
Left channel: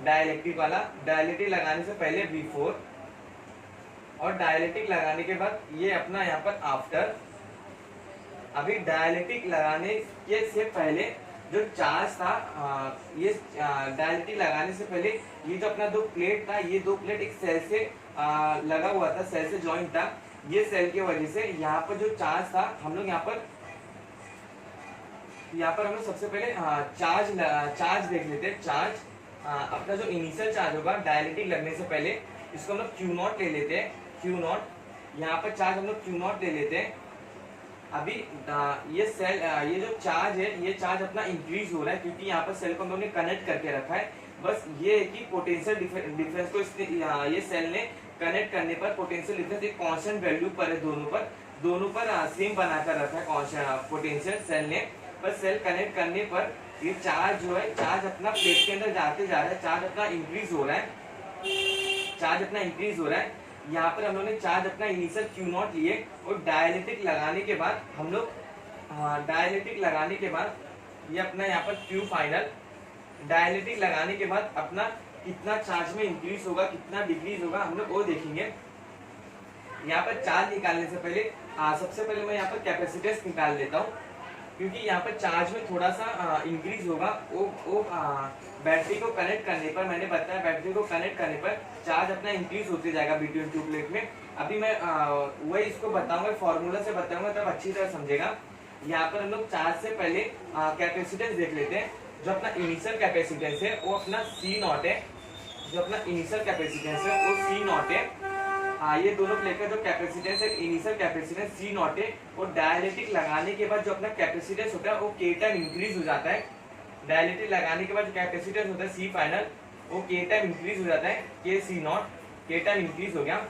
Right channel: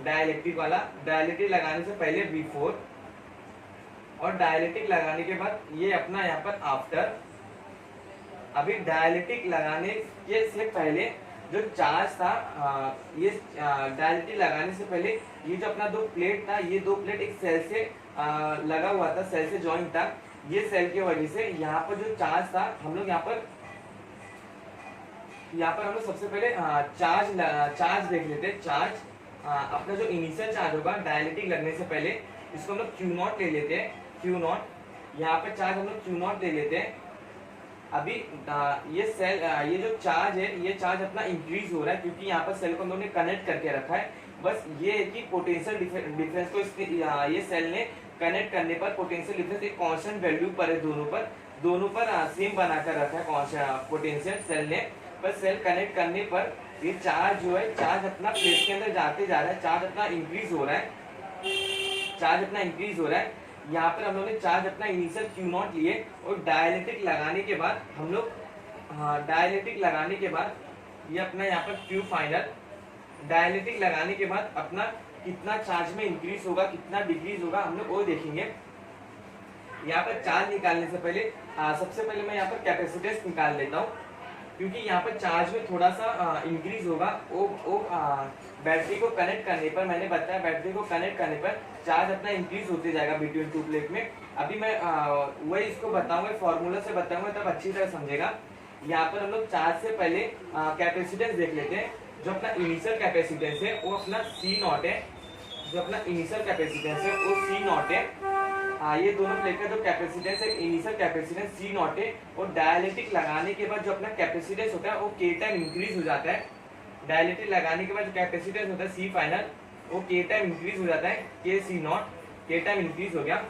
डाइलेक्ट्रिक वाला, डाइलेक्ट्रिक लगाने से पहले बिफोर, और डाइलेक्ट्रिक लगाने के बाद ये अपना यहाँ पर आफ्टर। अभी डाइलेक्ट्रिक लगाने के से पहले जो चार्ज था ये डाइलेक्ट्रिक लगाने से पहले ये जो अपना दो प्लेट था, ये दो प्लेट एक सेल से लगा हुआ था, सेल से जॉइंट था। ये सेल की वजह से यहाँ पर जो चार्ज था हम लोग यहाँ पर हम लोग सबसे पहले चार्ज देख लेते हैं। चार्ज अपना जो इनिशियल चार्ज होगा डाइलेक्ट्रिक लगने से पहले, इसको हम लोग क्यू नॉट ले लेते हैं। क्यू नॉट यहाँ पर चार्ज हम लोग क्यू नॉट ले लेते हैं। अभी ये सेल ये जो चार्ज है ये चार्ज अपना इंक्रीज हो रहा है, क्योंकि यहाँ पर सेल को हम लोगों ने कनेक्ट करके रखा है। बस ये है कि पोटेंशियल डिफरेंस को ये सेल ने कनेक्ट करने पर पोटेंशियल डिफरेंस एक कांस्टेंट वैल्यू पर है दोनों पर, दोनों पर सेम बनाकर रखा है कौन सा पोटेंशियल सेल ने, पर सेल कनेक्ट करने पर ये चार्ज जो है, चार्ज अपना प्लेट के अंदर जाते जा रहा है, चार्ज अपना इंक्रीज हो रहा है, चार्ज अपना इंक्रीज हो रहा है। यहाँ पर हम लोग ने चार्ज अपना इनिशियल क्यू नॉट लिए और डायलेक्ट्रिक लगाने के बाद हम लोग डायलेक्ट्रिक लगाने के बाद ये अपना यहाँ पर क्यू फाइनल, डायलेक्ट्रिक लगाने के बाद अपना कितना चार्ज में इंक्रीज होगा, कितना डिक्रीज होगा, हम लोग वो देखेंगे। यहाँ पर चार्ज निकालने से पहले सबसे पहले मैं यहाँ पर कैपेसिटेंस निकाल लेता हूँ, क्योंकि यहाँ पर चार्ज में थोड़ा सा इंक्रीज होगा। वो बैटरी को कनेक्ट करने पर, मैंने बताया बैटरी को कनेक्ट करने पर चार्ज अपना इंक्रीज होते जाएगा बिटवीन टू प्लेट में। अभी मैं वही इसको बताऊंगा, फॉर्मूला से बताऊंगा, तब अच्छी तरह समझेगा। यहाँ पर हम लोग चार्ज से पहले कैपेसिटेंस देख लेते हैं। जो अपना इनिशियल कैपेसिटेंस है वो अपना C नॉट है, जो अपना इनिशियल कैपेसिटेंस है वो C नॉट है। ये दोनों प्लेट का जो कैपेसिटेंस है, इनिशियल कैपेसिटेंस C नॉट है, और डायलेक्ट्रिक लगाने के बाद जो अपना कैपेसिटेंस होता है वो K टाइम इंक्रीज हो जाता है। डायलेक्ट्रिक लगाने के बाद जो कैपेसिटेंस होता है C फाइनल, वो K टाइम इंक्रीज हो जाता है, K C not, K time increase हो गया।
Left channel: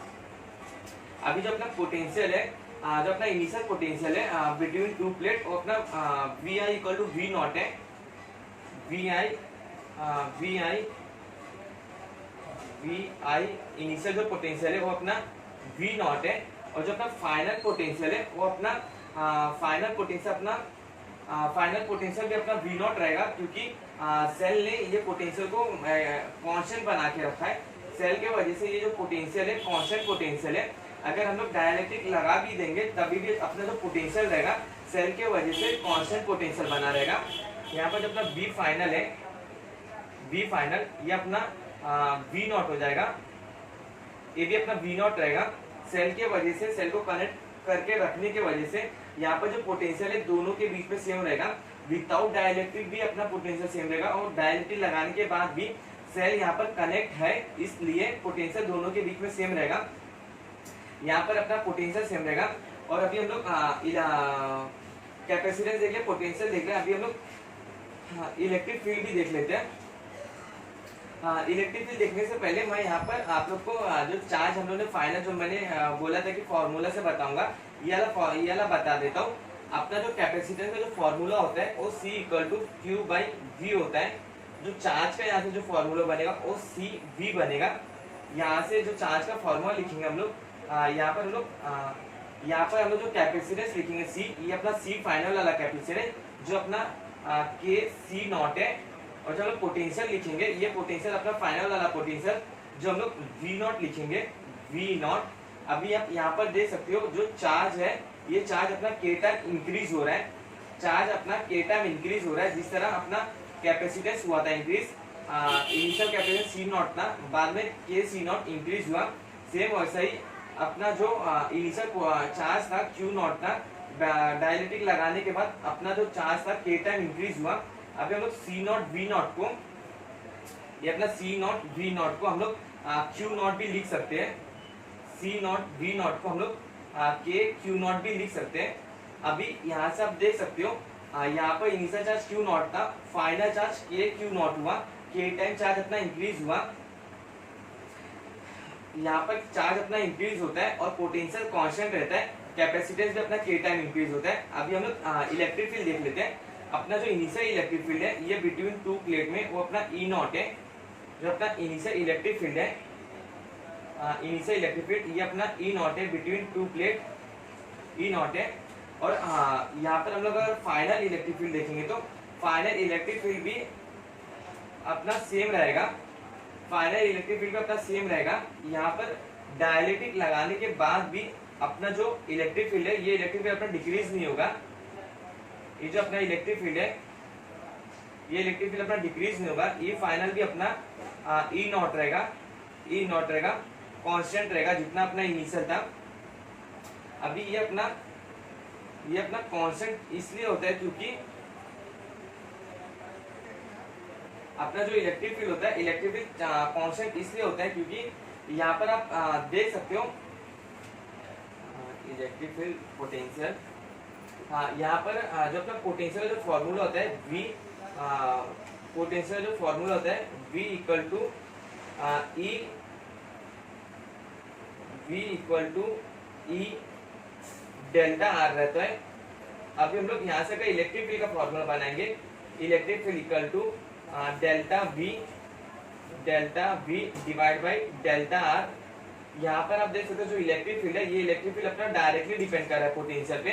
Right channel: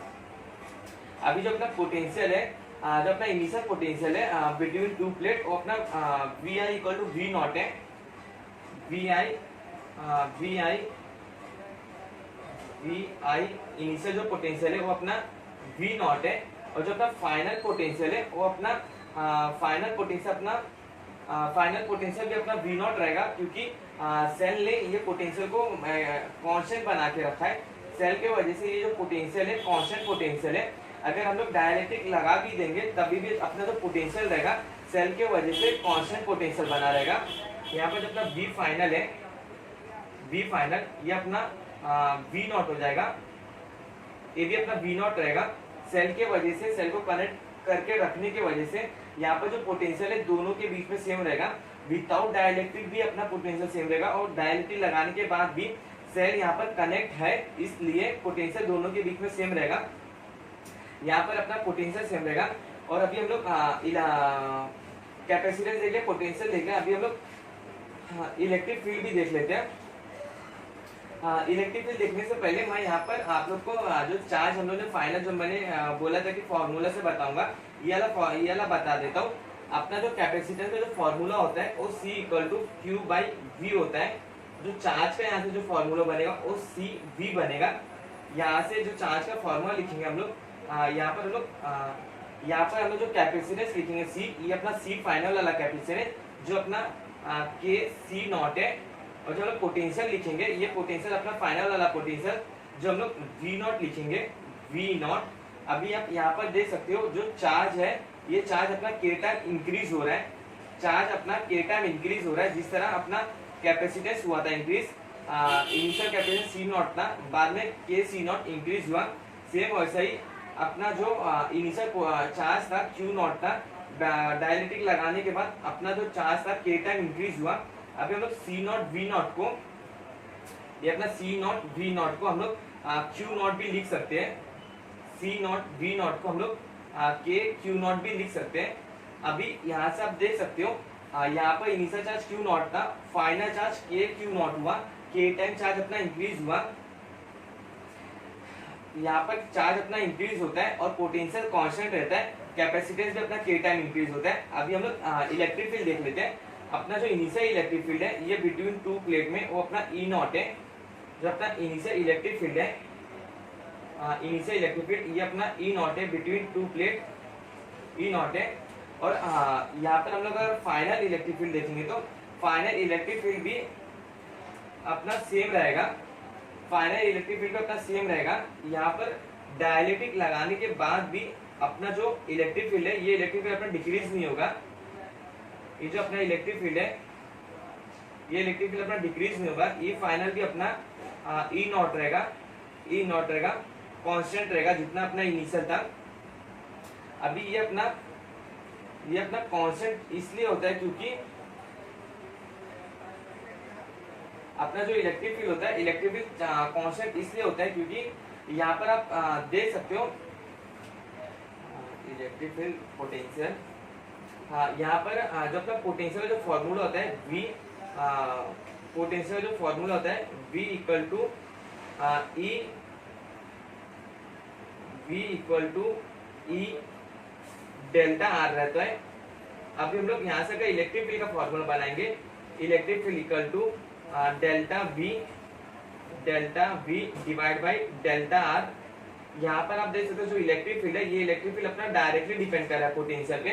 अभी जो अपना पोटेंशियल है, जो अपना इनिशियल पोटेंशियल है बिटवीन टू प्लेट, वो अपना VI equal to V not है। VI इनिशियल जो पोटेंशियल है वो अपना V नॉट है, और जो अपना फाइनल पोटेंशियल है वो अपना फाइनल पोटेंशियल भी अपना V नॉट रहेगा, क्योंकि सेल ने ये पोटेंशियल को कांस्टेंट बना के रखा है। सेल के वजह से ये जो पोटेंशियल है कांस्टेंट पोटेंशियल है। अगर हम लोग डायलेक्ट्रिक लगा भी देंगे तभी भी अपना जो पोटेंशियल रहेगा सेल के वजह से कांस्टेंट पोटेंशियल बना रहेगा। यहाँ पर जो अपना V फाइनल है, V फाइनल ये अपना V नॉट हो जाएगा, ये भी अपना V नॉट रहेगा। सेल के वजह से, सेल को कनेक्ट करके रखने की वजह से यहाँ पर जो पोटेंशियल है दोनों के बीच में सेम रहेगा। विदाउट डायलेक्ट्रिक भी अपना पोटेंशियल सेम रहेगा, और डायलेक्ट्रिक लगाने के बाद भी सेल यहाँ पर कनेक्ट है, इसलिए पोटेंशियल दोनों के बीच में सेम रहेगा। यहाँ पर अपना पोटेंशियल सेम रहेगा। और अभी हम लोग कैपेसिटेंस देख ले, पोटेंशियल देख ले। अभी हम लोग इलेक्ट्रिक फील्ड भी देख लेते हैं। इलेक्ट्रिक फील्ड देखने से पहले मैं यहाँ पर आप लोग को जो चार्ज हम लोग ने फाइनल, जो मैंने बोला था कि फॉर्मूला से बताऊंगा, ये वाला बता देता हूँ। अपना जो कैपेसिटेंस का जो फॉर्मूला होता है वो C equal to Q by V होता है। जो चार्ज का यहाँ से जो फॉर्मूला बनेगा वो CV बनेगा। यहाँ से जो चार्ज का फॉर्मूला लिखेंगे हम लोग, यहाँ पर हम लोग जो कैपेसिटेंस लिखेंगे C, ये अपना C फाइनल वाला कैपेसिटेंस है, जो अपना K C नॉट है। और जो हम लोग पोटेंशियल लिखेंगे, ये पोटेंशियल अपना फाइनल वाला पोटेंशियल, जो हम लोग V नॉट लिखेंगे, V नॉट। अभी आप यहाँ पर देख सकते हो जो चार्ज है, ये चार्ज अपना K टाइम इंक्रीज हो रहा है, चार्ज अपना K टाइम इंक्रीज हो रहा है। जिस तरह अपना कैपेसिटेंस हुआ था increase, initial capacitance C not था, बाद में K C नॉट इंक्रीज हुआ, सेम वैसा ही अपना जो इनिशियल चार्ज था Q नॉट था, डायलेक्ट्रिक लगाने के बाद अपना जो चार्ज था K टाइम इंक्रीज हुआ। अभी हम लोग C नॉट V नॉट को, ये अपना C नॉट V नॉट को हम लोग Q नॉट भी लिख सकते हैं। C नॉट V नॉट को हम लोग K Q नॉट भी लिख सकते हैं। अभी यहाँ से आप देख सकते हो, यहाँ पर इनिशियल चार्ज Q नॉट था, final charge K Q not हुआ, K टाइम चार्ज अपना इंक्रीज हुआ। यहाँ पर चार्ज अपना इंक्रीज होता है और पोटेंशियल कांस्टेंट रहता है, कैपेसिटेंस भी अपना K टाइम इंक्रीज होता है। अभी हम लोग इलेक्ट्रिक फील्ड देख लेते हैं। अपना जो इनिशियल इलेक्ट्रिक फील्ड है ये बिटवीन टू प्लेट में, वो अपना E नॉट है। जो अपना इनिशियल इलेक्ट्रिक फील्ड है, इनिशियल इलेक्ट्रिक फील्ड ये अपना E नॉट है, between two plate E not है। और यहाँ पर हम लोग अगर फाइनल इलेक्ट्रिक फील्ड देखेंगे तो फाइनल इलेक्ट्रिक फील्ड भी अपना सेम रहेगा, फाइनल इलेक्ट्रिक फील्ड अपना सेम रहेगा। यहाँ पर डायलेक्ट्रिक लगाने के बाद भी अपना जो इलेक्ट्रिक फील्ड है, ये इलेक्ट्रिक फील्ड अपना डिक्रीज नहीं होगा। ये जो अपना इलेक्ट्रिक फील्ड है, ये इलेक्ट्रिक फील्ड अपना डिक्रीज नहीं होगा। ये फाइनल भी अपना E नॉट रहेगा, E नॉट रहेगा, कांस्टेंट रहेगा जितना अपना इनिशियल था। अभी ये अपना कांस्टेंट इसलिए होता है क्योंकि अपना जो इलेक्ट्रिक फील्ड होता है, इलेक्ट्रिक फील्ड कांस्टेंट इसलिए होता है क्योंकि यहाँ पर आप देख सकते हो इलेक्ट्रिक फील्ड पोटेंशियल, यहाँ पर जो अपना पोटेंशियल जो फॉर्मूला होता है V, पोटेंशियल जो फॉर्मूला होता है V equal to E delta R रहता है। अभी हम लोग यहाँ से अगर इलेक्ट्रिक फील्ड का फॉर्मूला बनाएंगे, electric field equal to delta V divide by delta R. यहाँ पर आप देख सकते हो जो इलेक्ट्रिक फील्ड है, ये इलेक्ट्रिक फील्ड अपना डायरेक्टली डिपेंड कर रहा है पोटेंशियल पे।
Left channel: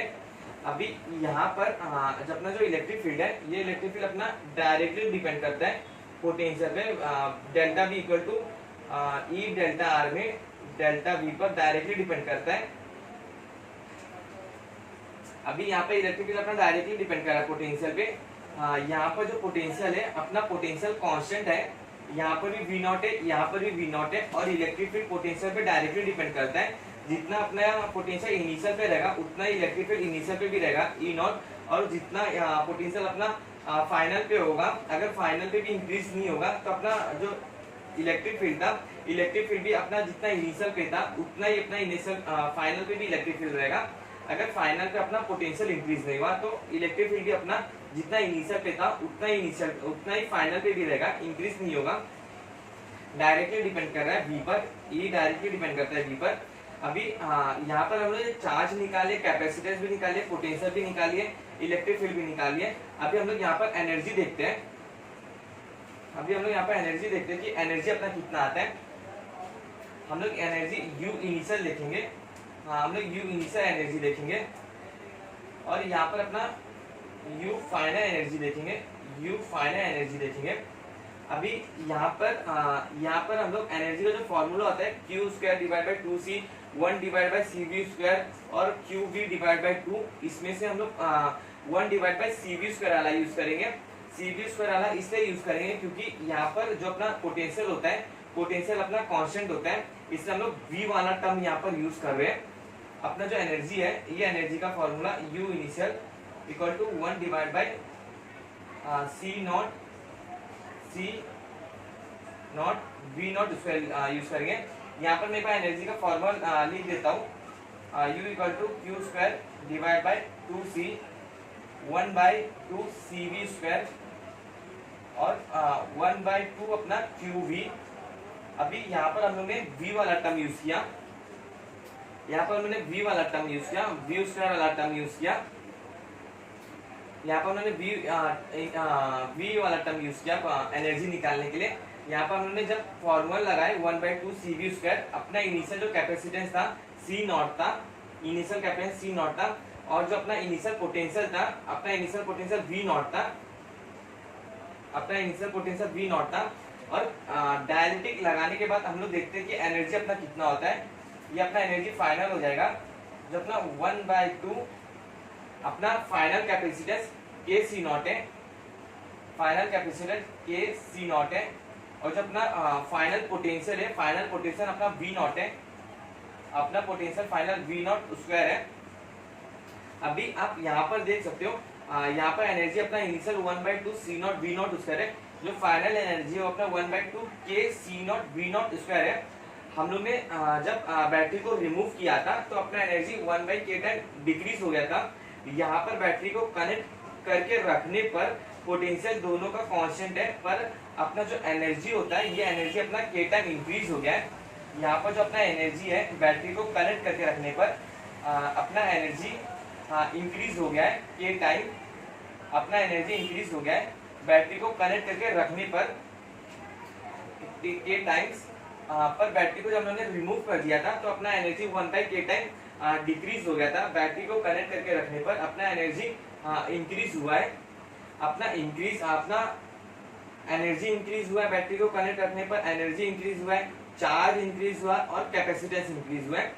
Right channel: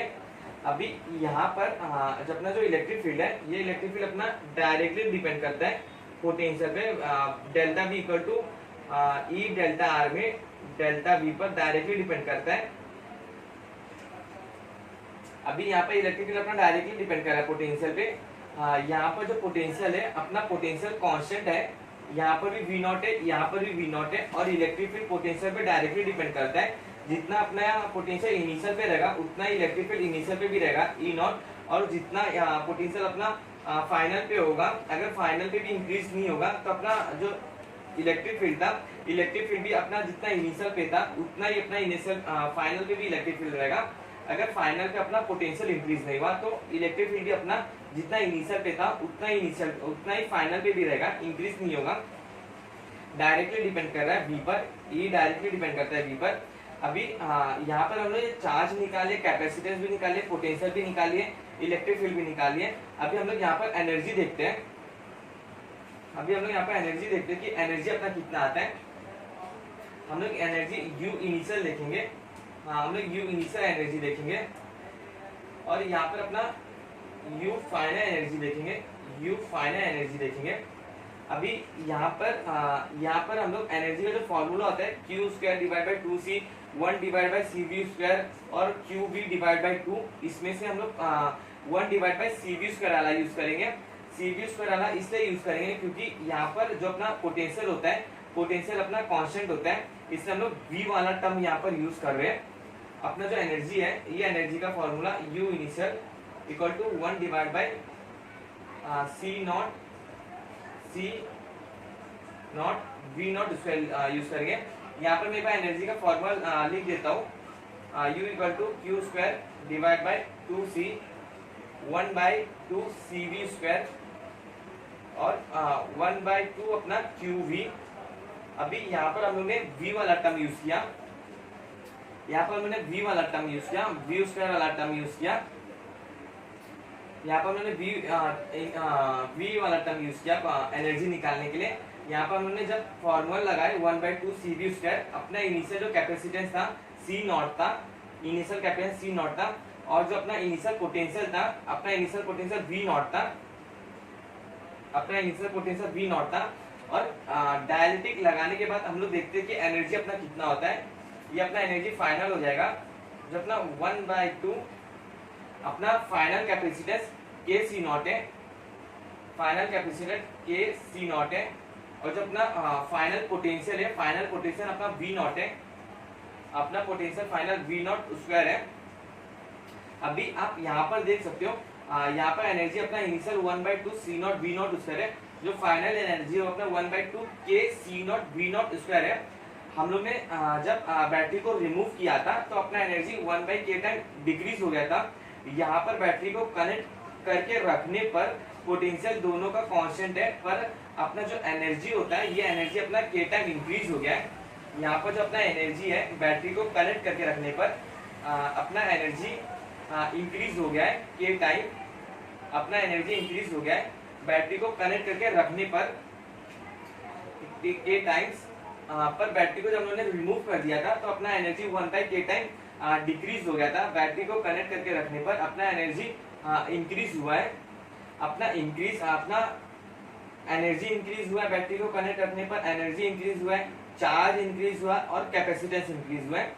अभी यहाँ पर जो अपना जो इलेक्ट्रिक फील्ड है, ये इलेक्ट्रिक फील्ड अपना डायरेक्टली डिपेंड करता है पोटेंशियल पे। Delta V equal to E delta R में डेल्टा वी पर डायरेक्टली डिपेंड करता है। अभी यहाँ पे इलेक्ट्रिक फील्ड अपना डायरेक्टली डिपेंड कर रहा है पोटेंशियल पे। यहाँ पर जो पोटेंशियल है अपना पोटेंशियल कांस्टेंट है, यहाँ पर भी वी नॉट है, यहाँ पर भी वी नॉट है, और इलेक्ट्रिक फील्ड पोटेंशियल पे डायरेक्टली डिपेंड करता है। जितना अपना पोटेंशियल इनिशियल पे रहेगा उतना इलेक्ट्रिक फील्ड इनिशियल पे भी रहेगा ई नॉट, और जितना पोटेंशियल अपना फाइनल पे होगा, अगर फाइनल पे भी इंक्रीज नहीं होगा तो अपना जो इलेक्ट्रिक फील्ड था, इलेक्ट्रिक फील्ड भी अपना जितना इनिशियल पे था उतना ही अपना इनिशियल फाइनल पे भी इलेक्ट्रिक फील्ड रहेगा। अगर फाइनल पे अपना पोटेंशियल इंक्रीज नहीं हुआ तो इलेक्ट्रिक फील्ड भी अपना जितना इनिशियल पे था उतना ही फाइनल पे भी रहेगा, इंक्रीज नहीं होगा। डायरेक्टली डिपेंड कर रहा है वी पर, ये डायरेक्टली डिपेंड करता है वी पर। अभी यहाँ पर हम लोग चार्ज निकाले, कैपेसिटेंस भी निकाले, पोटेंशियल भी निकालिए, इलेक्ट्रिक फील्ड भी निकालिए। अभी हम लोग यहाँ पर एनर्जी देखते हैं। अभी हम लोग यहाँ पर एनर्जी देखते हैं कि एनर्जी अपना कितना आता है। हम लोग एनर्जी यू इनिशियल देखेंगे, हम लोग यू इनिशियल एनर्जी देखेंगे, और यहाँ पर अपना यू फाइनल एनर्जी देखेंगे, यू फाइनल एनर्जी देखेंगे। अभी यहाँ पर हम लोग एनर्जी का जो फॉर्मूला होता है Q square divide by 2c 1 divide by C V square और क्यू वी डिवाइड बाई 2, इसमें से हम लोग 1 divide by C V square वाला यूज करेंगे। सी वी स्क्वायर वाला इसलिए यूज करेंगे क्योंकि यहाँ पर जो अपना पोटेंशियल होता है, पोटेंशियल अपना कांस्टेंट होता है, इसलिए हम लोग वी वाला टर्म यहाँ पर यूज कर रहे हैं। अपना जो एनर्जी है, ये एनर्जी का formula U initial equal to 1 divide by C not V not use करेंगे। यहाँ पर मेरे पास एनर्जी का फॉर्मूला लिख देता हूँ, U equal to Q square divide by 2c 1 by 2 C V square और 1 बाई 2 अपना क्यू वी। अभी यहाँ पर हम लोग ने वी वाला टर्म यूज किया, यहाँ पर मैंने वी वाला टर्म यूज किया, वी स्क्वायर वाला टर्म यूज किया। यहाँ पर उन्होंने वी वाला टर्म यूज किया एनर्जी निकालने के लिए। यहाँ पर उन्होंने जब फॉर्मूला लगाए 1 बाई 2 सी वी स्क्वायर, अपना इनिशियल जो कैपेसिटेंस था सी नॉट था, इनिशियल कैपेसिटेंस सी नॉट था, और जो अपना इनिशियल पोटेंशियल था, अपना इनिशियल पोटेंशियल वी नॉट था, अपना इनिशियल पोटेंशियल वी नॉट था। और डायरेक्टिक लगाने के बाद हम लोग देखते हैं कि एनर्जी अपना कितना होता है। ये अपना एनर्जी फाइनल हो जाएगा, जो अपना 1 बाई 2 अपना फाइनल कैपेसिटेंस के सी नॉट है, फाइनल कैपेसिटेंस के सी नॉट है, और जो अपना फाइनल पोटेंशियल है, फाइनल पोटेंशियल अपना वी नॉट है, अपना potential final V not square है। अभी आप यहाँ पर देख सकते हो, यहाँ पर एनर्जी अपना initial 1 by 2 C not V not square है, जो फाइनल एनर्जी है अपना 1 बाई 2 के C not V not square है। हम लोग ने जब बैटरी को रिमूव किया था तो अपना एनर्जी 1 बाई के टाइम डिक्रीज हो गया था। यहाँ पर बैटरी को कनेक्ट करके रखने पर पोटेंशियल दोनों का कांस्टेंट है, पर अपना जो एनर्जी होता है, ये एनर्जी अपना के टाइम इंक्रीज हो गया है। यहाँ पर जो अपना एनर्जी है बैटरी को कनेक्ट करके रखने पर अपना एनर्जी इंक्रीज हो गया है के टाइम, अपना एनर्जी इंक्रीज हो गया है बैटरी को कनेक्ट करके रखने पर के टाइम्स। पर बैटरी को जब हमने रिमूव कर दिया था तो अपना एनर्जी 1 बाई के टाइम डिक्रीज हो गया था। बैटरी को कनेक्ट करके रखने पर अपना एनर्जी इंक्रीज हुआ है, अपना एनर्जी इंक्रीज हुआ है, बैटरी को कनेक्ट रखने पर एनर्जी इंक्रीज हुआ है, चार्ज इंक्रीज हुआ है और कैपेसिटेंस इंक्रीज हुआ है।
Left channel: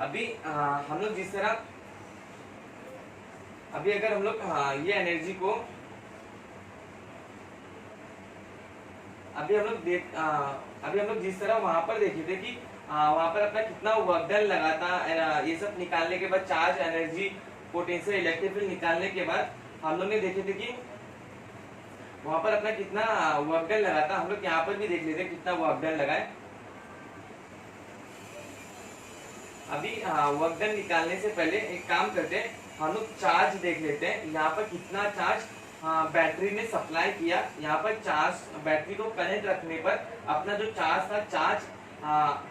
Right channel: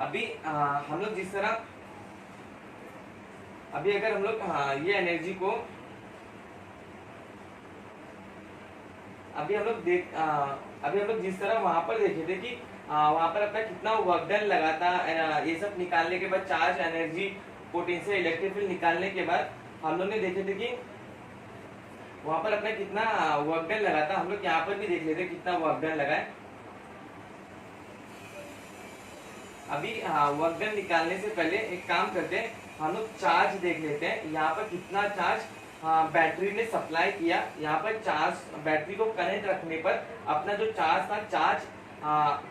अभी हम लोग जिस तरह अभी अगर हम लोग ये एनर्जी को अभी हम लोग जिस तरह वहां पर देखे थे कि वहां पर अपना कितना वर्क डन लगा था, ये सब निकालने के बाद charge, energy, potential, electric field निकालने के बाद हम लोग ने देखे थे कि वहां पर अपना कितना वर्क डन लगा था। हम लोग यहाँ पर भी देख लेते कितना वर्क डन लगा है। अभी वर्क डन निकालने से पहले एक काम करते हैं, हम लोग चार्ज देख लेते हैं। यहाँ पर कितना चार्ज बैटरी ने सप्लाई किया। यहाँ पर चार्ज बैटरी को कनेक्ट रखने पर अपना जो चार्ज था, चार्ज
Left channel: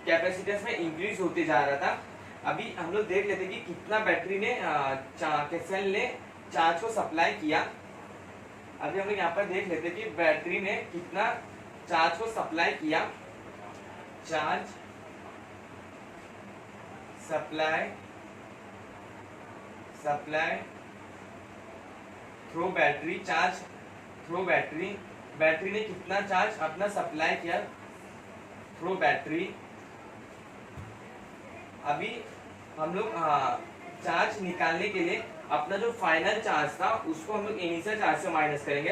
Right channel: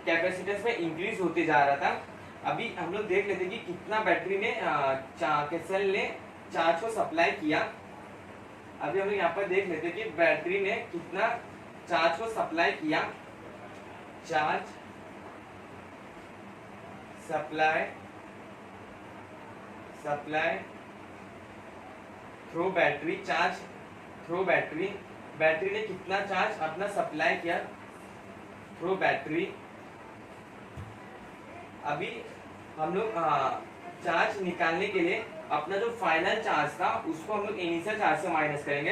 कैपेसिटेंस में इंक्रीज होते जा रहा था। अभी हम लोग देख लेते कि कितना बैटरी ने सेल ने चार्ज को सप्लाई किया। अभी हम लोग यहाँ पर देख लेते कि बैटरी ने कितना चार्ज को सप्लाई किया। Charge supply through battery, charge through battery, battery ने कितना चार्ज अपना सप्लाई किया थ्रू बैटरी। अभी हम लोग चार्ज निकालने के लिए अपना जो फाइनल चार्ज था उसको हम लोग इनिशियल चार्ज से माइनस करेंगे।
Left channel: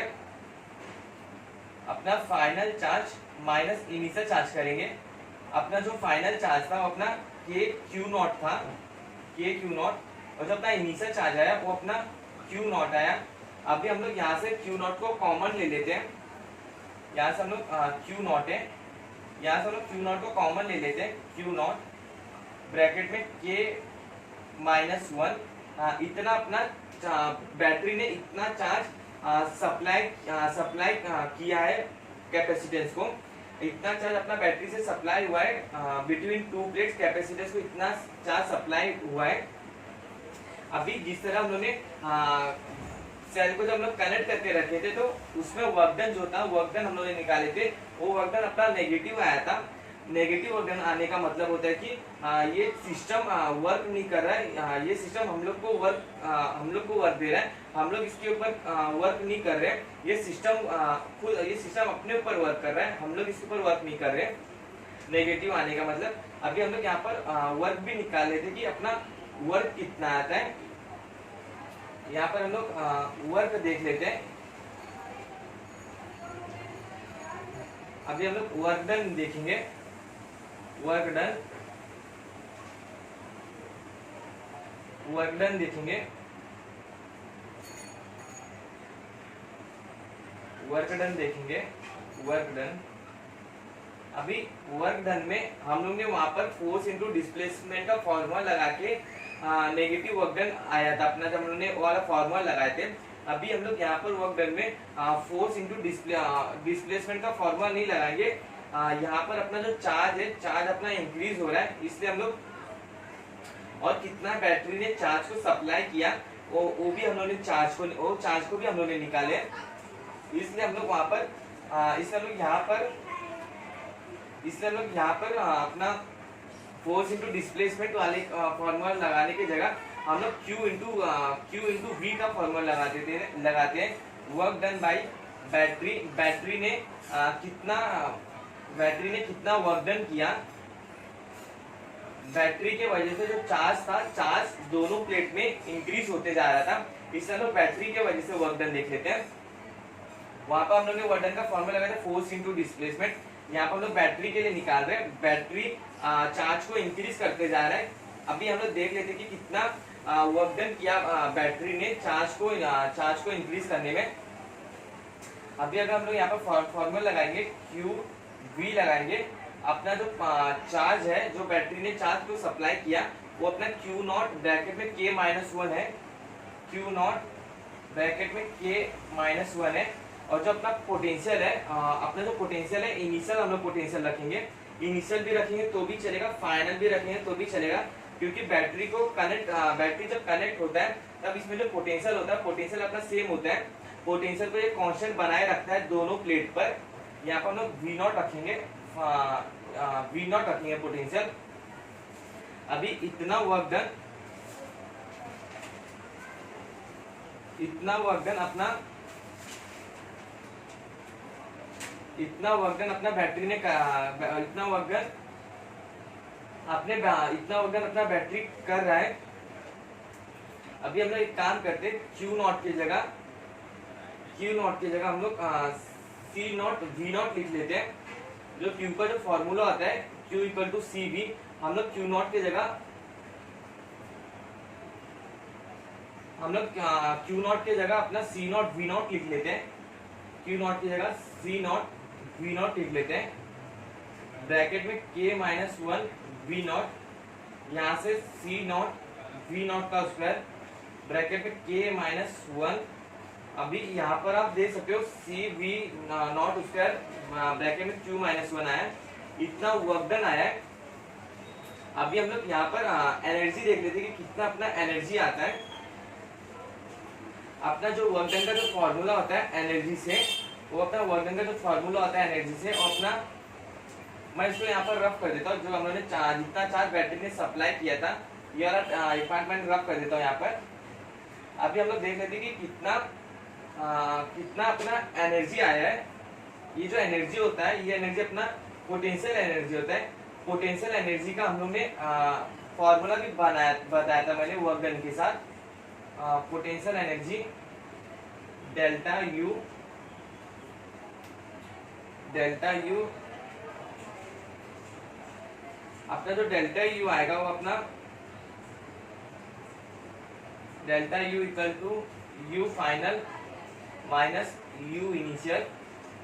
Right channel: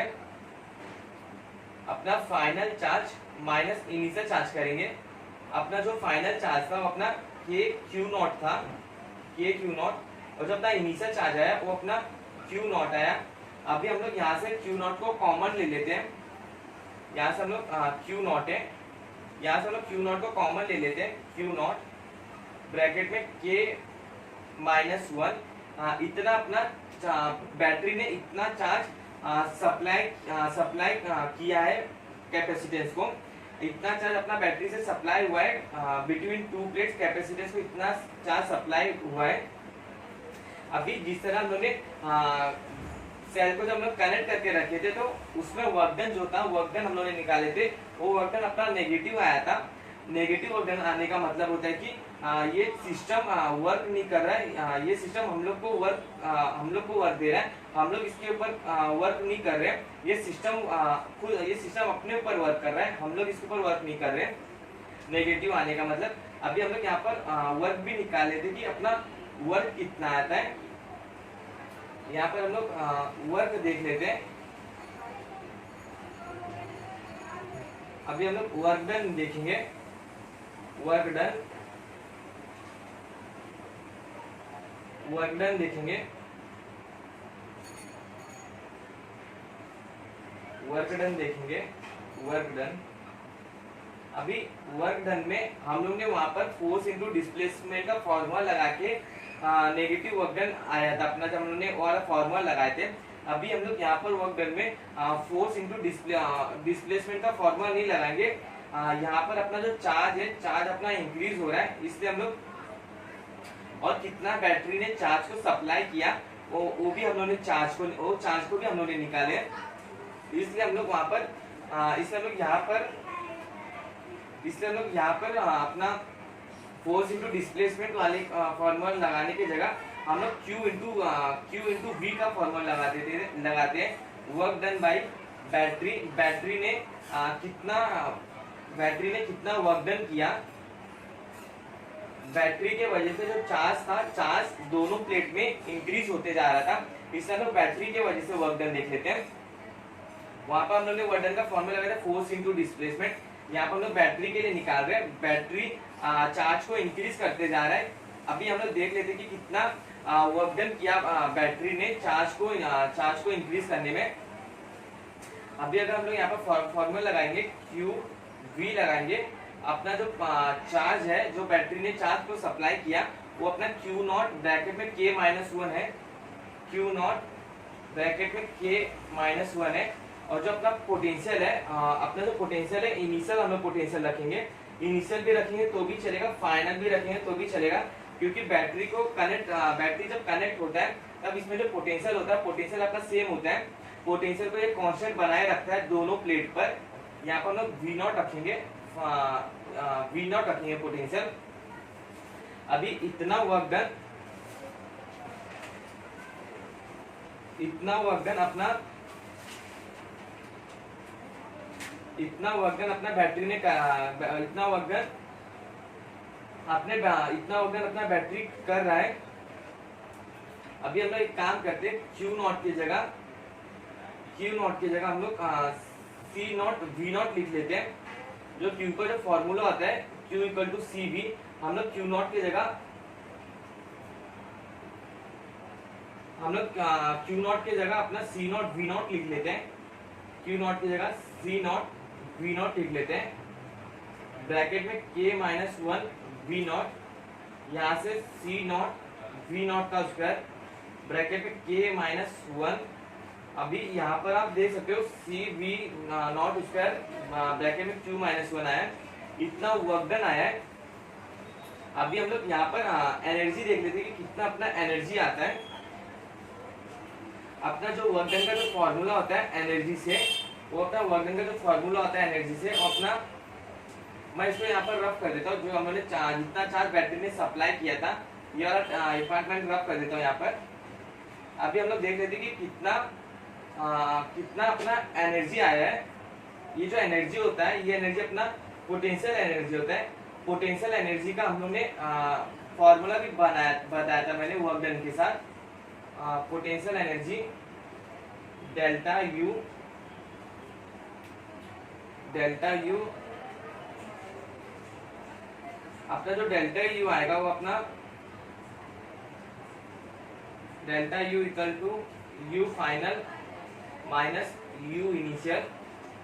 अपना final charge minus initial charge करेंगे। अपना जो फाइनल चार्ज था वो अपना के क्यू नॉट था, के क्यू नॉट, और जो अपना इनिशियल चार्ज आया वो अपना क्यू नॉट आया। अभी हम लोग यहाँ से क्यू नॉट को कॉमन ले लेते हैं। यहाँ से हम लोग क्यू नॉट है, यहाँ से हम लोग क्यू नॉट को कॉमन ले लेते हैं। क्यू नॉट ब्रैकेट में के माइनस वन, इतना अपना बैटरी ने इतना चार्ज सप्लाई किया है कैपेसिटेंस को, इतना चार्ज अपना बैटरी से सप्लाई हुआ है बिटवीन टू प्लेट्स, कैपेसिटेंस को इतना चार्ज सप्लाई हुआ है। अभी जिस तरह हम लोग ने सेल को जब हम लोग कनेक्ट करके रखे थे तो उसमें वर्क डन जो था, वर्क डन हम लोग ने निकाले थे, वो वर्क डन अपना नेगेटिव आया था। नेगेटिव वर्क डन आने का मतलब होता है कि ये सिस्टम वर्क नहीं कर रहा है, ये सिस्टम हम लोग को वर्क दे रहा है, हम लोग इसके ऊपर वर्क नहीं कर रहे हैं। ये सिस्टम अपने ऊपर वर्क कर रहा है, हम लोग इसके ऊपर वर्क नहीं कर रहे हैं। नेगेटिव आने का मतलब अभी हम लोग यहाँ पर वर्क भी निकाल लेते कि अपना वर्क कितना आता है। यहाँ पर हम लोग वर्क देख लेते हैं। अभी हम लोग वर्क डन देखेंगे। वर्क डन देखेंगे। वर्क डन अभी वर्क डन में हम लोग ने वहां पर फोर्स इंटू डिस्प्लेसमेंट का फॉर्मूला लगा के नेगेटिव वर्क डन आया था अपना, जब हम लोग ने वाला फॉर्मूला लगाए थे। अभी हम लोग यहाँ पर वर्क डन में फोर्स इंटू डिस्प्लेसमेंट का फॉर्मूला नहीं लगाएंगे। यहाँ पर अपना जो चार्ज है, चार्ज अपना इंक्रीज हो रहा है, इसलिए हम लोग, और कितना बैटरी ने चार्ज को सप्लाई किया वो भी हम लोग ने चार्ज को भी हम लोग ने निकाले, इसलिए हम लोग वहां पर इसलिए हम लोग यहाँ पर अपना फोर्स इंटू डिस्प्लेसमेंट वाले फॉर्मूला लगाने की जगह हम लोग क्यू इंटू वी का फॉर्मूला लगाते हैं। Work done by battery, battery ने कितना वर्क डन किया। बैटरी के वजह से जो चार्ज था, चार्ज दोनों प्लेट में इंक्रीज होते जा रहा था, इसलिए हम लोग बैटरी के वजह से वर्क डन देख लेते हैं। वहां पर हम लोग ने वर्क डन का फॉर्मूला लगाया था फोर्स इंटू डिस्प्लेसमेंट। यहाँ पर हम लोग बैटरी के लिए निकाल रहे हैं। बैटरी चार्ज को इंक्रीज करते जा रहा है। अभी हम लोग देख लेते हैं कि कितना वर्क डन किया बैटरी ने चार्ज को इंक्रीज करने में। अभी अगर हम लोग यहाँ पर फॉर्मूला लगाएंगे, क्यू वी लगाएंगे, अपना जो चार्ज है, जो बैटरी ने चार्ज को सप्लाई किया वो अपना क्यू नॉट ब्रैकेट में के माइनस वन है, क्यू नॉट ब्रैकेट में के माइनस वन है। और जो अपना पोटेंशियल है, अपना जो पोटेंशियल है, इनिशियल हम लोग पोटेंशियल रखेंगे, इनिशियल भी रखेंगे तो भी चलेगा, फाइनल भी रखेंगे तो भी चलेगा, क्योंकि बैटरी जब कनेक्ट होता है तब इसमें जो पोटेंशियल होता है, पोटेंशियल अपना सेम होता है। पोटेंशियल को ये कांस्टेंट बनाए रखता है दोनों प्लेट पर। यहाँ पर हम लोग वी नॉट रखेंगे पोटेंशियल। अभी इतना वर्क अपना बैटरी ने इतना वर्क अपना बैटरी कर रहा है। अभी हम लोग एक काम करते हैं, क्यू नॉट की जगह हम लोग सी नॉट वी नॉट लिख लेते हैं। जो क्यू का जो फॉर्मूला आता है Q equal to C V, हम लोग क्यू नॉट की जगह अपना सी नॉट वी नॉट लिख लेते हैं। क्यू नॉट की जगह सी नॉट वी नॉट लिख लेते हैं, ब्रैकेट में के माइनस वन वी नॉट, यहाँ से सी नॉट वी नॉट का स्क्वायर, ब्रैकेट में के माइनस वन। अभी यहाँ पर आप देख सकते हो सी वी नॉट स्क्वायर ब्रैकेट में क्यू माइनस वन आया, इतना वर्क डन आया है। अभी हम लोग यहाँ पर एनर्जी देख लेते हैं कि कितना अपना एनर्जी आता है। अपना जो वर्क डन का जो फॉर्मूला होता है एनर्जी से, वो अपना वर्क डन का जो फॉर्मूला होता है एनर्जी से, वो अपना मैं इसको यहाँ पर रफ कर देता हूँ। जो हम लोगों ने जितना चार्ज बैटरी ने सप्लाई किया था, ये वाला डिपार्टमेंट रफ कर देता हूँ यहाँ पर। अभी हम लोग देख लेते हैं कि कितना अपना एनर्जी आया है। ये जो एनर्जी होता है, ये एनर्जी अपना पोटेंशियल एनर्जी होता है। पोटेंशियल एनर्जी का हम लोग ने फॉर्मूला भी बताया था मैंने वर्क डन के साथ। पोटेंशियल एनर्जी डेल्टा यू अपना जो डेल्टा यू आएगा वो अपना delta U equal to U final minus U initial.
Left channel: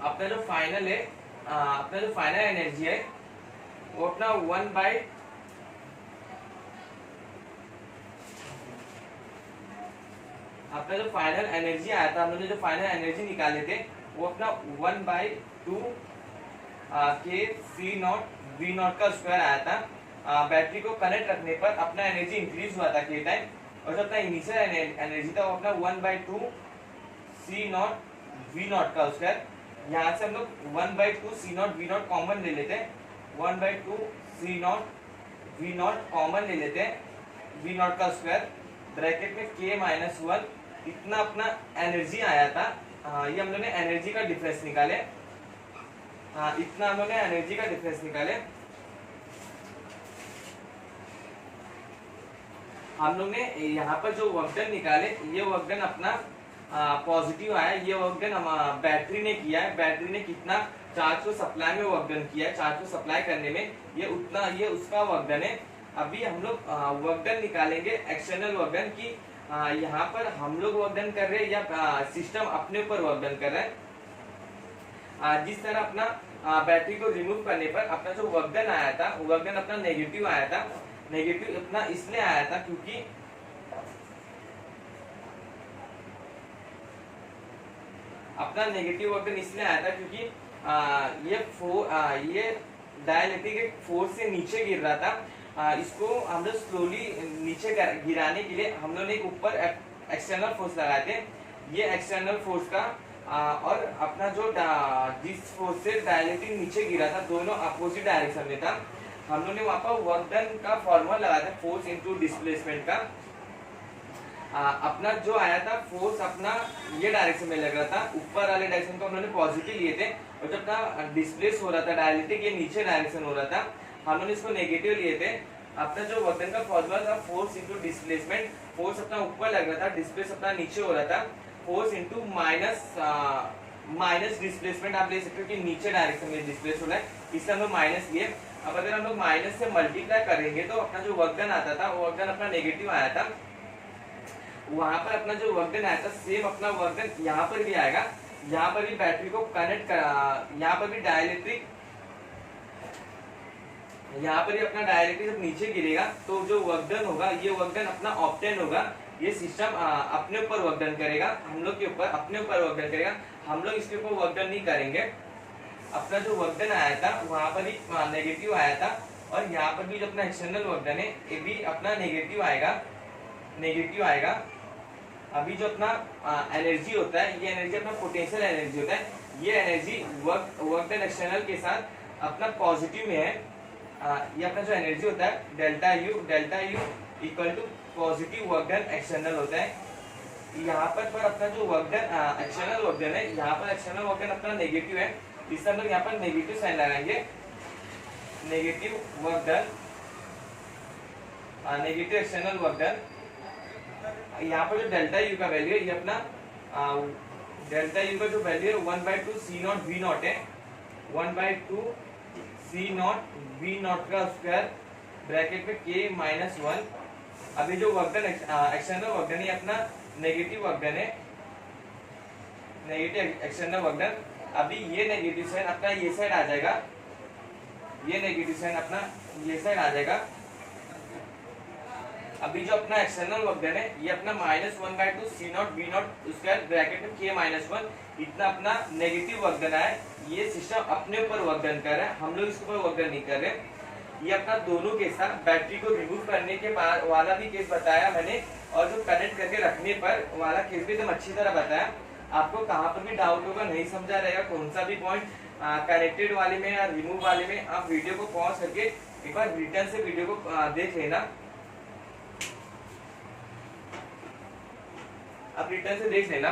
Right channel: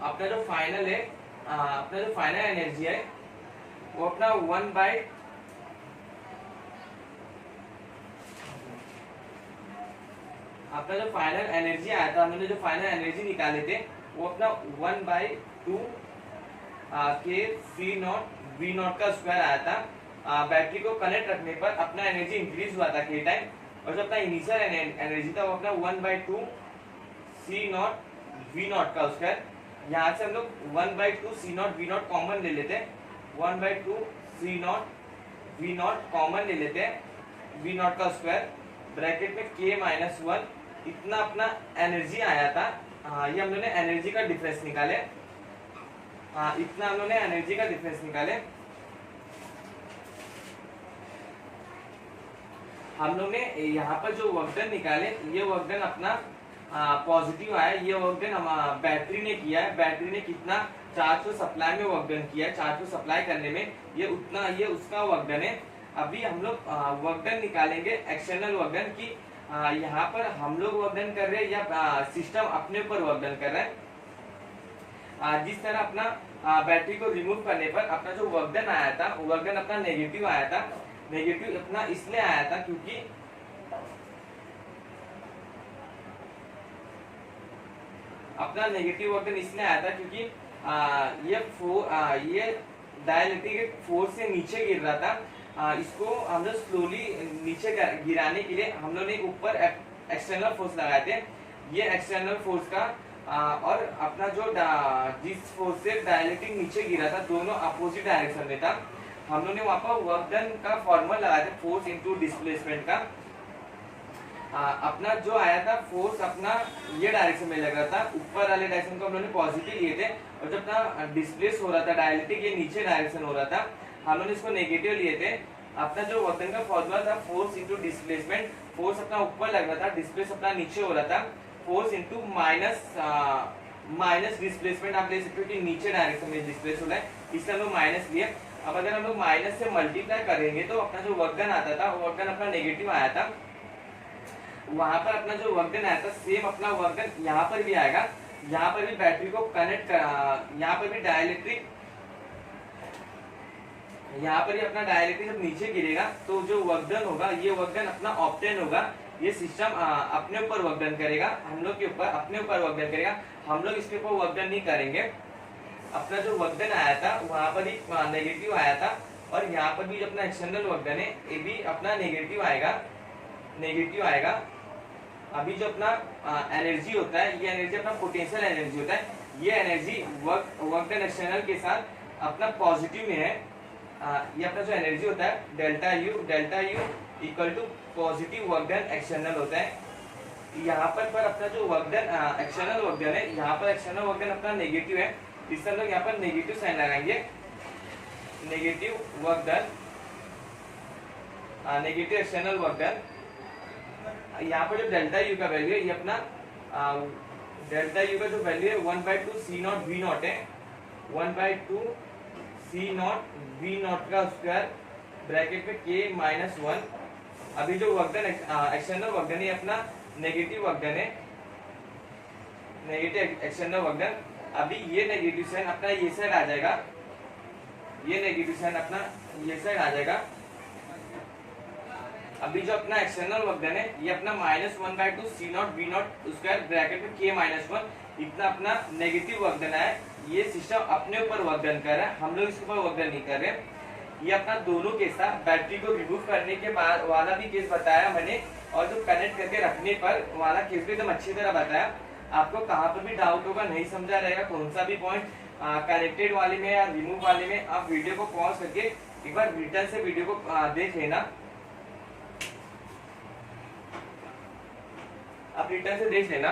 अपना जो फाइनल है, अपना जो फाइनल एनर्जी है वो अपना 1/, अपना जो फाइनल एनर्जी आया था, हमने जो फाइनल एनर्जी निकाले थे वो अपना 1/2 के सी नॉट वी नॉट का स्क्वायर आया था। बैटरी को कनेक्ट रखने पर अपना एनर्जी इंक्रीज हुआ था के टाइम, और जो अपना इनिशियल एनर्जी था वो अपना 1/2 सी नॉट वी नॉट का स्क्वायर। यहाँ से हम लोग 1/2 C not V not common ले लेते हैं, 1/2 C not V not common ले लेते हैं, वी नॉट का स्क्वायर ब्रैकेट में k-1। इतना अपना एनर्जी आया था। ये हम लोग ने एनर्जी का डिफरेंस निकाले। इतना हम लोग ने एनर्जी का डिफरेंस निकाले। हम लोग ने यहाँ पर जो वर्क डन निकाले, ये वर्क डन अपना पॉजिटिव आया। ये वर्क डन बैटरी ने किया है। बैटरी ने कितना चार्ज को सप्लाई में वर्क डन किया है, चार्ज को सप्लाई करने में, ये उसका वर्क डन है। अभी हम लोग वर्क डन निकालेंगे एक्सटर्नल वर्क डन की। यहाँ पर हम लोग वर्क डन कर रहे हैं या सिस्टम अपने ऊपर वर्क डन कर रहा है। जिस तरह अपना बैटरी को रिमूव करने पर अपना जो वर्क डन आया था, वर्क डन अपना नेगेटिव आया था। नेगेटिव अपना इसलिए आया था क्योंकि अपना नेगेटिव वर्क डन इसलिए आया था क्योंकि ये डाइलेक्ट्रिक फोर्स से नीचे गिर रहा था। इसको हम लोग स्लोली नीचे गिराने के लिए हम लोग ने ऊपर एक्सटर्नल फोर्स लगाए थे। ये एक्सटर्नल फोर्स का और अपना जो जिस फोर्स से डाइलेक्ट्रिक नीचे गिरा था, दोनों अपोजिट डायरेक्शन में था। हम लोग ने वहां पर वर्क डन का फॉर्मूला लगाया था फोर्स इनटू डिस्प्लेसमेंट का। अपना जो आया था फोर्स अपना ये डायरेक्शन में लग रहा था, ऊपर वाले डायरेक्शन को हम लोग ने पॉजिटिव लिए थे, और जब अपना डिस्प्लेस हो रहा था डायलेक्ट्रिक, ये नीचे डायरेक्शन हो रहा था, हम लोग ने इसको नेगेटिव लिए थे। अपना जो वर्क डन का फॉर्मूला था फोर्स इनटू डिस्प्लेसमेंट, फोर्स अपना ऊपर लग रहा था, डिस्प्लेस अपना नीचे हो रहा था, फोर्स इनटू माइनस डिस्प्लेसमेंट आप ले सकते हो कि नीचे डायरेक्शन में डिस्प्लेस हो रहा है, इसलिए हम लोग माइनस लिए। अब अगर हम लोग माइनस से मल्टीप्लाई करेंगे तो अपना जो वर्क डन आता था, वो वर्क डन अपना नेगेटिव आया था। वहां पर अपना जो वर्क डन आया था, सेम अपना वर्क डन यहाँ पर भी आएगा। यहाँ पर भी बैटरी को कनेक्ट यहाँ पर भी डाइलेक्ट्रिक, यहाँ पर भी अपना डाइलेक्ट्रिक जब नीचे गिरेगा तो जो वर्क डन होगा, ये वर्क डन अपना ऑब्टेन होगा। ये सिस्टम अपने ऊपर वर्क डन करेगा, हम लोग के ऊपर अपने ऊपर वर्क डन करेगा, हम लोग इसके ऊपर वर्क डन नहीं करेंगे। अपना जो वर्क डन आया था वहां पर ही नेगेटिव आया था, और यहाँ पर भी जो अपना एक्सटर्नल वर्क डन है, ये भी अपना नेगेटिव आएगा। अभी जो अपना एनर्जी होता है, ये एनर्जी अपना पोटेंशियल एनर्जी होता है। ये एनर्जी वर्क डन एक्सटर्नल के साथ अपना पॉजिटिव में है। ये अपना जो एनर्जी होता है delta U equal to positive work done external होता है। यहाँ पर अपना जो work done external work done है, यहाँ पर एक्सटर्नल वर्क डन अपना नेगेटिव है, इससे हम लोग यहाँ पर नेगेटिव साइन लगाएंगे। Negative work done, negative external work done. यहाँ पर जो डेल्टा यू का वैल्यू है, ये अपना डेल्टा यू का जो वैल्यू है 1/2 सी नॉट वी नॉट है, 1/2 सी नॉट वी नॉट का स्क्वायर ब्रैकेट में k-1। अभी जो work done external work done है, अपना नेगेटिव वर्क डन है, नेगेटिव एक्सटर्नल वर्क डन। अभी ये नेगेटिव साइन अपना ये साइड आ जाएगा, ये नेगेटिव साइन अपना ये साइड आ जाएगा। अभी जो अपना एक्सटर्नल वर्क डन है, ये अपना -1/2 C not V not square bracket में k-1, इतना अपना नेगेटिव वर्क डन है। ये सिस्टम अपने ऊपर वर्क डन कर रहा है, हम लोग इसके ऊपर वर्क डन नहीं कर रहे। ये अपना दोनों केस था, बैटरी को रिमूव करने के बाद वाला भी केस बताया मैंने, और जो कनेक्ट करके रखने पर वाला केस भी एकदम अच्छी तरह बताया। आपको कहाँ पर भी डाउट होगा, नहीं समझा रहेगा कौन सा भी पॉइंट कनेक्टेड वाले में या रिमूव वाले में, आप वीडियो को पॉज करके एक बार रिटर्न से वीडियो को देख लेना। आप रिटर्न से देख लेना।